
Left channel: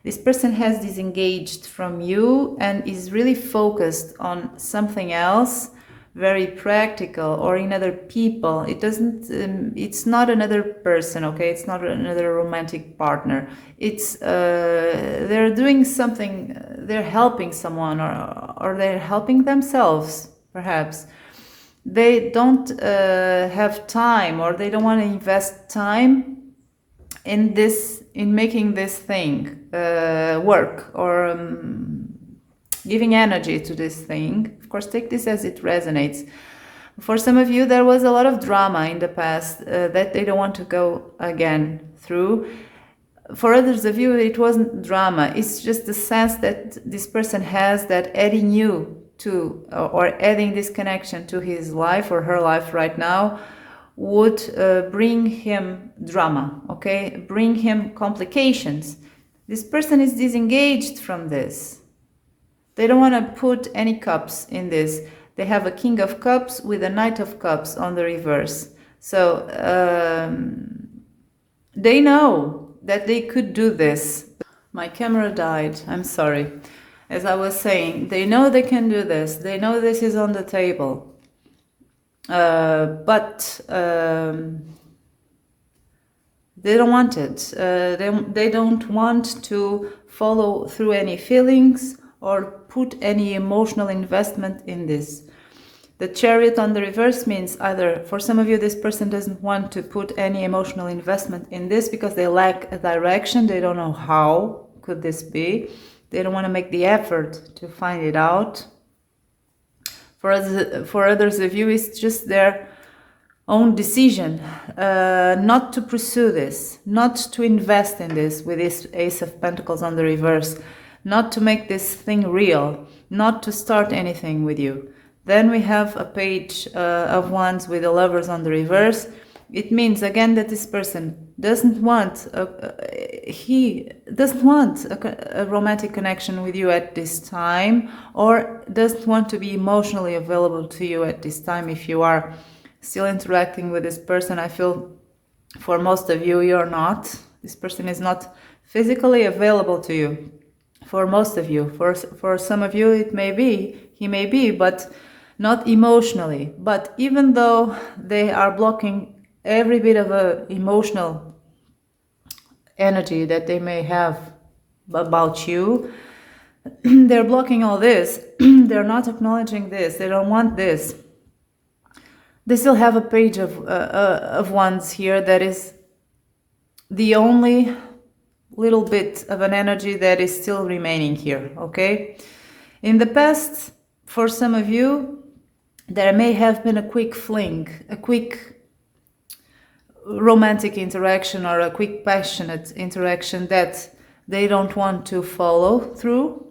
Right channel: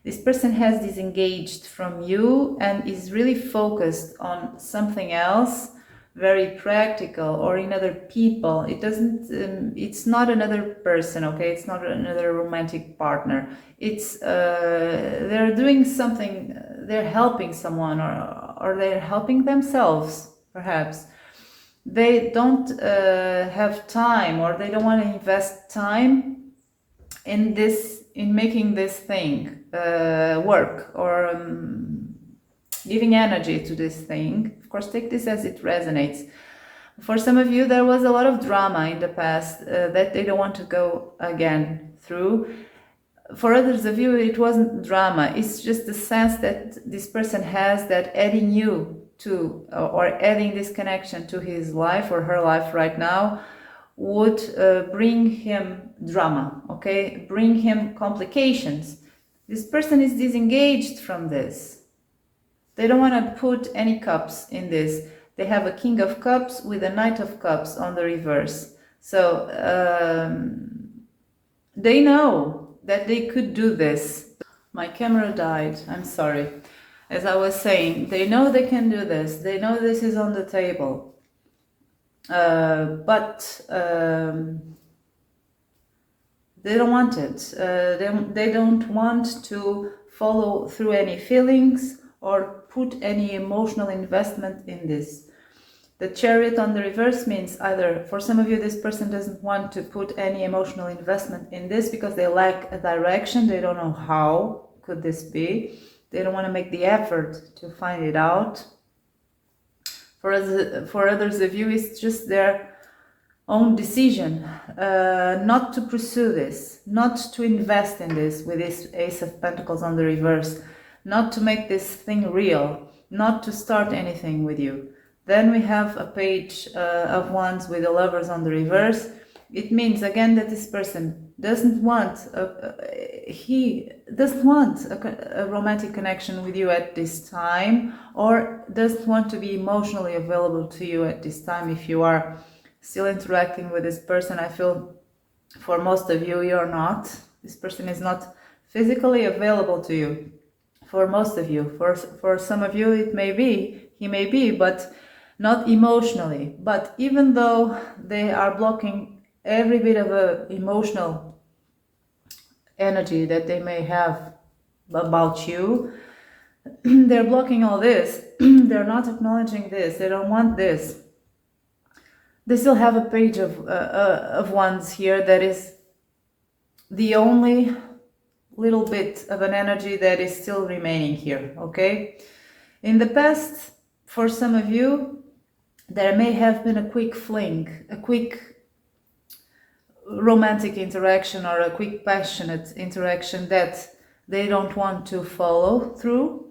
This person has disengaged from you and is really focused on something else, very practical, or in other people. It doesn't, it's not another person, okay? It's not another romantic partner. It's, they're doing something, they're helping someone, or they're helping themselves, perhaps. They don't have time, or they don't want to invest time in this, in making this thing work, or giving energy to this thing. Of course, take this as it resonates. For some of you, there was a lot of drama in the past that they don't want to go again through. For others of you, it wasn't drama. It's just the sense that this person has that adding you to, or adding this connection to his life or her life right now would bring him drama, okay? Bring him complications. This person is disengaged from this. They don't want to put any cups in this. They have a King of Cups with a Knight of Cups on the reverse. So they know that they could do this. My camera died, I'm sorry. As I was saying, they know they can do this. They know this is on the table. But they don't want it. They don't want to follow through any feelings or put any emotional investment in this. The Chariot on the reverse means either, for some of you, this person doesn't want to put any emotional investment in this because they lack a direction. They don't know how could this be. They don't want to make the effort to find it out. For others of you, it's just their own decision not to pursue this, not to invest in this with this Ace of Pentacles on the reverse, not to make this thing real, not to start anything with you. Then we have a Page of Wands with the Lovers on the reverse. It means again that this person doesn't want a romantic connection with you at this time, or doesn't want to be emotionally available to you at this time. If you are still interacting with this person, I feel for most of you, you're not. This person is not physically available to you. For most of you, for some of you, he may be, but not emotionally. But even though they are blocking every bit of a emotional energy that they may have about you, they're blocking all this. They're not acknowledging this. They don't want this. They still have a Page of Wands here that is the only little bit of an energy that is still remaining here, okay? In the past, for some of you, there may have been a quick fling, a quick romantic interaction or a quick passionate interaction that they don't want to follow through.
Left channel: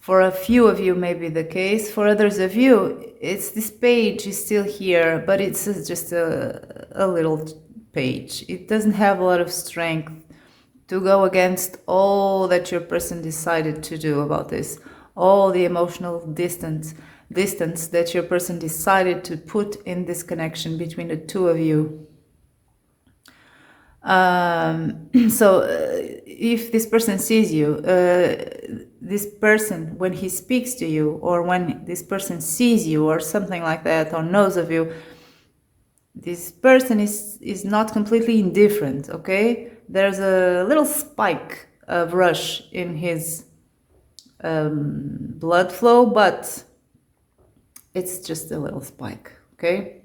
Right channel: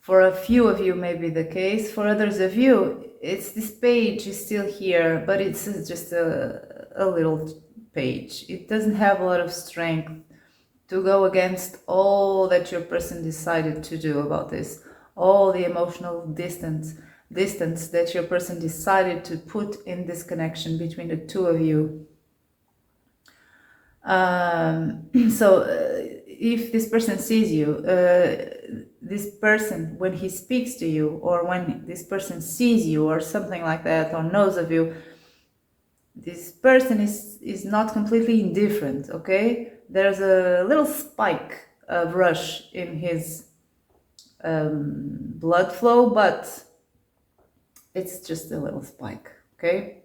For a few of you may be the case. For others of you, it's this page is still here, but it's just a little page. It doesn't have a lot of strength to go against all that your person decided to do about this, all the emotional distance that your person decided to put in this connection between the two of you. So if this person sees you, this person, when he speaks to you, or when this person sees you or something like that, or knows of you, this person is not completely indifferent, okay? There's a little spike of rush in his blood flow, but it's just a little spike, okay?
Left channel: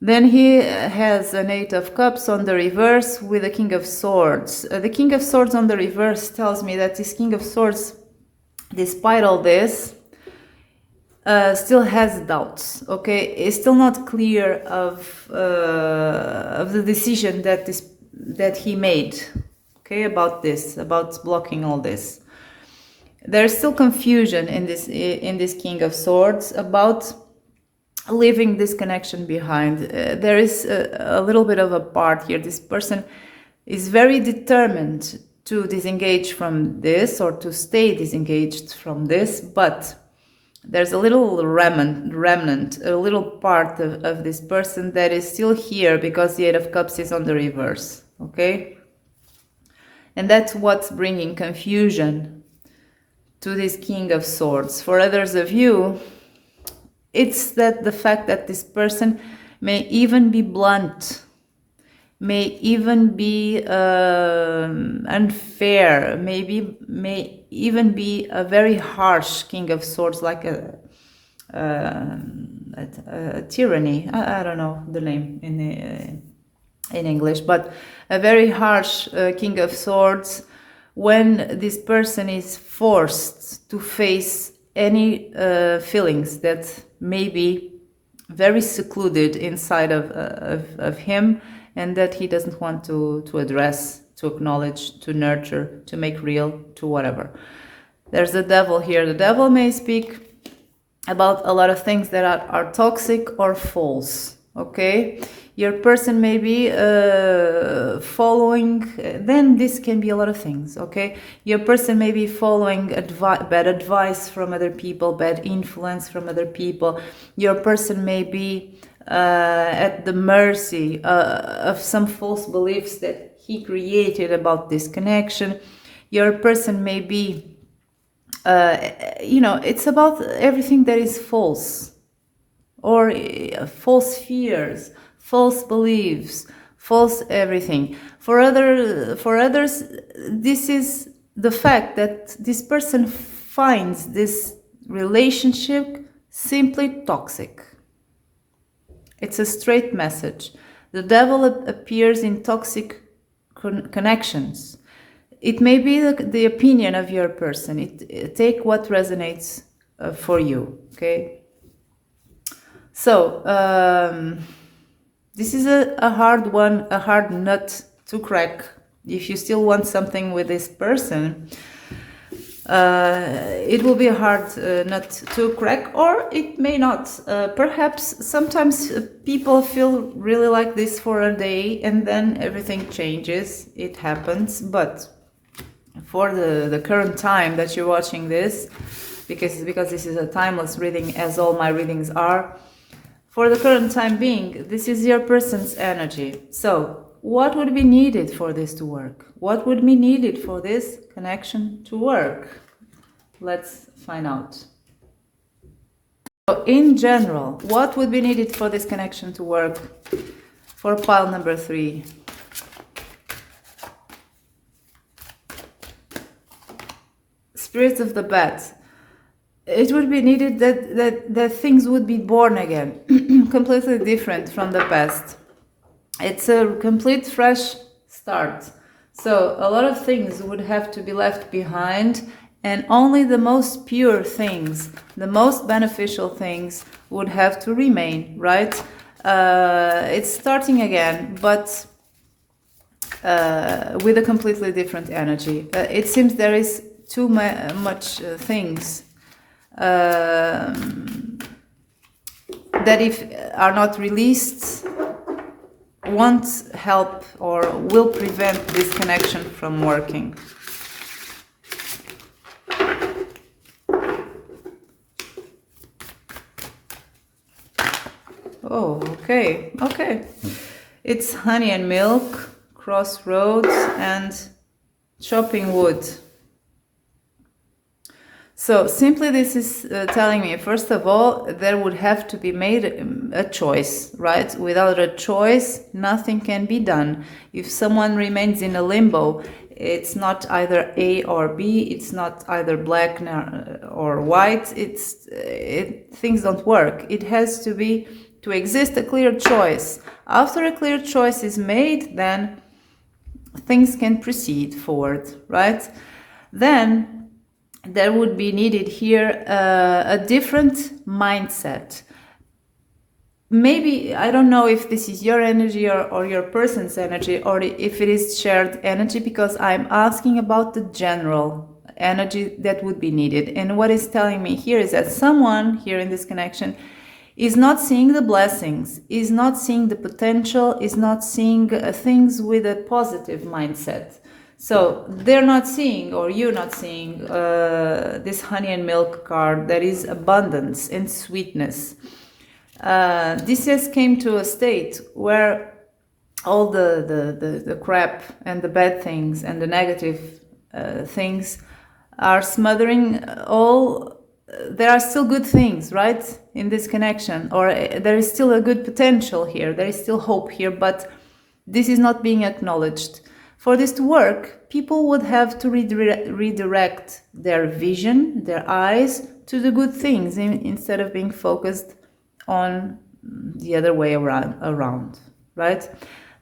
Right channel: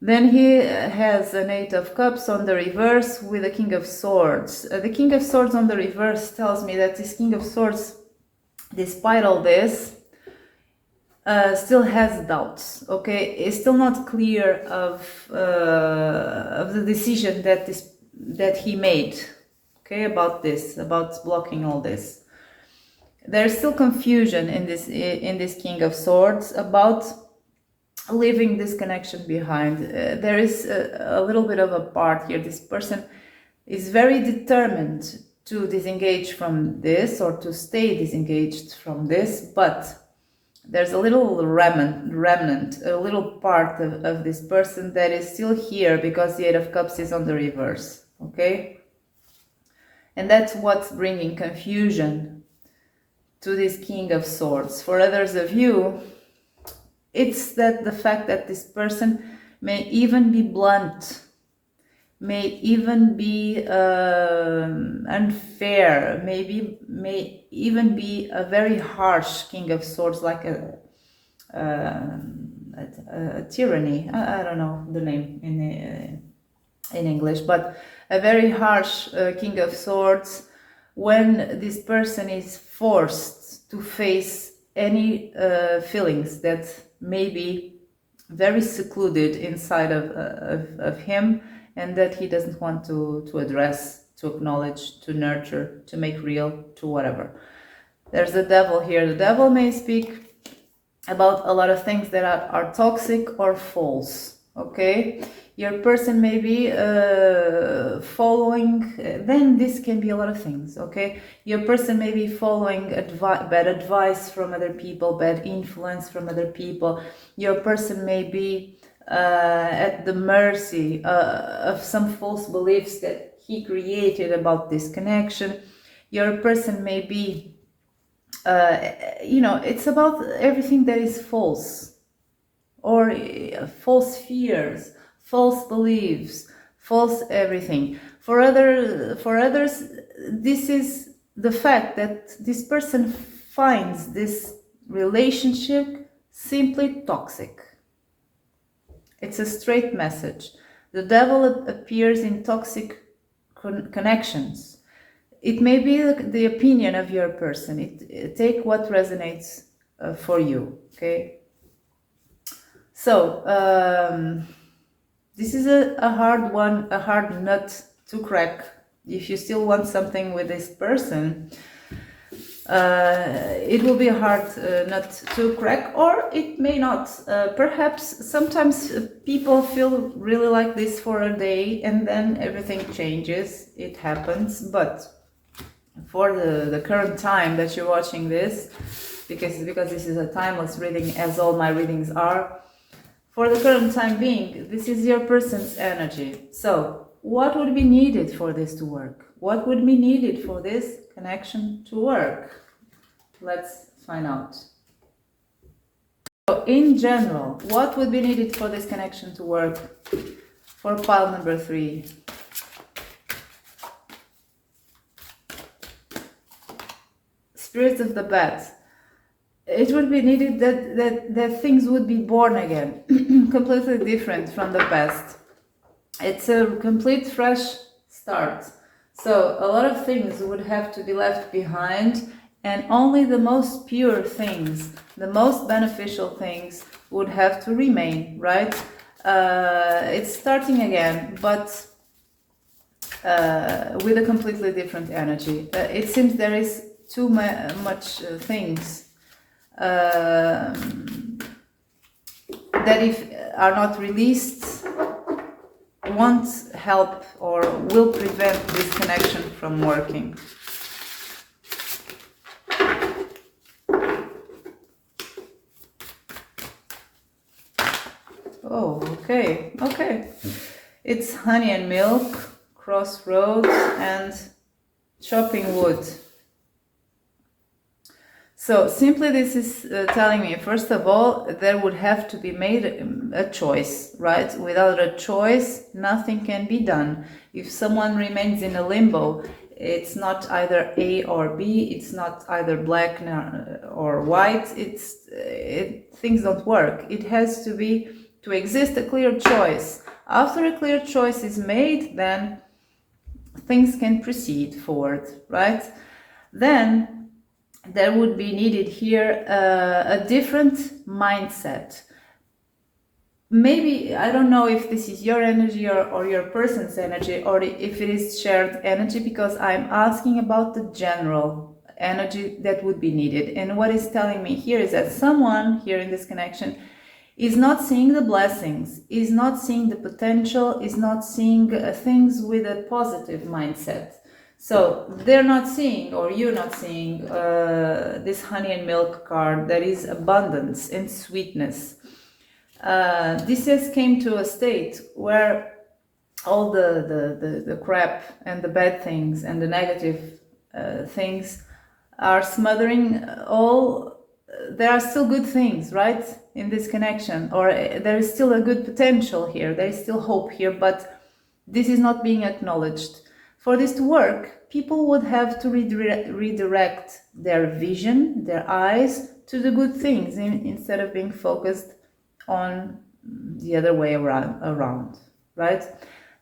Then he has an Eight of Cups on the reverse with a King of Swords. The King of Swords on the reverse tells me that this King of Swords, despite all this, still has doubts, okay? It's still not clear of the decision that he made, okay, about this, about blocking all this. There's still confusion in this King of Swords about leaving this connection behind. There is a little bit of a part here. This person is very determined to disengage from this, or to stay disengaged from this, but there's a little remnant, a little part of this person that is still here because the Eight of Cups is on the reverse, okay? And that's what's bringing confusion to this King of Swords. For others of you, it's that the fact that this person may even be blunt, may even be unfair, may even be a very harsh King of Swords, like a tyranny. I don't know the name in English, but a very harsh King of Swords, when this person is forced to face any feelings that maybe very secluded inside of him, and that he doesn't want to address, to acknowledge, to nurture, to make real, to whatever. There's the devil here. The devil may speak about a lot of things that are toxic or false, okay? Your person may be following, then this can be a lot of things, okay? Your person may be following bad advice from other people, bad influence from other people. Your person may be at the mercy of some false beliefs that he created about this connection. Your person may be, it's about everything that is false, or false fears, false beliefs, false everything. For others, this is the fact that this person finds this relationship simply toxic. It's a straight message. The devil appears in toxic connections. It may be the opinion of your person. Take what resonates for you, okay? So, this is a hard one, a hard nut to crack. If you still want something with this person, it will be a hard nut to crack, or it may not. Perhaps sometimes people feel really like this for a day and then everything changes. It happens, but for the current time that you're watching this, because this is a timeless reading, as all my readings are, for the current time being, this is your person's energy. So what would be needed for this to work? What would be needed for this connection to work? Let's find out. So in general, what would be needed for this connection to work? For pile number 3. Spirits of the bat. It would be needed that things would be born again, completely different from the past. It's a complete fresh start. So a lot of things would have to be left behind, and only the most pure things, the most beneficial things would have to remain, right? It's starting again, but with a completely different energy. It seems there is too much things that if are not released won't help or will prevent this connection from working. Oh, okay. It's honey and milk, crossroads, and chopping wood. So simply this is telling me, first of all, there would have to be made a choice, right? Without a choice, nothing can be done. If someone remains in a limbo, it's not either A or B, it's not either black or white, things don't work. It has to exist a clear choice. After a clear choice is made, then things can proceed forward, right? Then there would be needed here a different mindset. Maybe, I don't know if this is your energy or your person's energy, or if it is shared energy, because I'm asking about the general energy that would be needed. And what it's telling me here is that someone here in this connection is not seeing the blessings, is not seeing the potential, is not seeing things with a positive mindset. So they're not seeing, or you're not seeing, this honey and milk card that is abundance and sweetness. This has came to a state where all the crap and the bad things and the negative things are smothering all. There are still good things, right, in this connection, or there is still a good potential here, there is still hope here, but this is not being acknowledged. For this to work, people would have to redirect their vision, their eyes to the good things instead of being focused on the other way around, right?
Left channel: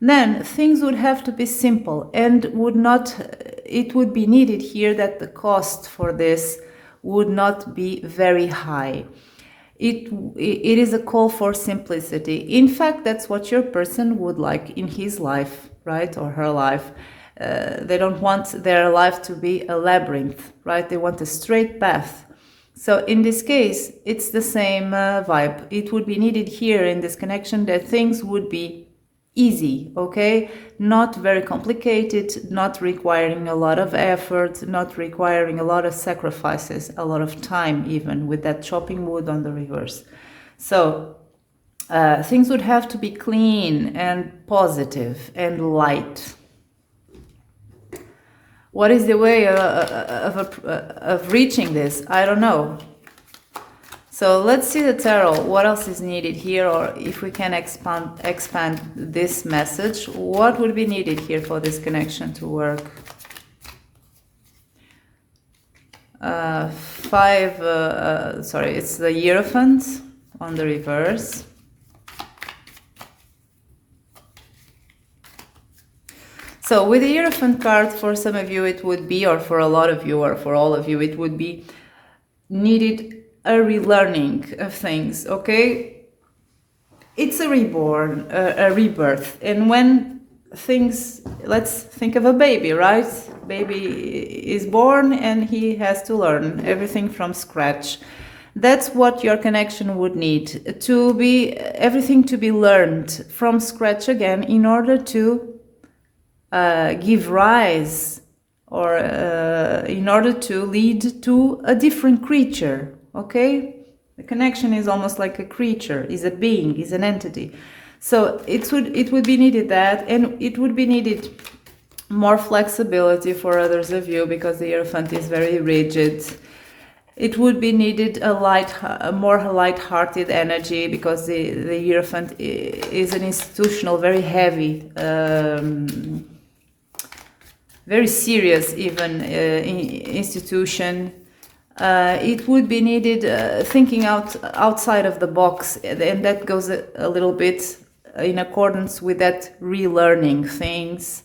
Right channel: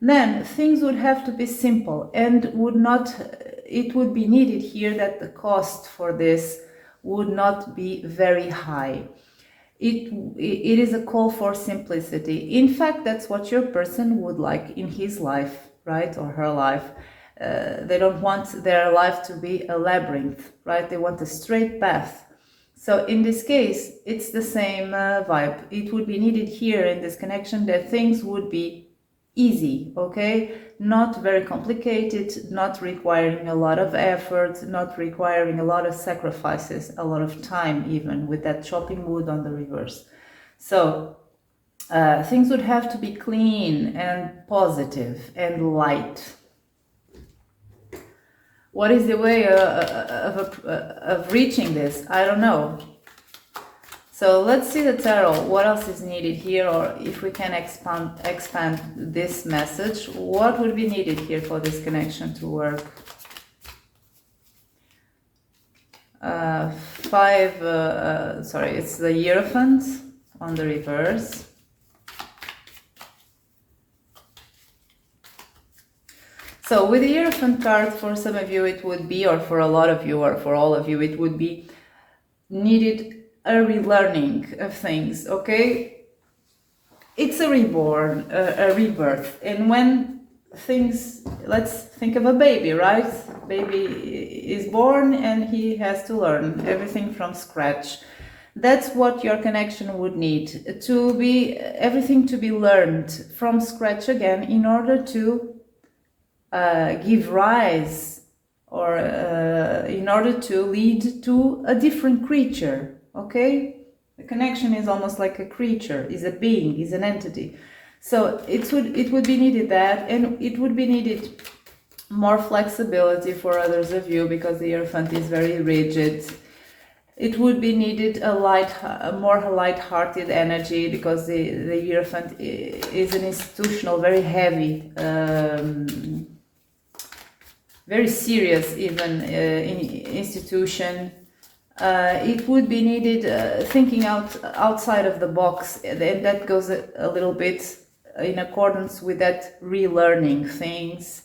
Then things would have to be simple, and it would be needed here that the cost for this would not be very high. it is a call for simplicity. In fact, that's what your person would like in his life, right, or her life. They don't want their life to be a labyrinth, right? They want a straight path. So in this case, it's the same vibe. It would be needed here in this connection that things would be easy, okay? Not very complicated, not requiring a lot of effort, not requiring a lot of sacrifices, a lot of time even, with that chopping wood on the reverse. So things would have to be clean and positive and light. What is the way of reaching this? I don't know. So let's see the tarot. What else is needed here, or if we can expand this message, what would be needed here for this connection to work? It's the Hierophant on the reverse. So with the Hierophant card, for some of you it would be, or for a lot of you, or for all of you, it would be needed a relearning of things, okay? It's a reborn, a rebirth. And when things, let's think of a baby, right? Baby is born and he has to learn everything from scratch. That's what your connection would need, to be, everything to be learned from scratch again in order to give rise, or in order to lead to a different creature, okay? The connection is almost like a creature, is a being, is an entity. So it would be needed that, and it would be needed more flexibility for others of you, because the Hierophant is very rigid. It would be needed a more light-hearted energy, because the Hierophant is an institutional, very heavy, very serious even institution. It would be needed thinking outside of the box, and that goes a little bit in accordance with that relearning things.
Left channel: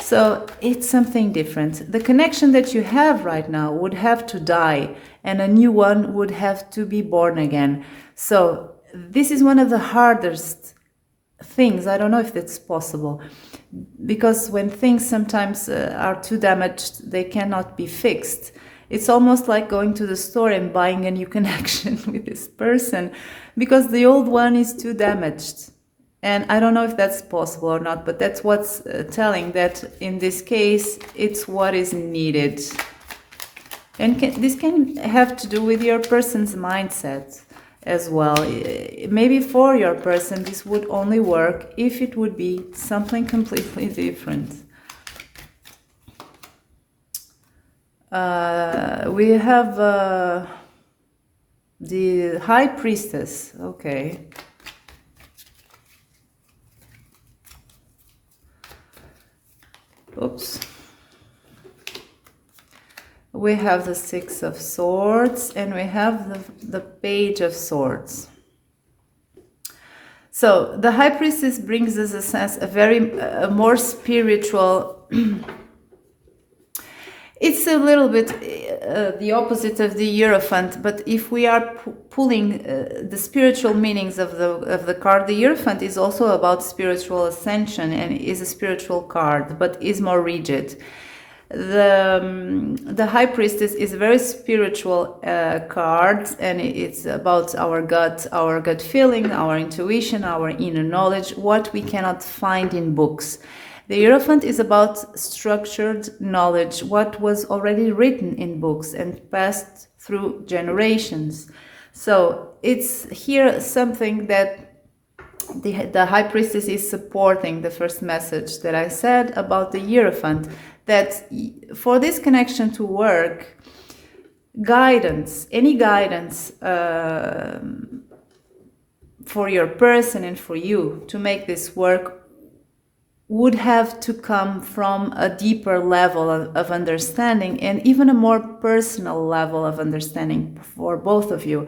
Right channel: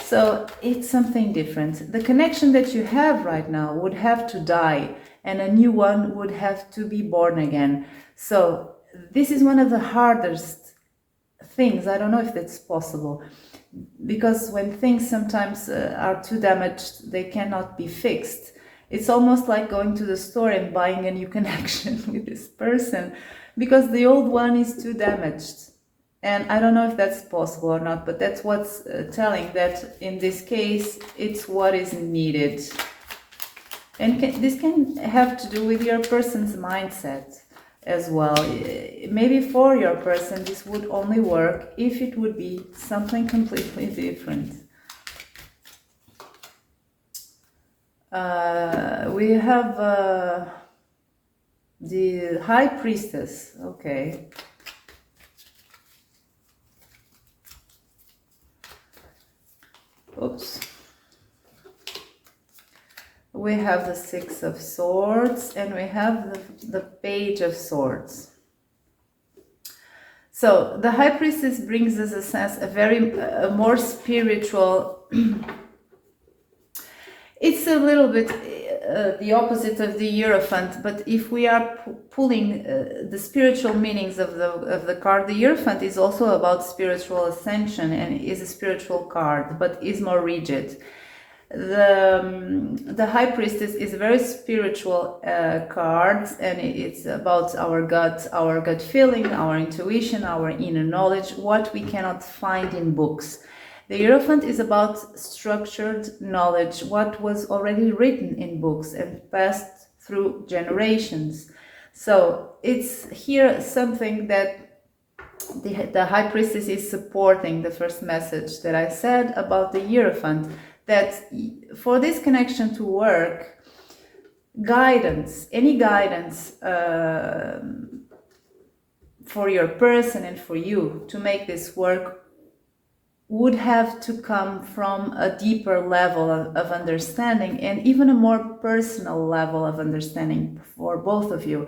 So it's something different. The connection that you have right now would have to die, and a new one would have to be born again. So this is one of the hardest things. I don't know if that's possible, because when things sometimes are too damaged, they cannot be fixed. It's almost like going to the store and buying a new connection with this person, because the old one is too damaged. And I don't know if that's possible or not, but that's what's telling that in this case, it's what is needed. And this can have to do with your person's mindset as well. Maybe for your person, this would only work if it would be something completely different. We have the High Priestess. Okay. Oops. We have the Six of Swords, and we have the Page of Swords. So the High Priestess brings us a sense, a more spiritual. It's a little bit the opposite of the Hierophant, but if we are pulling the spiritual meanings of the card, the Hierophant is also about spiritual ascension and is a spiritual card, but is more rigid. The High Priestess is a very spiritual card, and it's about our gut feeling, our intuition, our inner knowledge, what we cannot find in books. The Hierophant is about structured knowledge, what was already written in books and passed through generations. So it's here something that the High Priestess is supporting, the first message that I said about the Hierophant, that for this connection to work, guidance, any guidance for your person and for you to make this work would have to come from a deeper level of understanding, and even a more personal level of understanding for both of you.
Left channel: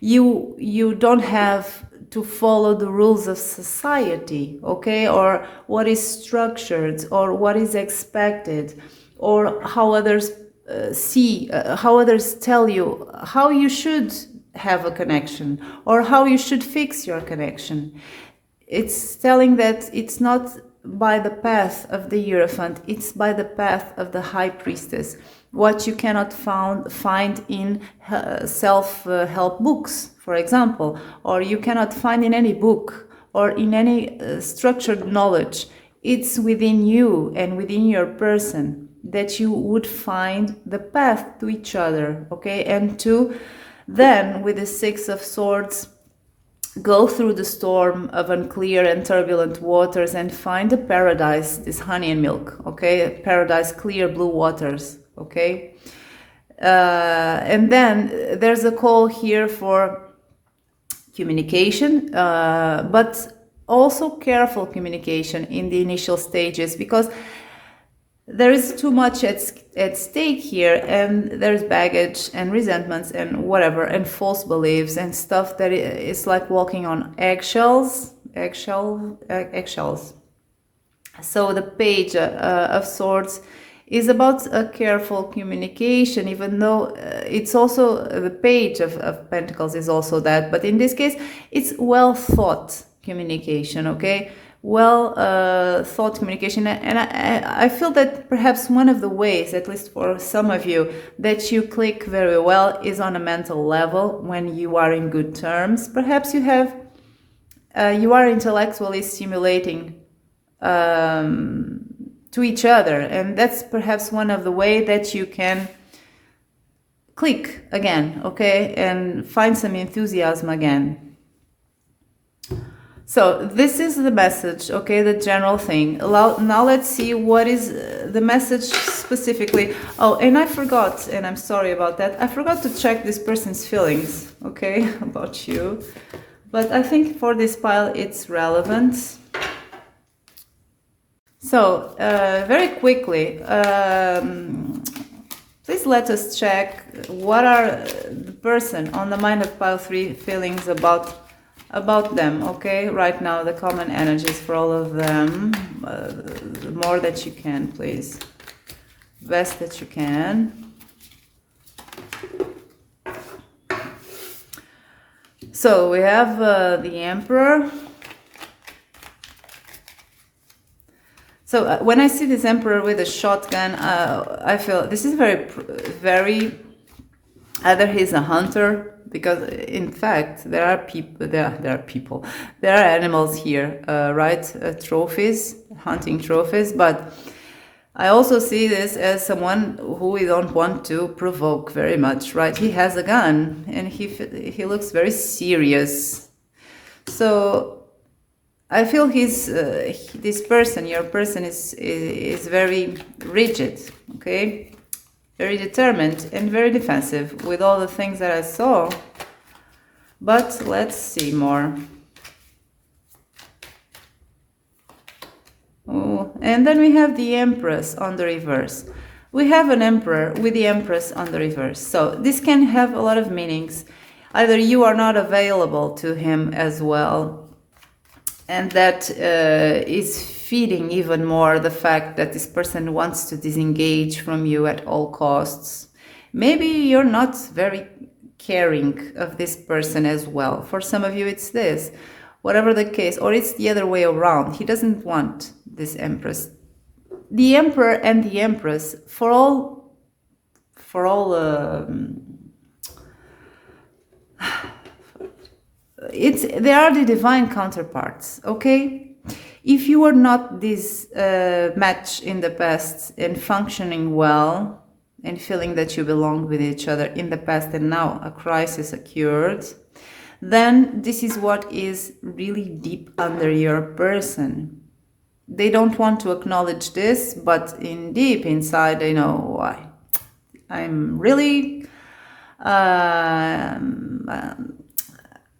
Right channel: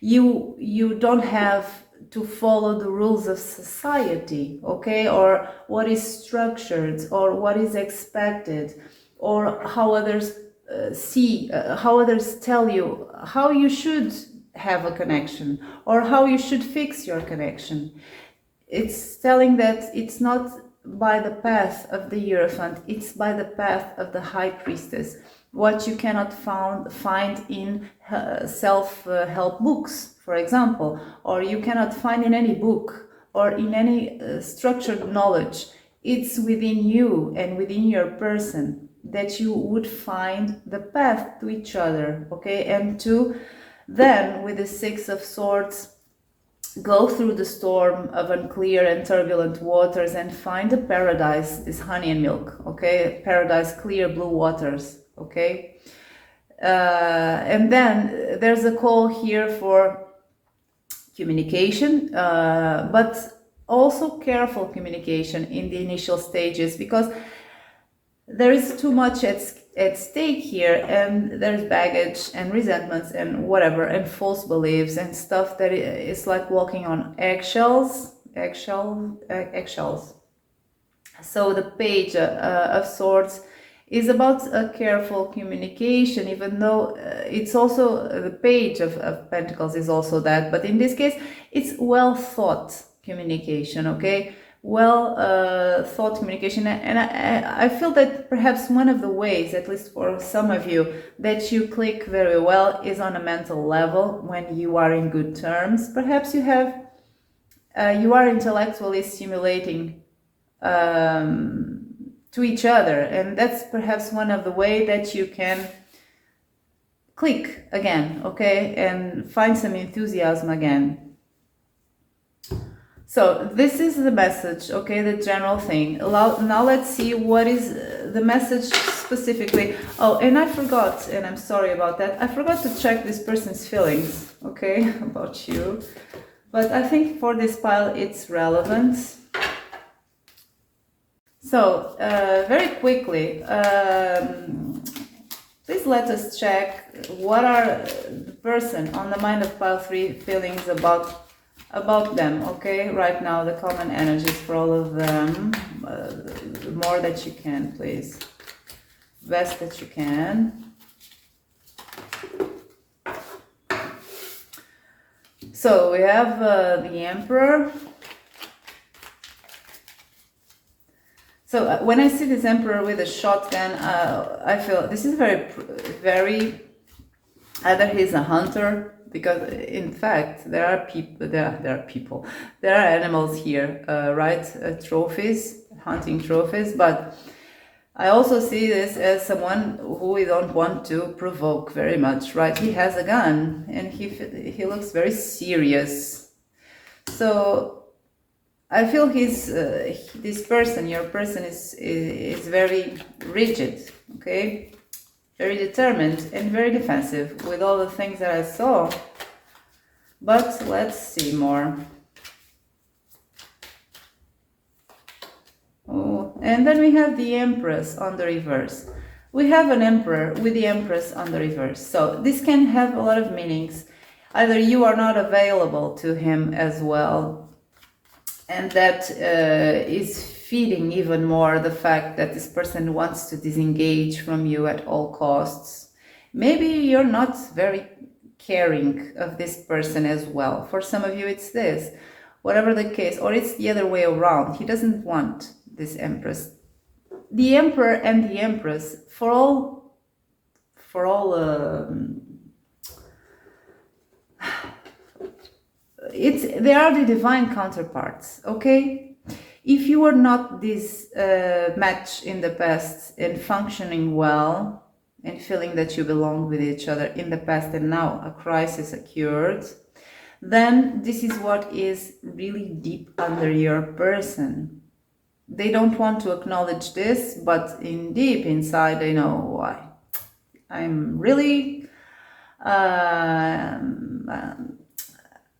You don't have to follow the rules of society, okay, or what is structured, or what is expected, or how others see, how others tell you how you should have a connection, or how you should fix your connection. It's telling that it's not by the path of the Hierophant, it's by the path of the High Priestess. What you cannot find in self-help books, for example, or you cannot find in any book or in any structured knowledge. It's within you and within your person that you would find the path to each other, okay? And to then, with the Six of Swords, go through the storm of unclear and turbulent waters and find a paradise, this honey and milk, okay? Paradise, clear blue waters, okay? And then there's a call here for communication, but also careful communication in the initial stages, because there is too much at stake here, and there's baggage and resentments and whatever, and false beliefs and stuff that is like walking on eggshells. So the Page of Swords is about a careful communication, even though it's also the Page of Pentacles is also that, but in this case it's well thought communication, okay? Well thought communication. And I feel that perhaps one of the ways, at least for some of you, that you click very well is on a mental level, when you are in good terms. Perhaps you have you are intellectually stimulating to each other, and that's perhaps one of the way that you can click again, okay, and find some enthusiasm again. So this is the message, okay, the general thing. Now let's see what is the message specifically. Oh, and I forgot, and I'm sorry about that, I forgot to check this person's feelings, okay, about you. But I think for this pile it's relevant. So, very quickly, please let us check what are the person on the Mind of Pile 3 feelings about them, okay? Right now, the common energies for all of them. More that you can, please. Best that you can. So, we have the Emperor. So when I see this Emperor with a shotgun, I feel this is very, either he's a hunter, because in fact there are animals here, right? Trophies, hunting trophies. But I also see this as someone who we don't want to provoke very much, right? He has a gun and he looks very serious. So I feel this person, your person is very rigid, okay? Very determined and very defensive with all the things that I saw. But let's see more. Oh, and then we have the Empress on the reverse. We have an Emperor with the Empress on the reverse. So this can have a lot of meanings. Either you are not available to him as well, and that is feeding even more the fact that this person wants to disengage from you at all costs. Maybe you're not very caring of this person as well. For some of you it's this, whatever the case, or it's the other way around. He doesn't want this Empress. The Emperor and the Empress, for all they are the divine counterparts, okay? If you were not this match in the past and functioning well and feeling that you belong with each other in the past, and now a crisis occurred, then this is what is really deep under your person. They don't want to acknowledge this, but in deep inside they know why. I'm really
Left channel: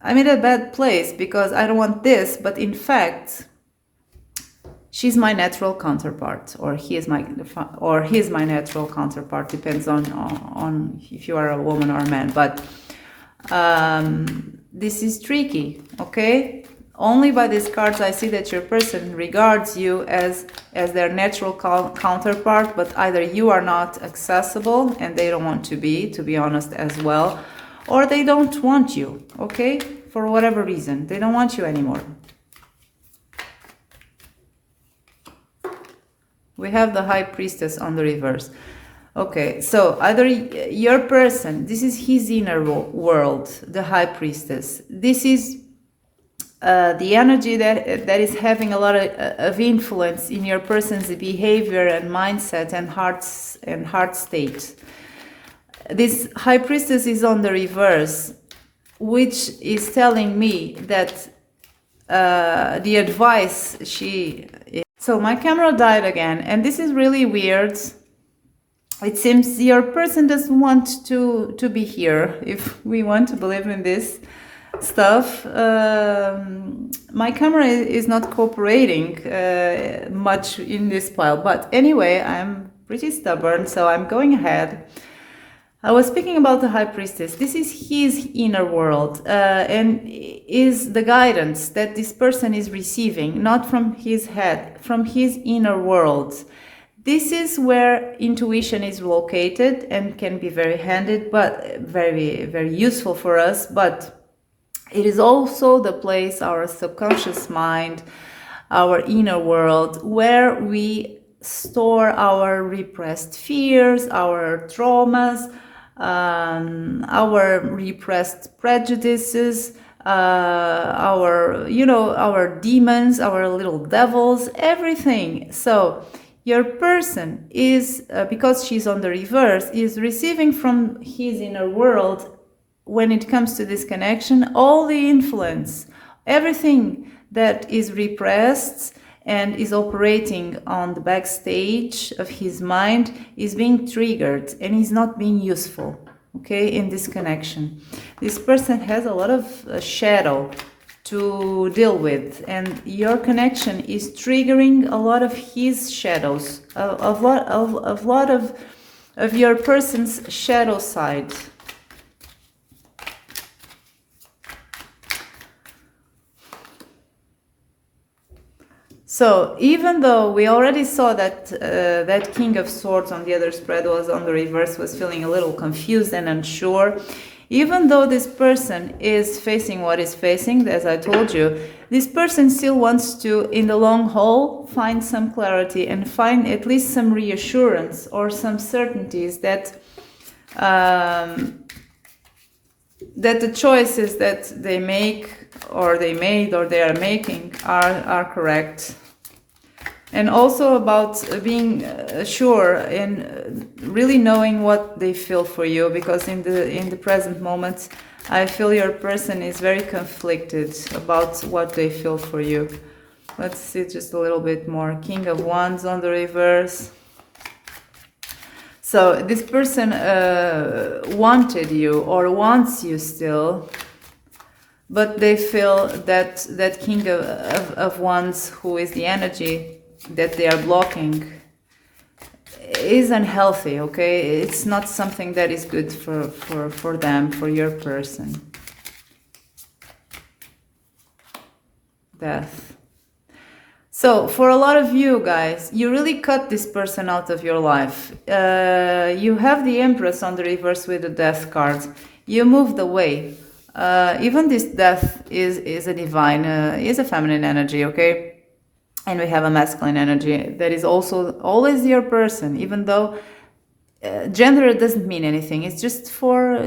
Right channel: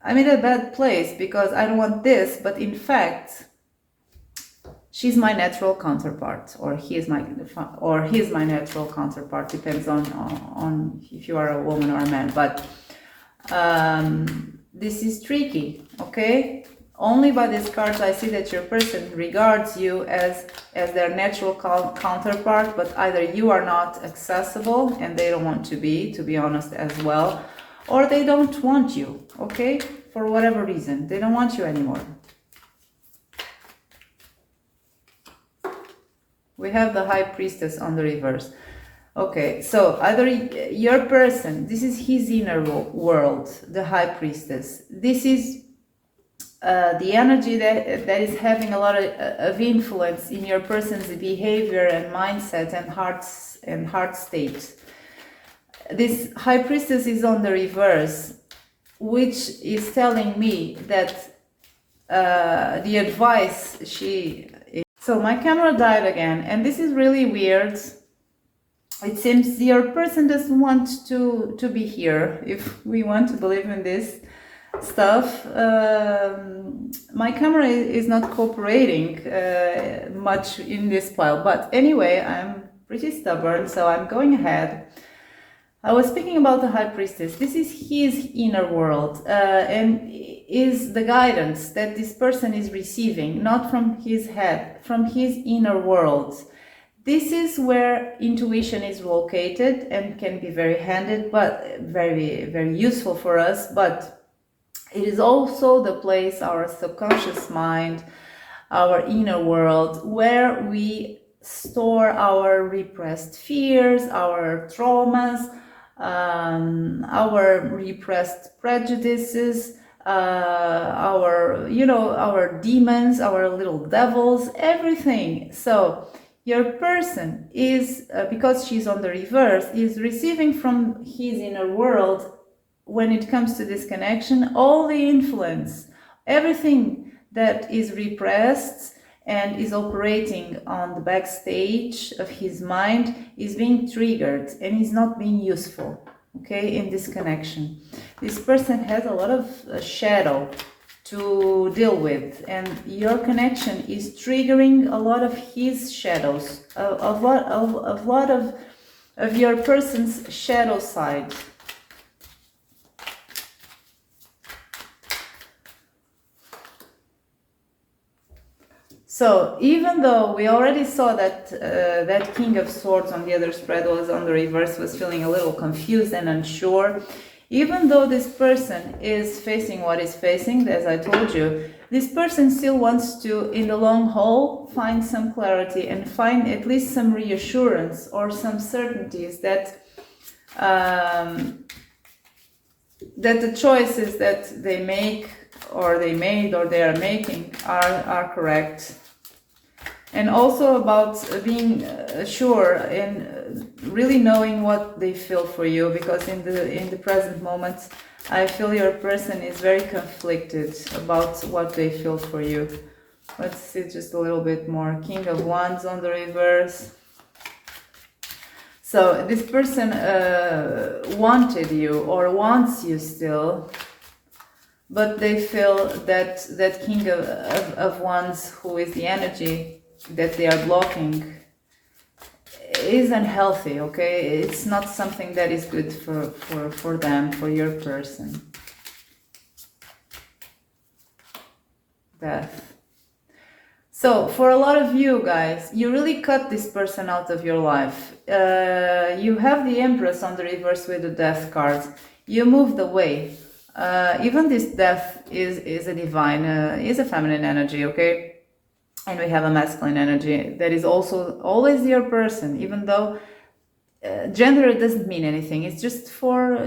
I'm in a bad place because I don't want this, but in fact, she's my natural counterpart, or he is my natural counterpart. Depends on if you are a woman or a man. But this is tricky, okay? Only by these cards I see that your person regards you as their natural counterpart, but either you are not accessible and they don't want to be honest as well, or they don't want you, okay? For whatever reason, they don't want you anymore. We have the High Priestess on the reverse. Okay, so either your person, this is his inner world, the High Priestess. This is the energy that is having a lot of influence in your person's behavior and mindset and heart state. This High Priestess is on the reverse, which is telling me that the advice So my camera died again, and this is really weird. It seems your person doesn't want to be here, if we want to believe in this stuff. My camera is not cooperating much in this pile, but anyway, I'm pretty stubborn, so I'm going ahead. I was speaking about the High Priestess. This is his inner world, and is the guidance that this person is receiving, not from his head, from his inner world. This is where intuition is located and can be very handy, but very, very useful for us. But it is also the place, our subconscious mind, our inner world, where we store our repressed fears, our traumas, our repressed prejudices, our demons, our little devils, everything. So your person is, because she's on the reverse, is receiving from his inner world, when it comes to this connection, all the influence, everything that is repressed and is operating on the backstage of his mind is being triggered and is not being useful, okay, in this connection. This person has a lot of shadow to deal with, and your connection is triggering a lot of his shadows, a lot of your person's shadow side. So even though we already saw that that King of Swords on the other spread was on the reverse, was feeling a little confused and unsure, even though this person is facing what is facing, as I told you, this person still wants to, in the long haul, find some clarity and find at least some reassurance or some certainties that that the choices that they make or they made or they are making are correct. And also about being sure and really knowing what they feel for you, because in the present moment I feel your person is very conflicted about what they feel for you. Let's see just a little bit more. King of Wands on the reverse. So this person wanted you or wants you still, but they feel that that King of Wands, who is the energy that they are blocking, is unhealthy, okay? It's not something that is good for them, for your person. Death. So for a lot of you guys, you really cut this person out of your life. You have the Empress on the reverse with the Death card. You moved away. Even this Death is a divine, is a feminine energy, okay? And we have a masculine energy that is also always your person, even though gender doesn't mean anything. It's just for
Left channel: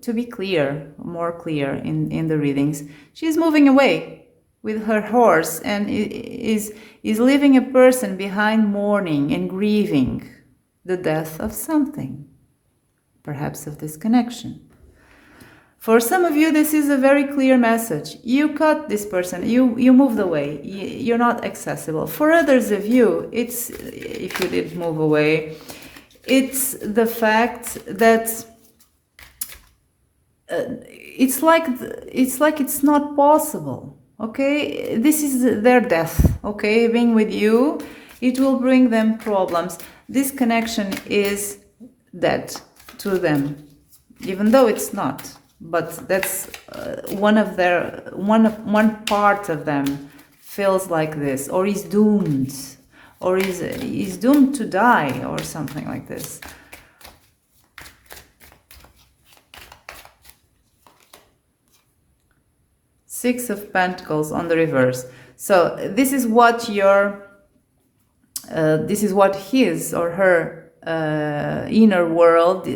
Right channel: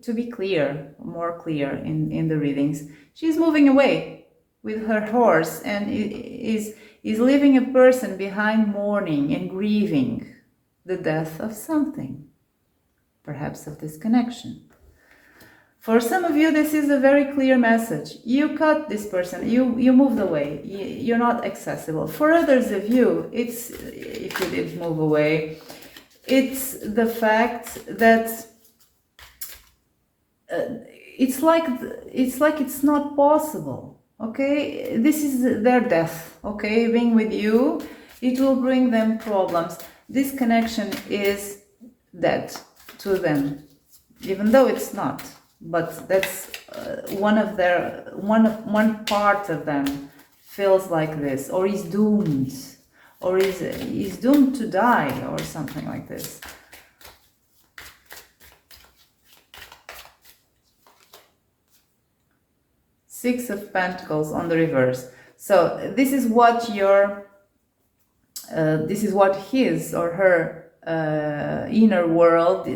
to be clear, more clear in the readings. She's moving away with her horse and is leaving a person behind, mourning and grieving the death of something, perhaps of this connection. For some of you, this is a very clear message. You cut this person, you moved away, you're not accessible. For others of you, it's, if you did move away, it's the fact that it's like it's not possible, okay? This is their death, okay? Being with you, it will bring them problems. This connection is dead to them, even though it's not. But that's one part of them feels like this, or is doomed, or is doomed to die, or something like this. Six of Pentacles on the reverse. So this is what his or her inner world,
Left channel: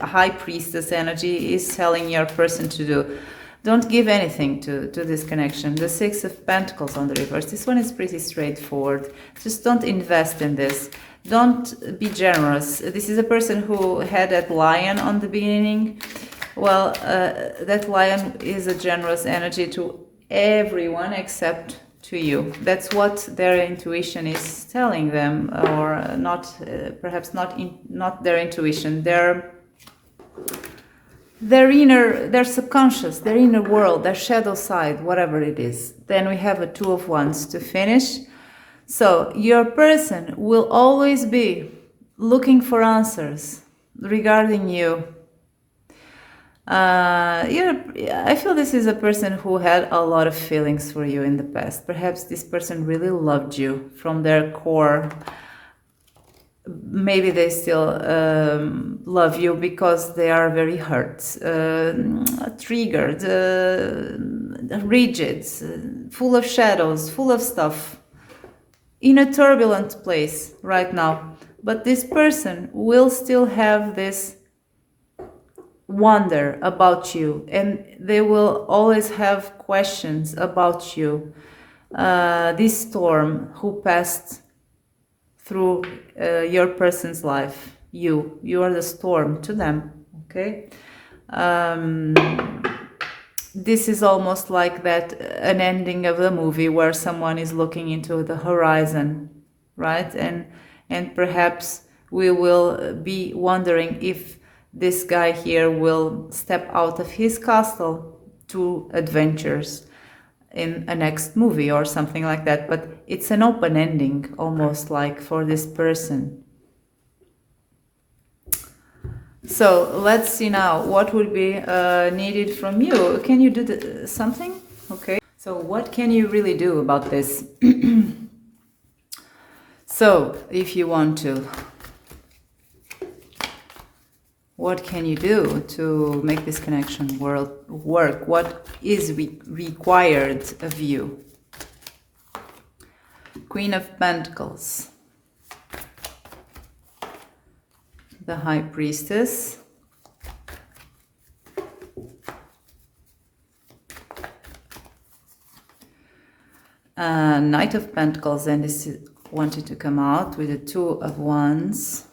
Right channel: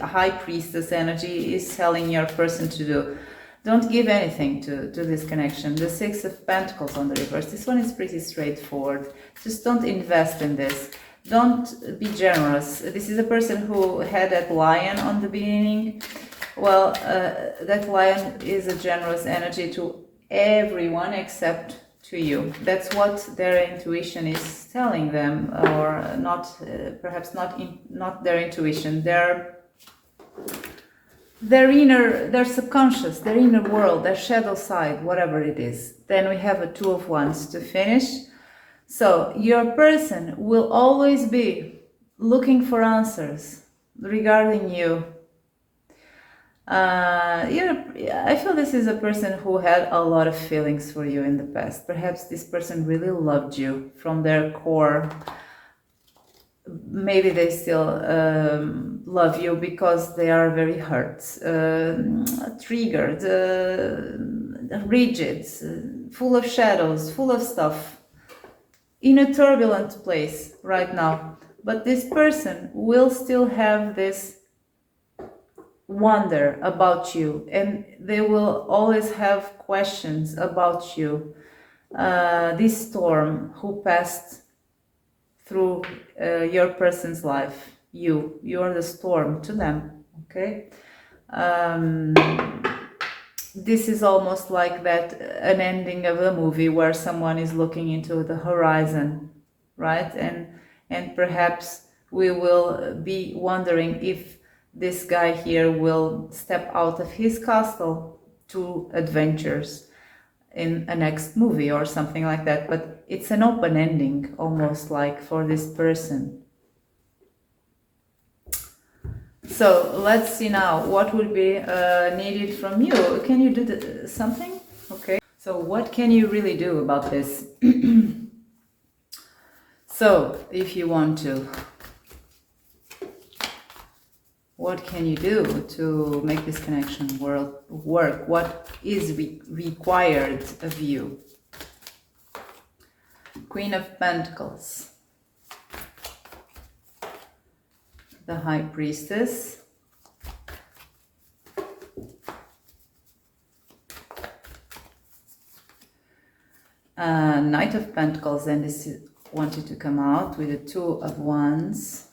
High Priestess energy, is telling your person to do. Don't give anything to this connection. The Six of Pentacles on the reverse. This one is pretty straightforward. Just don't invest in this. Don't be generous. This is a person who had that lion on the beginning. Well, that lion is a generous energy to everyone except to you. That's what their intuition is telling them, or not. Perhaps not their intuition. Their subconscious, their inner world, their shadow side, whatever it is. Then we have a Two of Wands to finish. So your person will always be looking for answers regarding you. I feel this is a person who had a lot of feelings for you in the past. Perhaps this person really loved you from their core. Maybe they still love you because they are very hurt, triggered, rigid, full of shadows, full of stuff, in a turbulent place right now. But this person will still have this wonder about you, and they will always have questions about you. This storm who passed through your person's life, you are the storm to them. Okay, this is almost like that an ending of a movie where someone is looking into the horizon, right? And perhaps we will be wondering if this guy here will step out of his castle to adventures in a next movie or something like that. But it's an open ending, almost like, for this person. So let's see now what will be needed from you. Can you do something? Okay. So what can you really do about this? So if you want to, what can you do to make this connection work? What is required of you? Queen of Pentacles. The High Priestess. Knight of Pentacles, and this wanted to come out with the Two of Wands.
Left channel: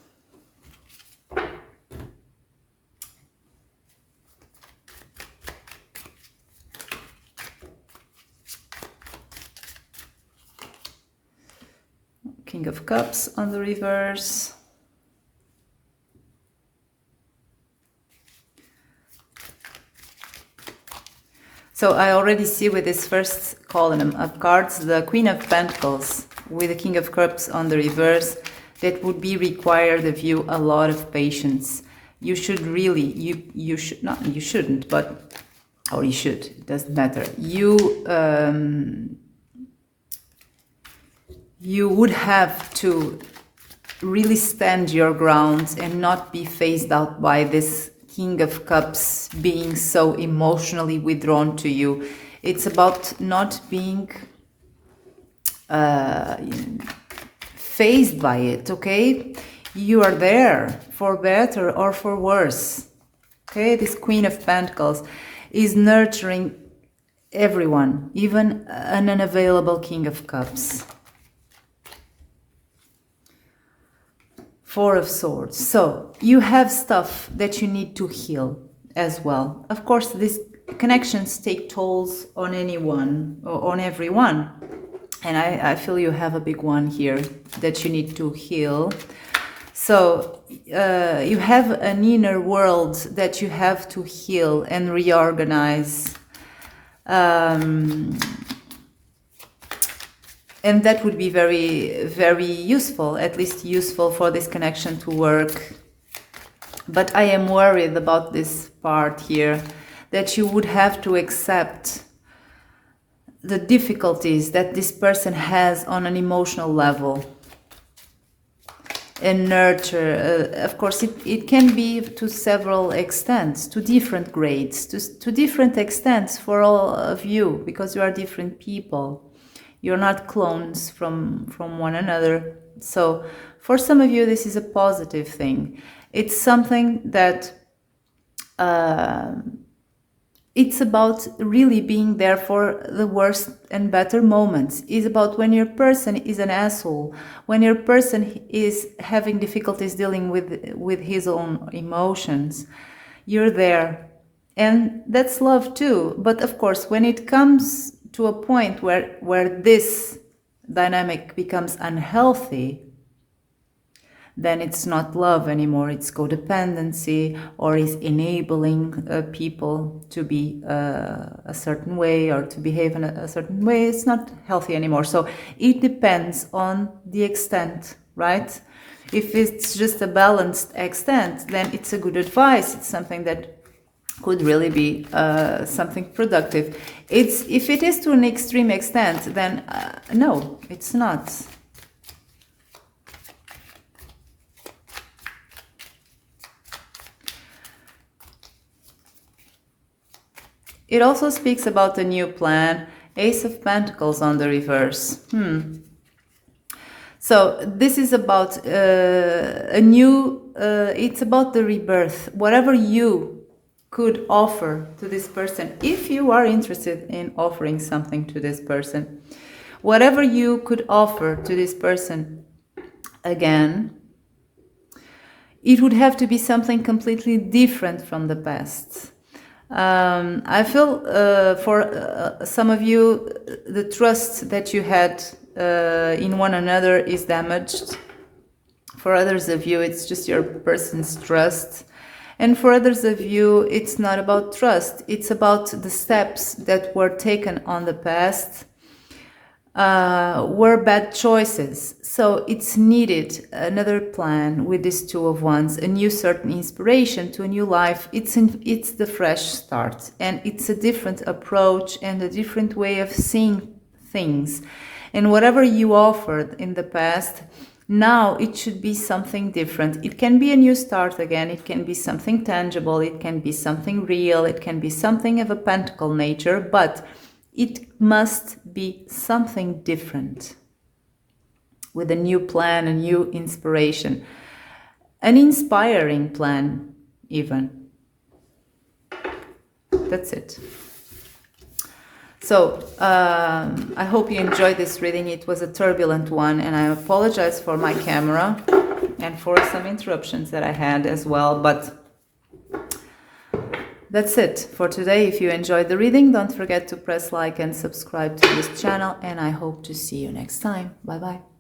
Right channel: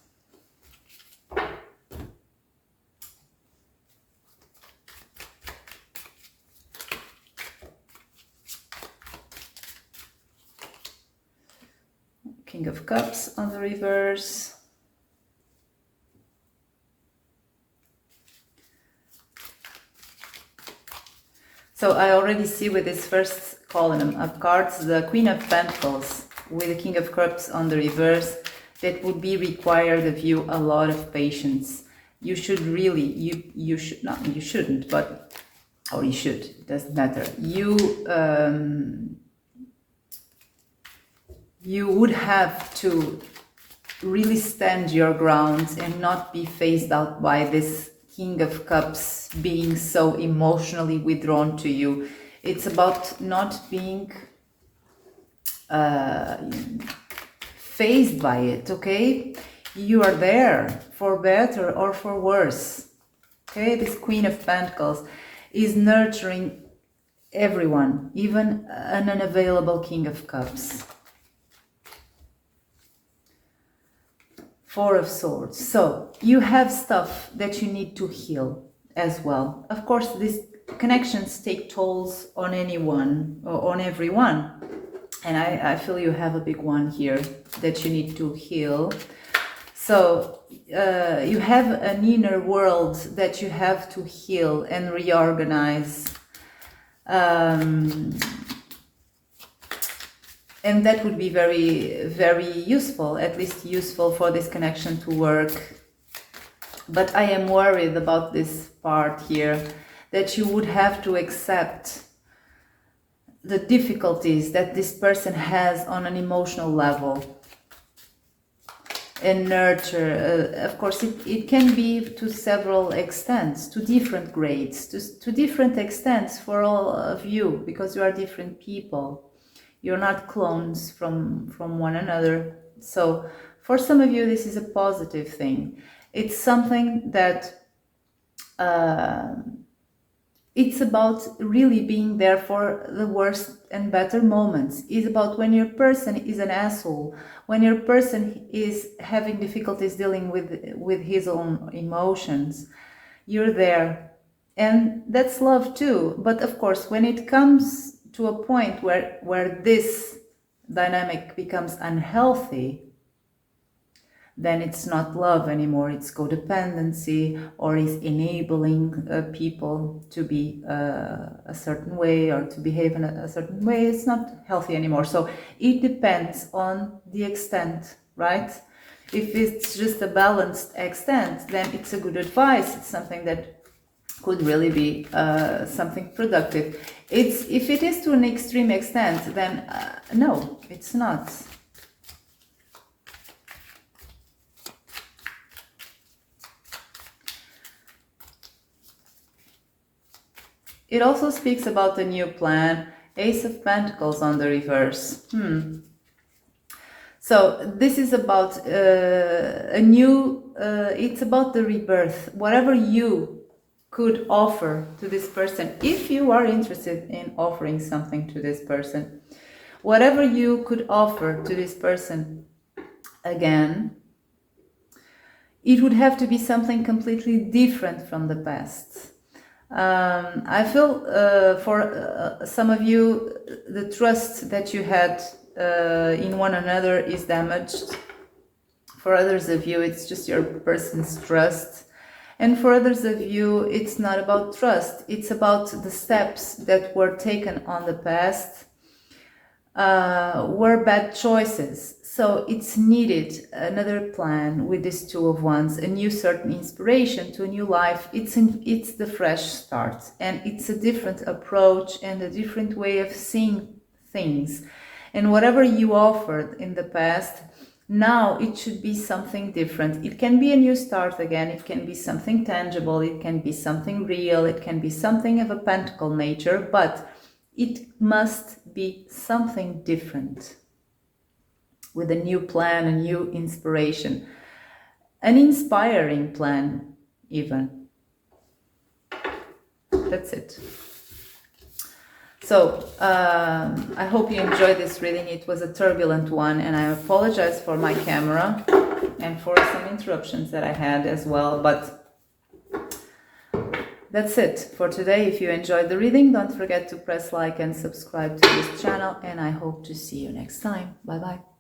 King of Cups on the reverse. So I already see with this first column of cards the Queen of Pentacles with the King of Cups on the reverse. That would be required of you a lot of patience. You should really, you should not, you shouldn't, but, or you should, it doesn't matter. You would have to really stand your ground and not be phased out by this King of Cups being so emotionally withdrawn to you. It's about not being phased by it, okay? You are there for better or for worse, okay? This Queen of Pentacles is nurturing everyone, even an unavailable King of Cups. Four of Swords. So you have stuff that you need to heal as well. Of course, these connections take tolls on anyone or on everyone. And I feel you have a big one here that you need to heal. So you have an inner world that you have to heal and reorganize. And that would be very, very useful, at least useful for this connection to work. But I am worried about this part here, that you would have to accept the difficulties that this person has on an emotional level. and nurture. Of course, it can be to several extents, to different grades, to different extents for all of you, because you are different people. You're not clones from one another. So for some of you, this is a positive thing. It's something that it's about really being there for the worst and better moments. It's about when your person is an asshole, when your person is having difficulties dealing with his own emotions. You're there. And that's love too. But of course, when it comes to a point where this dynamic becomes unhealthy, then it's not love anymore, it's codependency, or is enabling people to be a certain way or to behave in a certain way. It's not healthy anymore. So it depends on the extent, right? If it's just a balanced extent, then it's a good advice. It's something that could really be something productive. If it is to an extreme extent, then no, it's not. It also speaks about a new plan. Ace of Pentacles on the reverse. So this is about a new, it's about the rebirth. Whatever you could offer to this person, if you are interested in offering something to this person, whatever you could offer to this person, again, it would have to be something completely different from the past. I feel for some of you, the trust that you had in one another is damaged. For others of you, it's just your person's trust. And for others of you, it's not about trust. It's about the steps that were taken on the past were bad choices. So it's needed another plan with this Two of Wands, a new certain inspiration to a new life. It's the fresh start, and it's a different approach and a different way of seeing things. And whatever you offered in the past, now it should be something different. It can be a new start again. It can be something tangible. It can be something real. It can be something of a pentacle nature, but it must be something different, with a new plan, a new inspiration, an inspiring plan even. That's it. So I hope you enjoyed this reading. It was a turbulent one, and I apologize for my camera and for some interruptions that I had as well, but that's it for today. If you enjoyed the reading, don't forget to press like and subscribe to this channel, and I hope to see you next time. Bye bye.